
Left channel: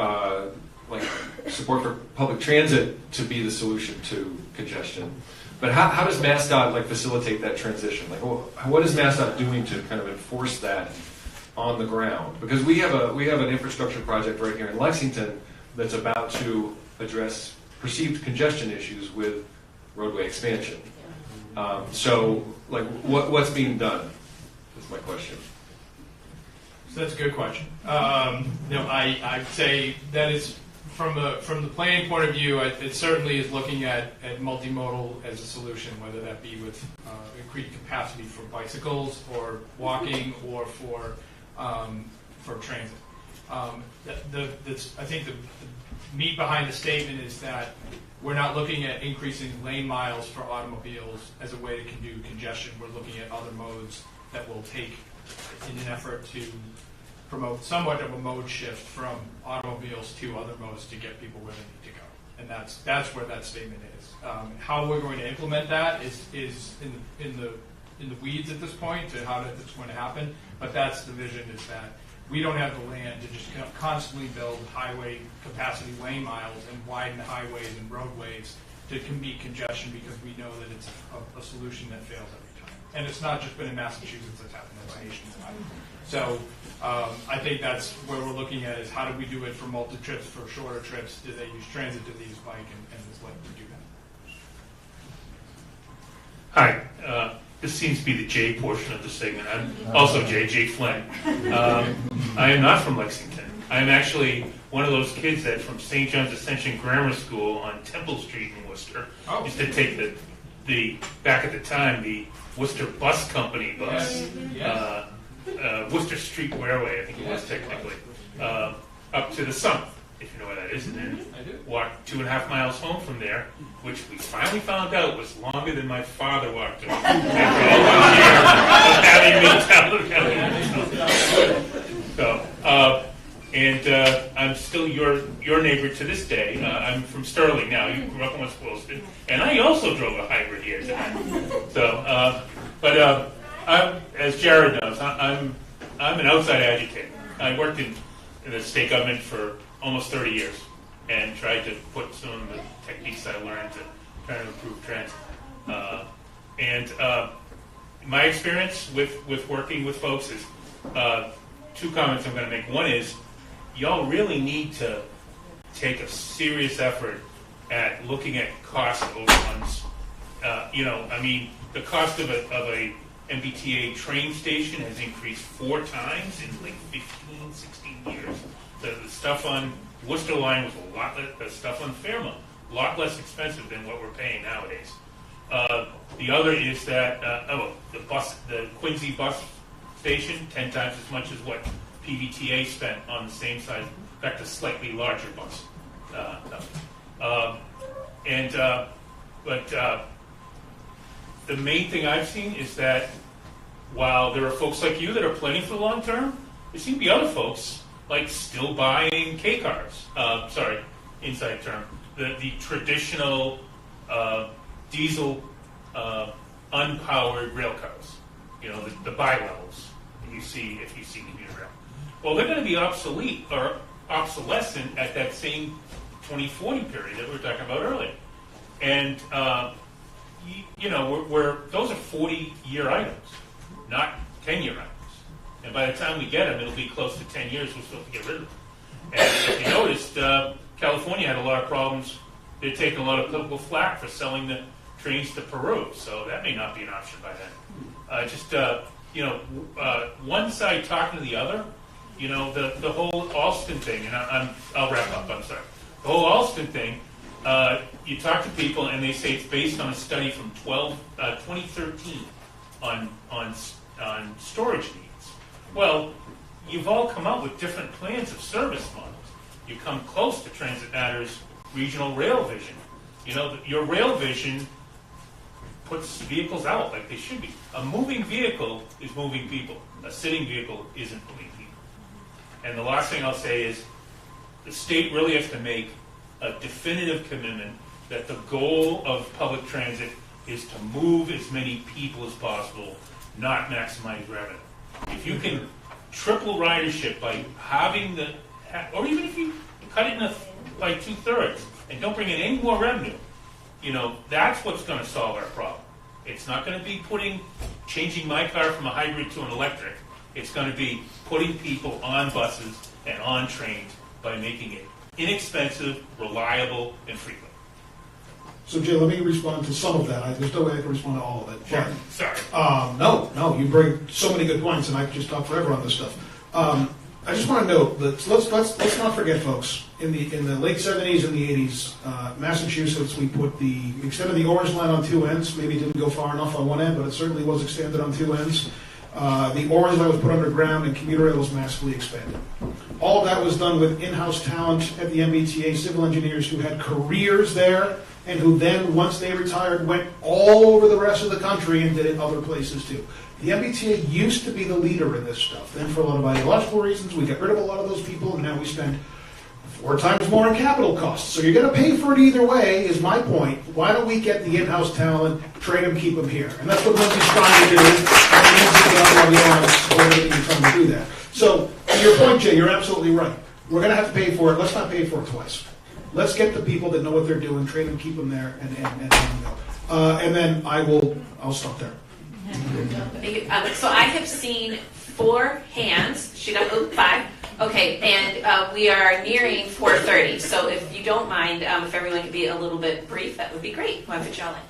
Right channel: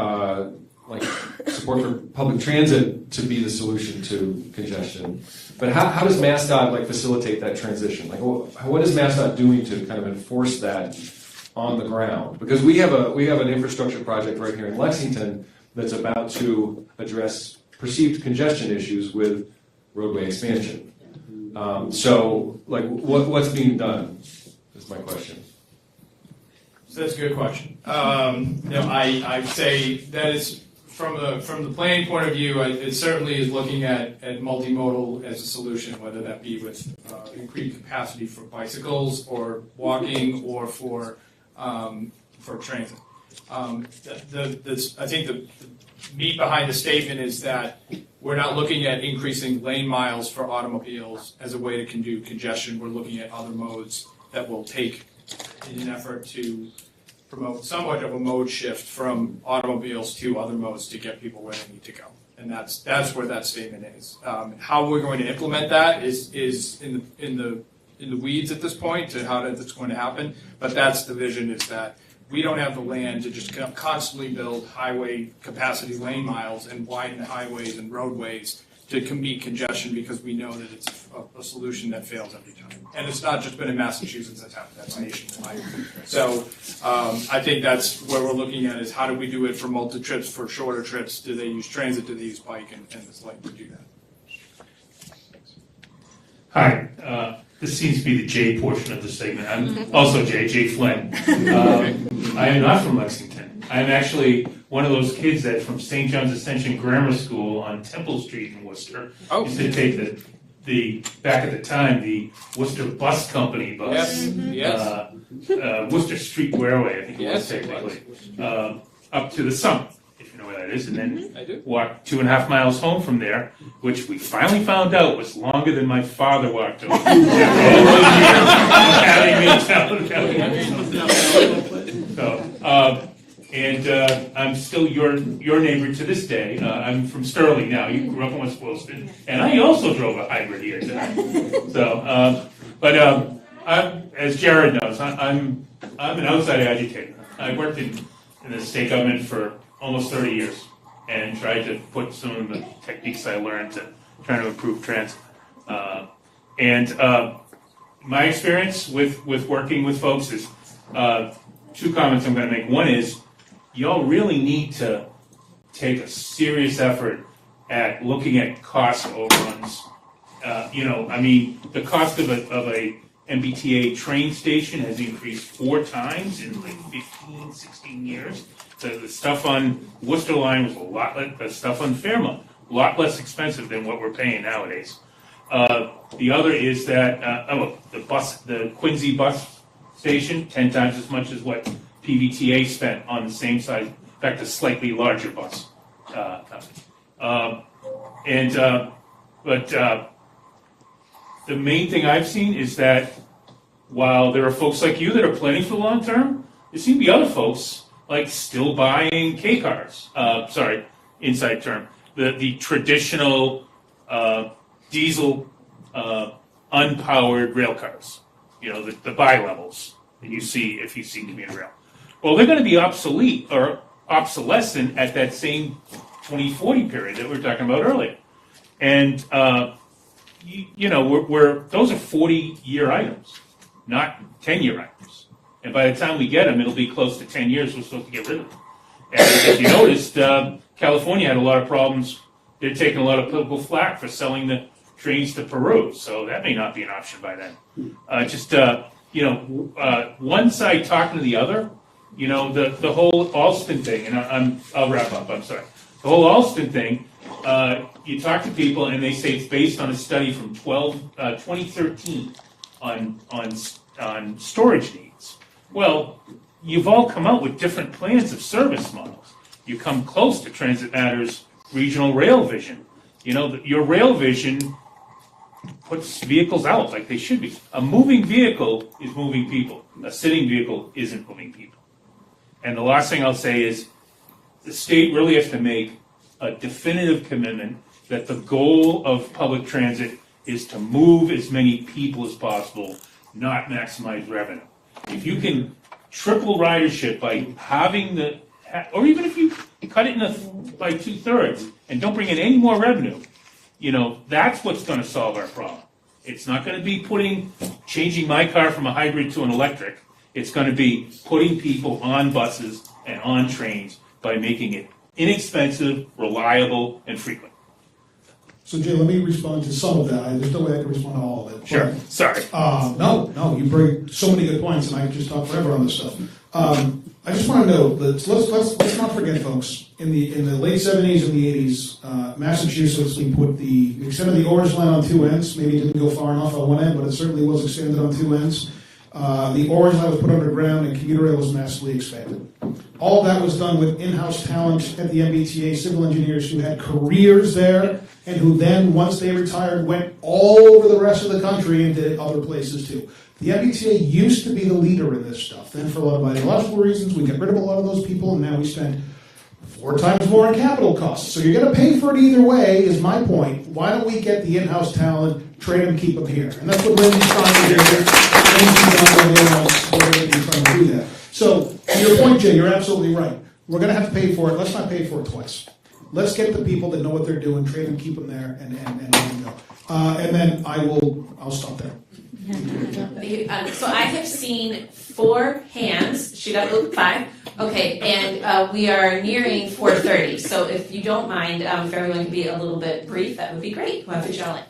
like support for public transit to be the solution to congestion. But how does MassDOT facilitate that transition? Like, what is MassDOT doing to kind of enforce that on the ground? Because we have an infrastructure project right here in Lexington that's about to address perceived congestion issues with roadway expansion. So, like, what's being done? Is my question. So that's a good question. I'd say that is from the planning point of view, it certainly is looking at multimodal as a solution, whether that be with increased capacity for bicycles or walking or for transit. I think the meat behind the statement is that we're not looking at increasing lane miles for automobiles as a way to do congestion. We're looking at other modes that will take in an effort to promote somewhat of a mode shift from automobiles to other modes to get people where they need to go. And that's where that statement is. How we're going to implement that is in the weeds at this point to how that's going to happen. But that's the vision, is that we don't have the land to just constantly build highway capacity lane miles and widen highways and roadways to meet congestion, because we know that it's a solution that fails every time. And it's not just been in Massachusetts that's happened, that's nationwide. So I think that's where we're looking at, is how do we do it for multi-trips, for shorter trips? Do they use transit? Do they use bike? And it's like we do that. Hi. This seems to be the J portion of the segment. I'm also Jay Flynn. I am not from Lexington. I'm actually one of those kids that from St. John's Ascension Grammar School on Temple Street in Worcester used to take the back at the time, the Worcester Bus Company bus. Yes. Worcester Street Railway, I think it was technically, up to the summit, if you know where that is, and then walked 2.5 miles home from there, which we finally found out was longer than my father walked home. I'm still your neighbor to this day. I'm from Sterling now. You grew up in West Boylston, and I also drove a hybrid here today. So, as Jared knows, I'm an outside agitator. I worked in the state government for almost 30 years and tried to put some of the techniques I learned to try to improve transit. My experience with working with folks is two comments I'm going to make. One is, y'all really need to take a serious effort at looking at cost overruns. The cost of a MBTA train station has increased 4 times in like 15, 16 years. The stuff on Worcester line was a lot less, the stuff on Fairmont, a lot less expensive than what we're paying nowadays. The other is that, the Quincy bus station, 10 times as much as what PVTA spent on the same size, in fact, a slightly larger bus. The main thing I've seen is that while there are folks like you that are planning for the long term, there seem to be other folks like still buying K-cars. Inside term. The traditional diesel unpowered rail cars. The bi-levels that you see if you seem to be in rail. Well, they're going to be obsolete or obsolescent at that same 2040 period that we were talking about earlier. And those are 40-year items, not 10-year items. And by the time we get them, it'll be close to 10 years we're supposed to get rid of them. And if you noticed, California had a lot of problems. They're taking a lot of political flack for selling the trains to Peru, so that may not be an option by then. One side talking to the other. The whole Alston thing, and I'll wrap up. I'm sorry. The whole Alston thing. You talk to people, and they say it's based on a study from 2013 on storage needs. Well, you've all come out with different plans of service models. You come close to Transit Matters' regional rail vision. Your rail vision puts vehicles out like they should be. A moving vehicle is moving people. A sitting vehicle isn't moving people. And the last thing I'll say is the state really has to make a definitive commitment that the goal of public transit is to move as many people as possible, not maximize revenue. If you can triple ridership by having or even if you cut it by 2/3 and don't bring in any more revenue, that's what's going to solve our problem. It's not going to be changing my car from a hybrid to an electric. It's going to be putting people on buses and on trains by making it inexpensive, reliable, and frequent. So, Jay, let me respond to some of that. There's no way I can respond to all of it. Sure. Sorry. No, you bring so many good points, and I could just talk forever on this stuff. I just want to note that let's not forget, folks. In the late 70s and the 80s, Massachusetts, we extended the orange line on two ends. Maybe it didn't go far enough on one end, but it certainly was extended on two ends. The orange line was put underground, and commuter rail was massively expanded. All of that was done with in-house talent at the MBTA, civil engineers who had careers there, and who then, once they retired, went all over the rest of the country and did it other places too. The MBTA used to be the leader in this stuff. Then for a lot of ideological reasons, we get rid of a lot of those people, and now we spend 4 times more in capital costs. So you're going to pay for it either way, is my point. Why don't we get the in-house talent, train them, keep them here? And that's what Lindsay's trying to do. Lindsay's trying to do that. So, to your point, Jay, you're absolutely right. We're going to have to pay for it. Let's not pay for it twice. Let's get the people that know what they're doing, train them, keep them there, and then I'll stop there. So I have seen 4 hands shoot up, 5. Okay, and we are nearing 4:30. So if you don't mind, if everyone can be a little bit brief, that would be great. Why don't you join?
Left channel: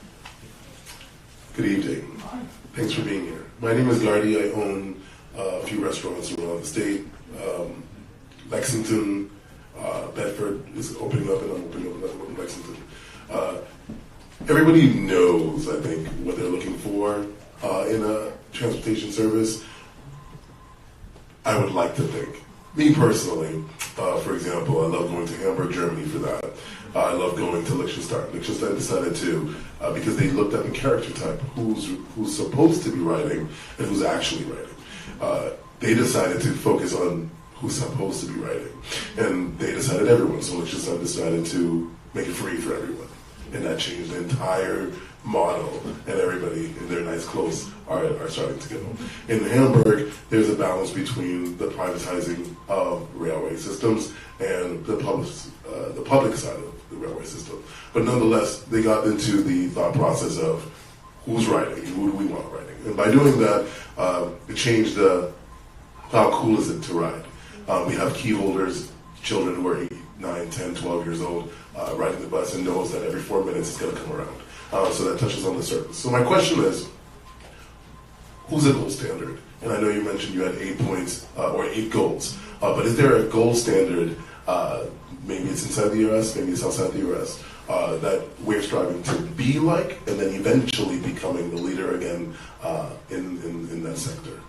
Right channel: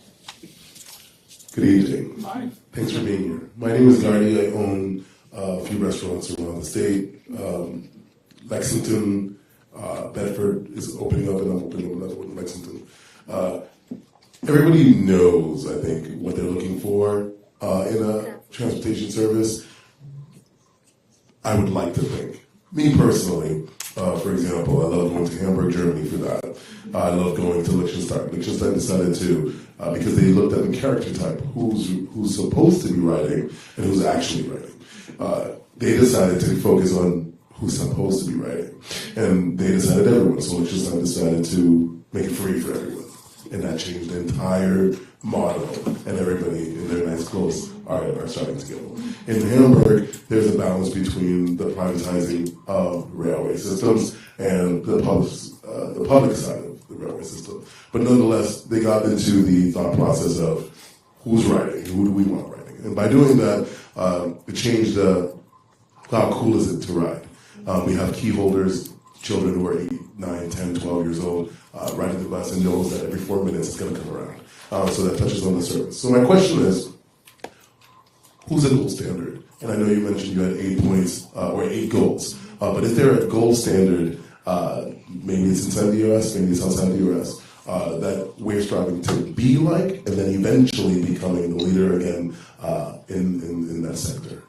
Good evening. Thanks for being here. My name is Gardy. I own a few restaurants around the state. Lexington, Bedford is opening up, and I'm opening up another one in Lexington. Everybody knows, I think, what they're looking for in a transportation service. I would like to think. Me personally, for example, I love going to Hamburg, Germany for that. I love going to Liechtenstein. Liechtenstein decided to, because they looked at the character type, who's supposed to be writing and who's actually writing. They decided to focus on who's supposed to be writing. And they decided everyone. So Liechtenstein decided to make it free for everyone. And that changed the entire model, and everybody in their nice clothes are starting to go. In Hamburg, there's a balance between the privatizing of railway systems and the public side of the railway system. But nonetheless, they got into the thought process of who's writing, who do we want writing. And by doing that, it changed how cool is it to ride. We have key holders, children who are 8, 9, 10, 12 years old, riding the bus and knows that every 4 minutes it's going to come around. So that touches on the service. So my question is, who's a gold standard? And I know you mentioned you had 8 points or 8 goals, but is there a gold standard, maybe it's inside the U.S., maybe it's outside the U.S., that we're striving to be like, and then eventually becoming the leader again in that sector?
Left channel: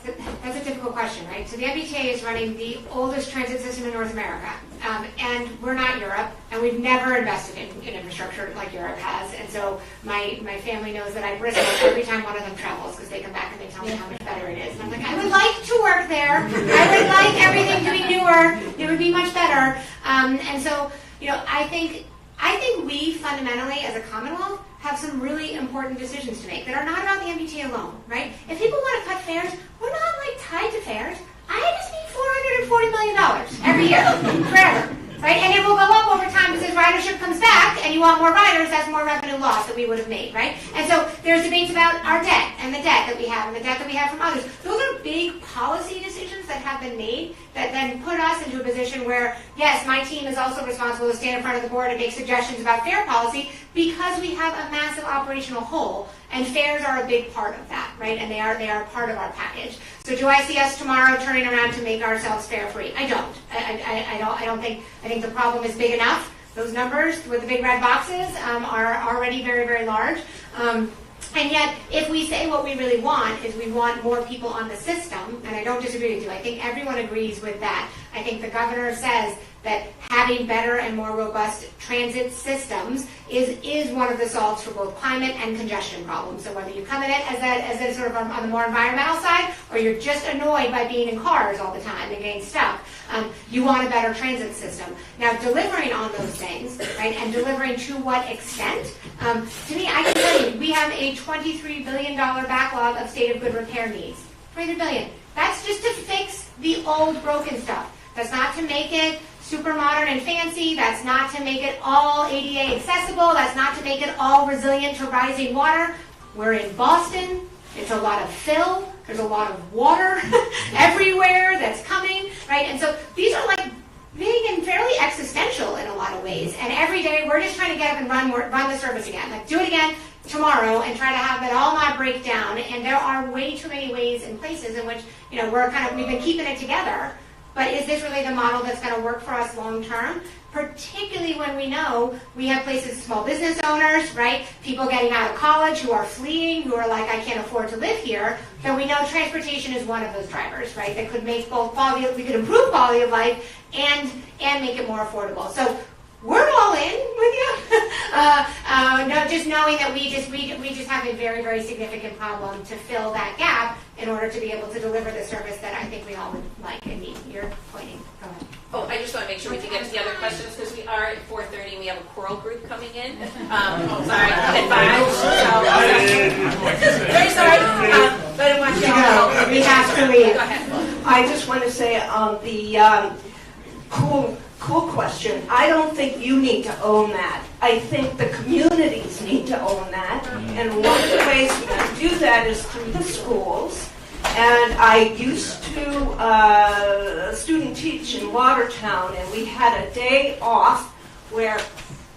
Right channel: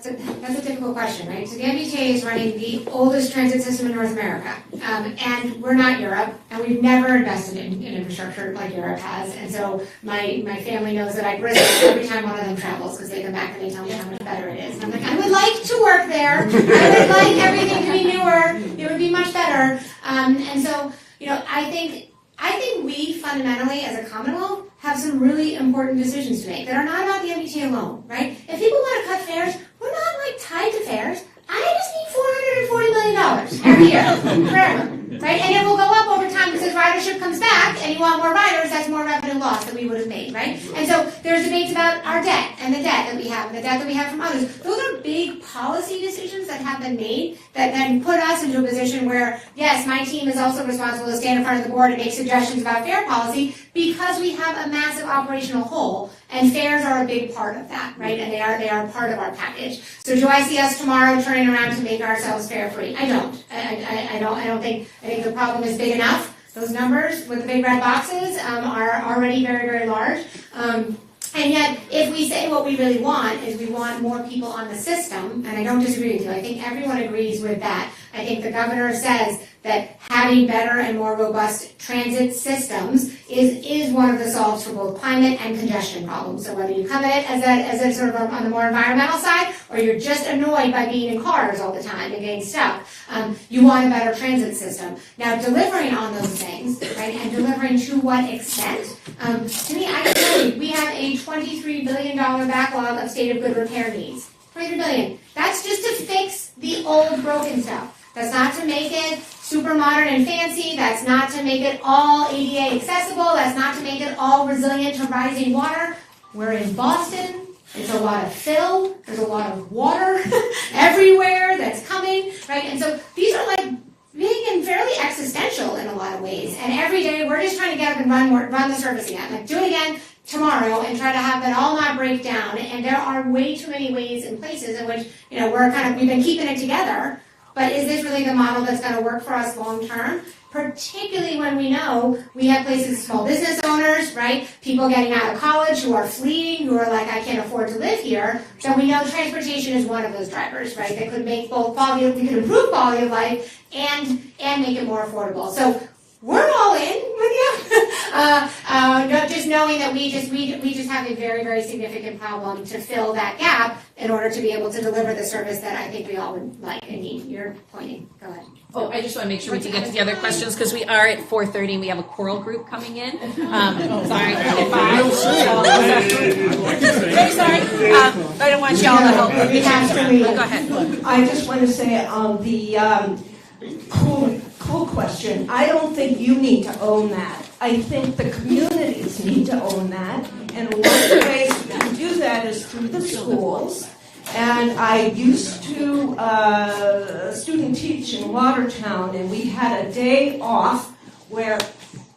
That's a difficult question, right? So the MBTA is running the oldest transit system in North America, and we're not Europe, and we've never invested in infrastructure like Europe has, and so my family knows that I bristle every time one of them travels, because they come back and they tell me how much better it is. And I'm like, I would like to work there. I would like everything to be newer. It would be much better. And so, I think we fundamentally, as a Commonwealth, have some really important decisions to make that are not about the MBTA alone, right? If people want to cut fares, we're not tied to fares. I just need $440 million every year, forever, right? And it will go up over time because as ridership comes back and you want more riders, that's more revenue loss that we would have made, right? And so there's debates about our debt and the debt that we have and the debt that we have from others. Those are big policy decisions that have been made that then put us into a position where, yes, my team is also responsible to stand in front of the board and make suggestions about fare policy because we have a massive operational hole. And fares are a big part of that, right? And they are part of our package. So do I see us tomorrow turning around to make ourselves fare free? I don't. I don't think. I think the problem is big enough. Those numbers with the big red boxes are already very, very large. And yet, if we say what we really want is we want more people on the system, and I don't disagree with you. I think everyone agrees with that. I think the governor says that having better and more robust transit systems is one of the solves for both climate and congestion problems. So whether you come at it as a sort of on the more environmental side, or you're just annoyed by being in cars all the time and getting stuck, you want a better transit system. Now, delivering on those things, right, and delivering to what extent, to me, I can tell you, we have a $23 billion backlog of state of good repair needs. $23 billion. That's just to fix the old broken stuff. That's not to make it super modern and fancy. That's not to make it all ADA accessible. That's not to make it all resilient to rising water. We're in Boston. It's a lot of fill. There's a lot of water everywhere that's coming, right? And so these are big and fairly existential in a lot of ways. And every day we're just trying to get up and run the service again. Do it again. tomorrow and try to have it all not break down. And there are way too many ways and places in which, you know, we've been keeping it together. But is this really the model that's going to work for us long term? Particularly when we know we have places, small business owners, right? People getting out of college who are fleeing, who are like, I can't afford to live here. So we know transportation is one of those drivers, right? That could make both quality, we could improve quality of life and make it more affordable. So we're all in with you. Not just knowing that we just have a very, very significant problem to fill that gap in order to be able to deliver the service that I think we all would like and need. You're pointing. Go ahead. Oh, I just want to make sure we can get to the other questions because we are at 4:30 and we have a choral group coming in. Sorry, at 5. Very sorry. But I didn't want you all to We have to leave. Go ahead. I just want to say the cool question. I don't think you need to own that. I think the communities need to own that. And one of the ways we can do that is through the schools. And I used to student teach in Watertown, and we had a day off where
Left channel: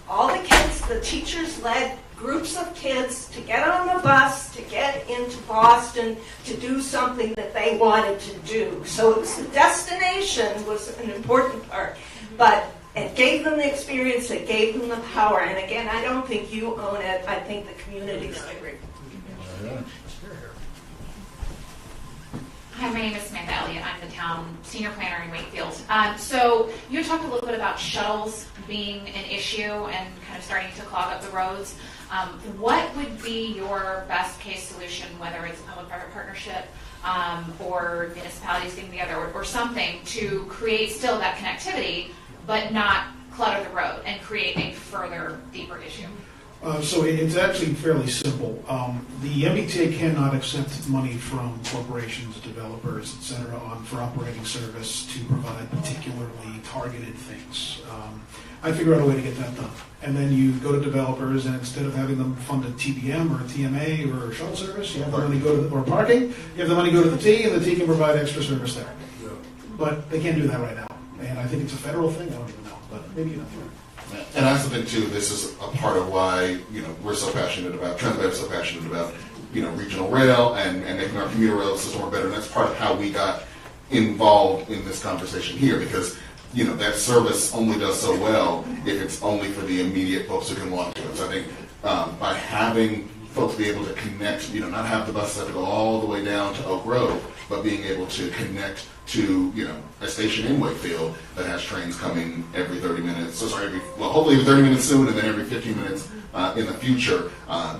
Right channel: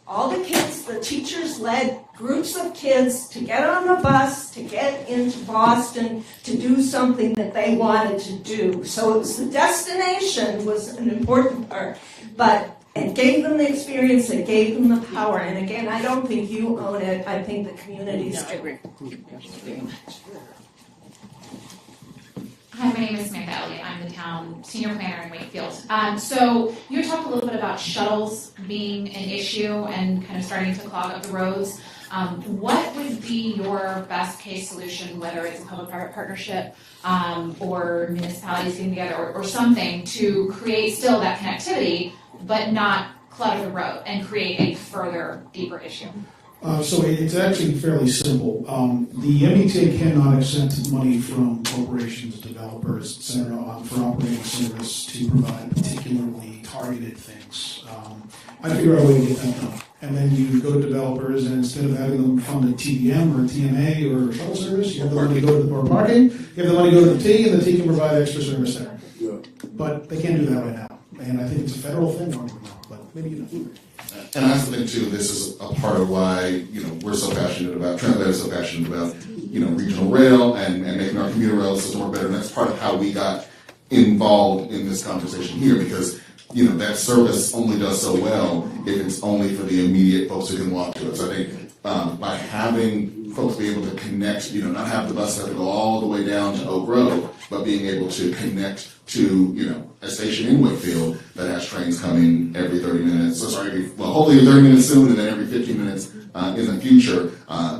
all the kids, the teachers led groups of kids to get on the bus, to get into Boston, to do something that they wanted to do. So it's the destination was an important part, but it gave them the experience, it gave them the power. And again, I don't think you own it, I think the communities do. Hi, my name is Samantha Elliott. I'm the town senior planner in Wakefield. So you talked a little bit about shuttles being an issue and kind of starting to clog up the roads. What would be your best case solution, whether it's a public-private partnership or municipalities getting together or something to create still that connectivity but not clutter the road and create a further, deeper issue? So it's actually fairly simple. The MBTA cannot accept money from corporations, developers, et cetera, for operating service to provide particularly targeted things. I figure out a way to get that done. And then you go to developers, and instead of having them fund a TBM or a TMA or a shuttle service, you have the money go to or parking, you have the money go to the T, and the T can provide extra service there. Yeah. But they can't do that right now. And I think it's a federal thing, I don't even know, but maybe in the future. And that's the thing too. This is a part of why we're so passionate about Translator, so passionate about regional rail and making our commuter rail system work better. And that's part of how we got involved in this conversation here, because that service only does so well if it's only for the immediate folks who can walk to it. So I think by having folks be able to connect, not have the buses have to go all the way down to Oak Road, but being able to connect to a station in Wakefield that has trains coming every 30 minutes. Hopefully every 30 minutes soon, and then every 15 minutes in the future.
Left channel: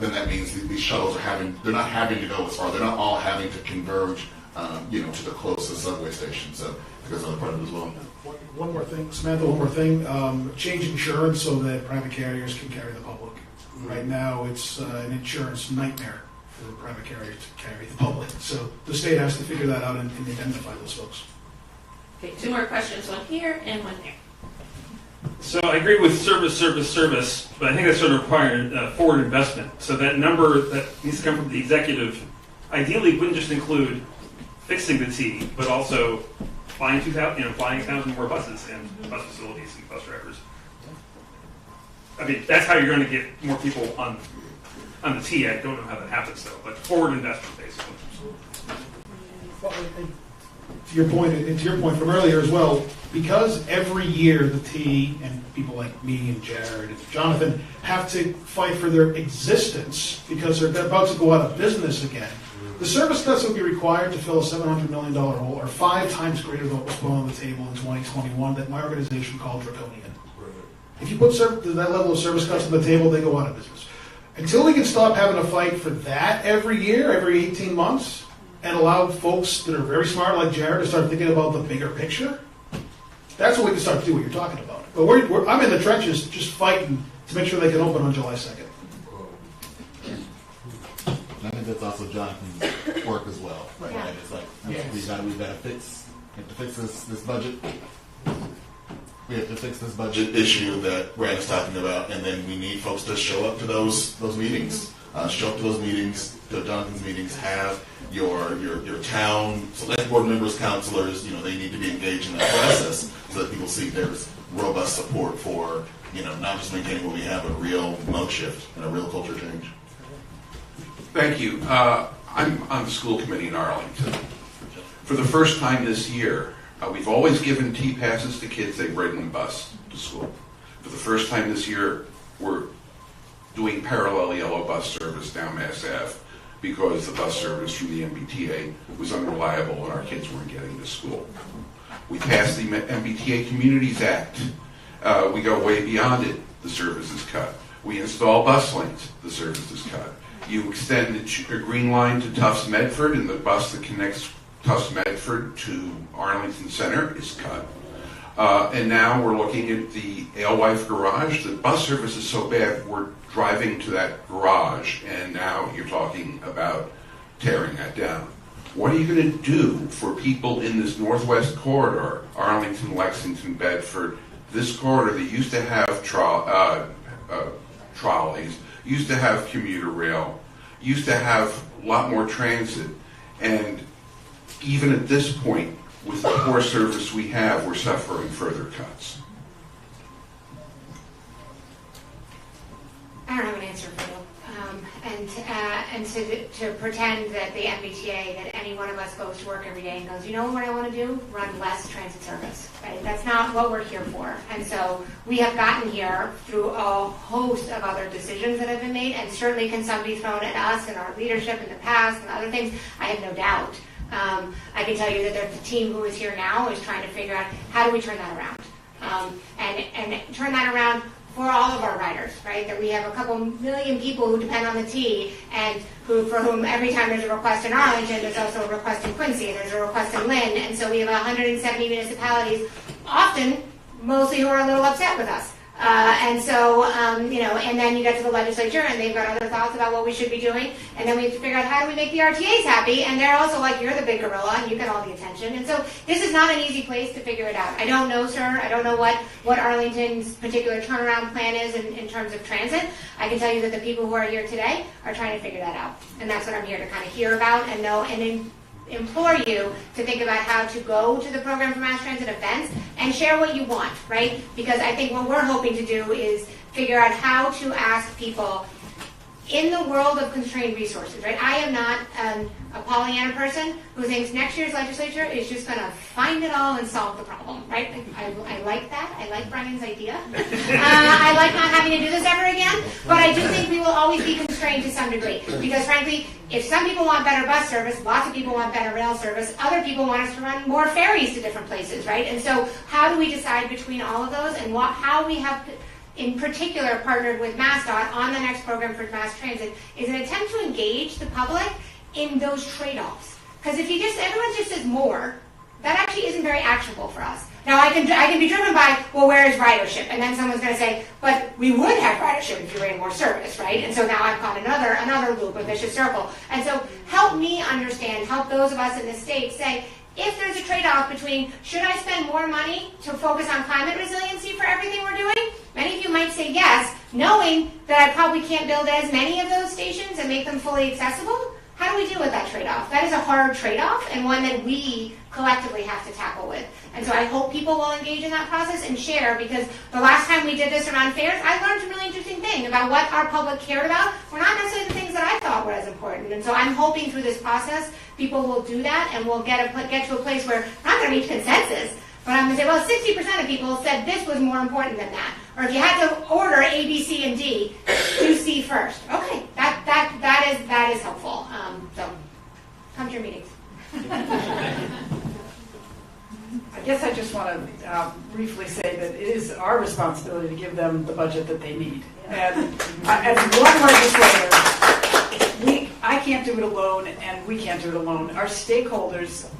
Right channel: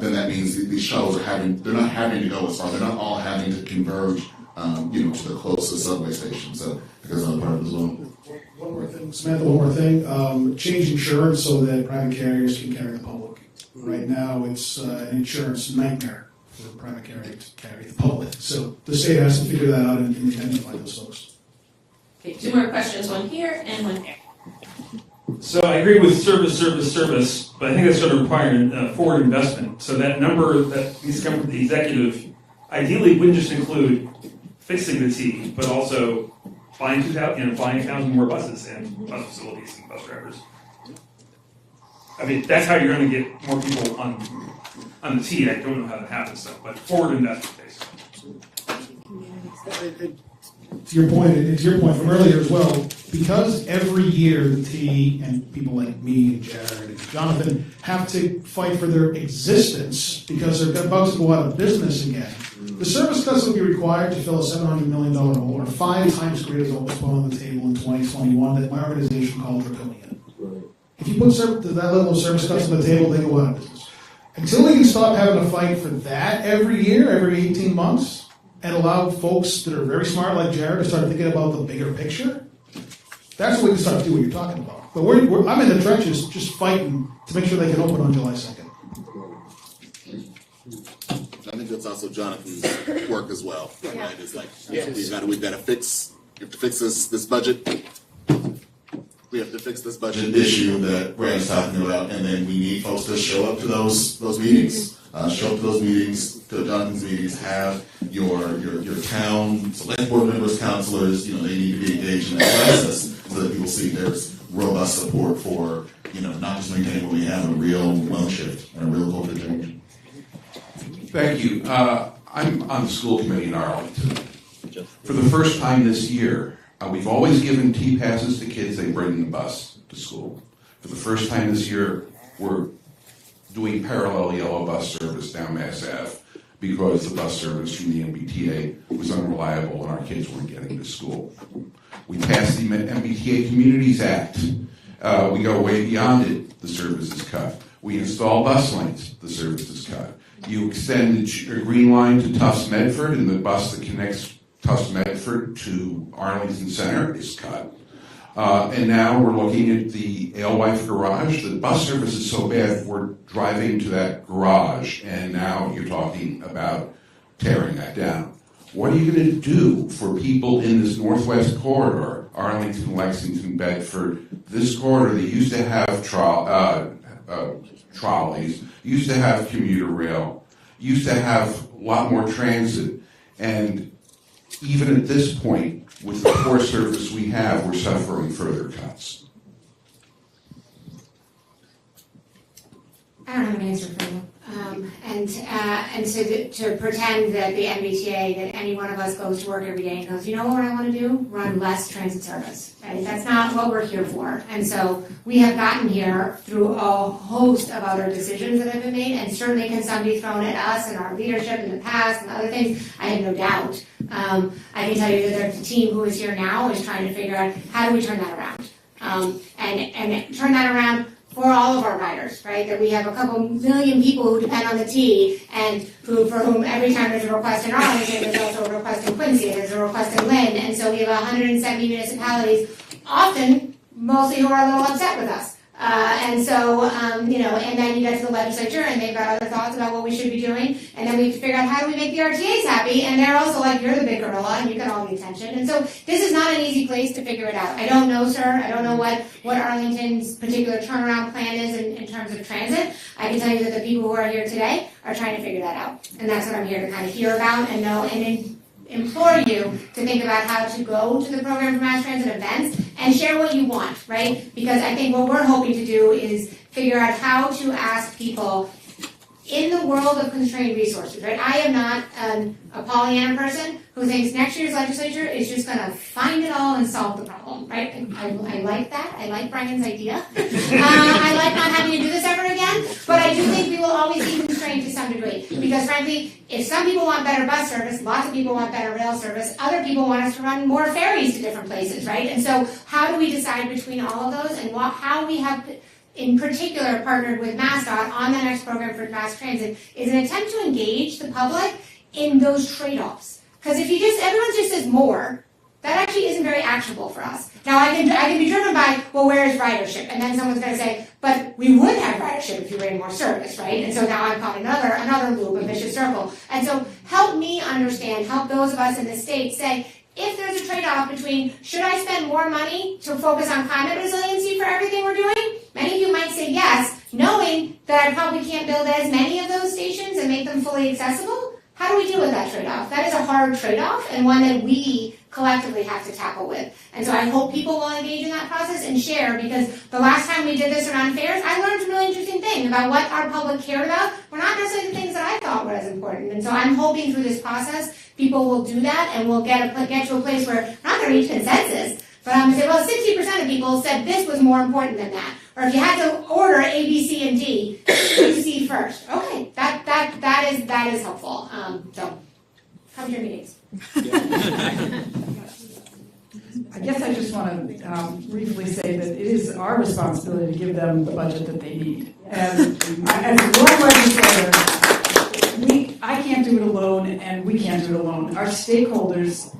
Then that means these shuttles they're not having to go as far. They're not all having to converge, to the closest subway station. So that's another part of it as well. One more thing, Samantha. One more thing. Change insurance so that private carriers can carry the public. Right now, it's an insurance nightmare for private carriers to carry the public. So the state has to figure that out and identify those folks. Okay, 2 more questions, one here and one there. So I agree with service, but I think that's going to require forward investment. So that number that needs to come from the executive ideally wouldn't just include fixing the T, but also flying towns more buses and bus facilities and bus drivers. I mean, that's how you're going to get more people on the T. I don't know how that happens though, but forward investment basically. To your point from earlier as well, because every year the T and people like me and Jared and Jonathan have to fight for their existence because they're about to go out of business again. The service cuts would be required to fill a $700 million hole, or 5 times greater than what was put on the table in 2021 that my organization called draconian. If you put that level of service cuts on the table, they go out of business. Until we can stop having a fight for that every year, every 18 months, and allow folks that are very smart like Jared to start thinking about the bigger picture, that's when we can start to do what you're talking about. But I'm in the trenches just fighting to make sure they can open on July 2nd. I think that's also Jonathan's work as well. Right? It's like, how do we benefits? We have to fix this budget. We have to fix this budget issue that Brian's talking about, and then we need folks to show up to those meetings. Show up to those meetings, to Jonathan's meetings, have your town select board members, councilors, they need to be engaged in that process so that people see there's robust support for, not just maintaining what we have, a real mode shift and a real culture change. Thank you. I'm on the school committee in Arlington. For the first time this year, we've always given T-passes to kids, they bring the bus to school. For the first time this year, we're doing parallel yellow bus service down Mass Ave because the bus service from the MBTA was unreliable and our kids weren't getting to school. We passed the MBTA Communities Act. We go way beyond it, the service is cut. We install bus lanes, the service is cut. You extend the green line to Tufts Medford, and the bus that connects Tufts Medford to Arlington Center is cut. And now we're looking at the Alewife Garage. The bus service is so bad, we're driving to that garage, and now you're talking about tearing that down. What are you going to do for people in this northwest corridor, Arlington, Lexington, Bedford, this corridor that used to have trolleys, used to have commuter rail, used to have a lot more transit, and even at this point, with the poor service we have, we're suffering further cuts. I don't have an answer for you. And to pretend that the MBTA, that any one of us goes to work every day and goes, you know what I want to do? Run less transit service. Right? That's not what we're here for. And so we have gotten here through a host of other decisions that have been made, and certainly can some be thrown at us and our leadership in the past and other things. I have no doubt. I can tell you that the team who is here now is trying to figure out how do we turn that around, and turn that around for all of our riders, right? That we have a couple million people who depend on the T, and for whom every time there's a request in Arlington, there's also a request in Quincy, and there's a request in Lynn, and so we have 170 municipalities, often mostly who are a little upset with us. And then you get to the legislature, and they've got other thoughts about what we should be doing, and then we have to figure out how do we make the RTAs happy, and they're also like, you're the big gorilla, and you got all the attention. And so this is not an easy place to figure it out. I don't know, sir. I don't know what Arlington's particular turnaround plan is in terms of transit. I can tell you that the people who are here today are trying to figure that out, and that's what I'm here to kind of hear about and know, and implore you to think about how to go to the program for mass transit events and share what you want, right? Because I think what we're hoping to do is figure out how to ask people in the world of constrained resources, right? I am not a Pollyanna person who thinks next year's legislature is just going to find it all and solve the problem, right? I like that. I like Brian's idea. I like not having to do this ever again, but I do think we will always be constrained to some degree. Because frankly, if some people want better bus service, lots of people want better rail service, other people want us to run more ferries to different places, right? And so how do we decide between all of those, and how we have in particular partnered with MassDOT on the next program for mass transit is an attempt to engage the public in those trade-offs. Because if everyone just says more, that actually isn't very actionable for us. Now I can be driven by, well, where is ridership? And then someone's going to say, but we would have ridership if you ran more service, right? And so now I'm caught another loop, a vicious circle. And so help me understand, help those of us in the state say, if there's a trade-off between, should I spend more money to focus on climate resiliency for everything we're doing? Many of you might say yes, knowing that I probably can't build as many of those stations and make them fully accessible. How do we deal with that trade-off? That is a hard trade-off, and one that we collectively have to tackle with. And so I hope people will engage in that process and share, because the last time we did this around fairs, I learned a really interesting thing about what our public cared about were not necessarily the things that I thought were as important. And so I'm hoping through this process, people will do that, and we'll get to a place where we're not going to reach consensus, but I'm going to say, well, 60% of people said this was more important than that. Or if you had to order A, B, C, and D, do C first. Okay, that is helpful. So, how was your meetings? I guess I just want to briefly say that it is our responsibility to give them the budget that they need. And as one legislator, I can't do it alone, and we can't do it alone. Our stakeholders,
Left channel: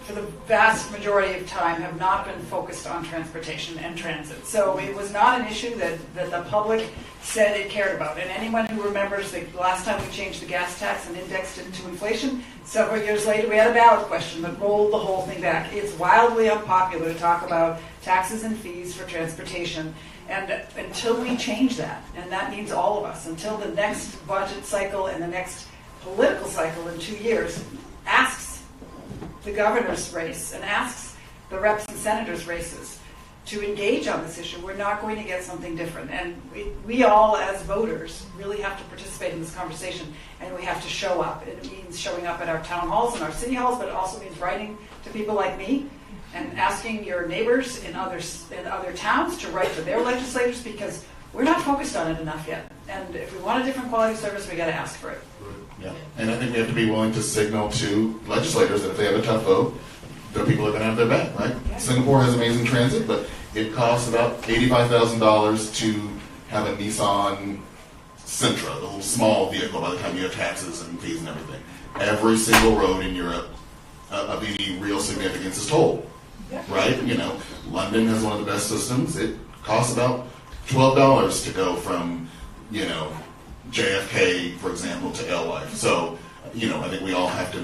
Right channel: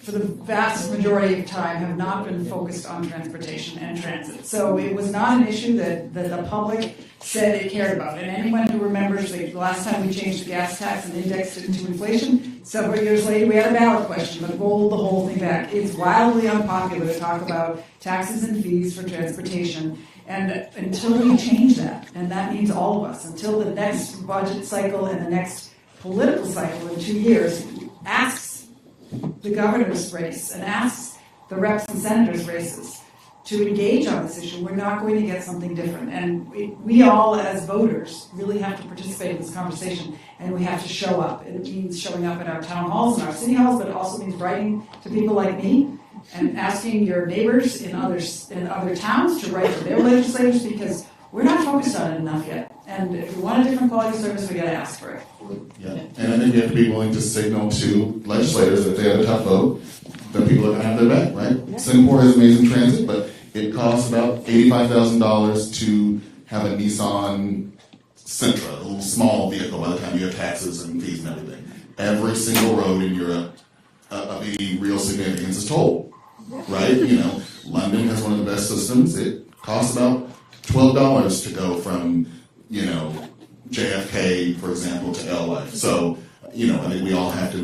for the vast majority of time, have not been focused on transportation and transit. So it was not an issue that the public said it cared about. And anyone who remembers the last time we changed the gas tax and indexed it into inflation, several years later we had a ballot question that rolled the whole thing back. It's wildly unpopular to talk about taxes and fees for transportation. And until we change that, and that means all of us, until the next budget cycle and the next political cycle in 2 years asks the governor's race and asks the reps and senators' races, to engage on this issue, we're not going to get something different. And we all, as voters, really have to participate in this conversation, and we have to show up. It means showing up at our town halls and our city halls, but it also means writing to people like me and asking your neighbors in other towns to write to their legislators, because we're not focused on it enough yet. And if we want a different quality of service, we got to ask for it. Yeah. And I think we have to be willing to signal to legislators that if they have a tough vote, then people are going to have their back, right? Yeah. Singapore has amazing transit, but it costs about $85,000 to have a Nissan Sentra, a little small vehicle by the time you have taxes and fees and everything. Every single road in Europe of any real significance is tolled, right? You know, London has one of the best systems. It costs about $12 to go from, you know, JFK, for example, to Alewife. So, you know, I think we all have to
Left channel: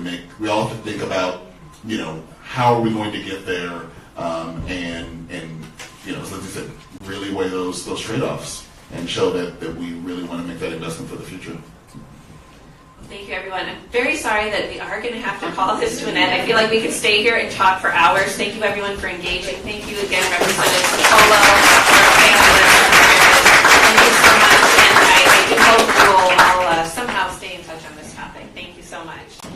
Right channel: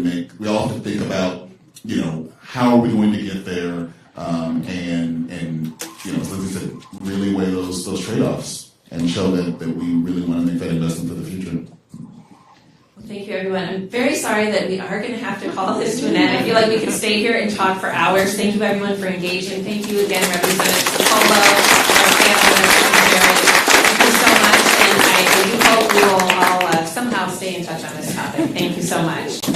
think about, you know, how are we going to get there, and you know, as Lindsay said, really weigh those trade-offs and show that we really want to make that investment for the future. Thank you, everyone. I'm very sorry that we are going to have to call this to an end. I feel like we could stay here and talk for hours. Thank you, everyone, for engaging. Thank you again, Representative Polo, our panelists. Thank you so much, and I do hope we will all somehow stay in touch on this topic. Thank you so much.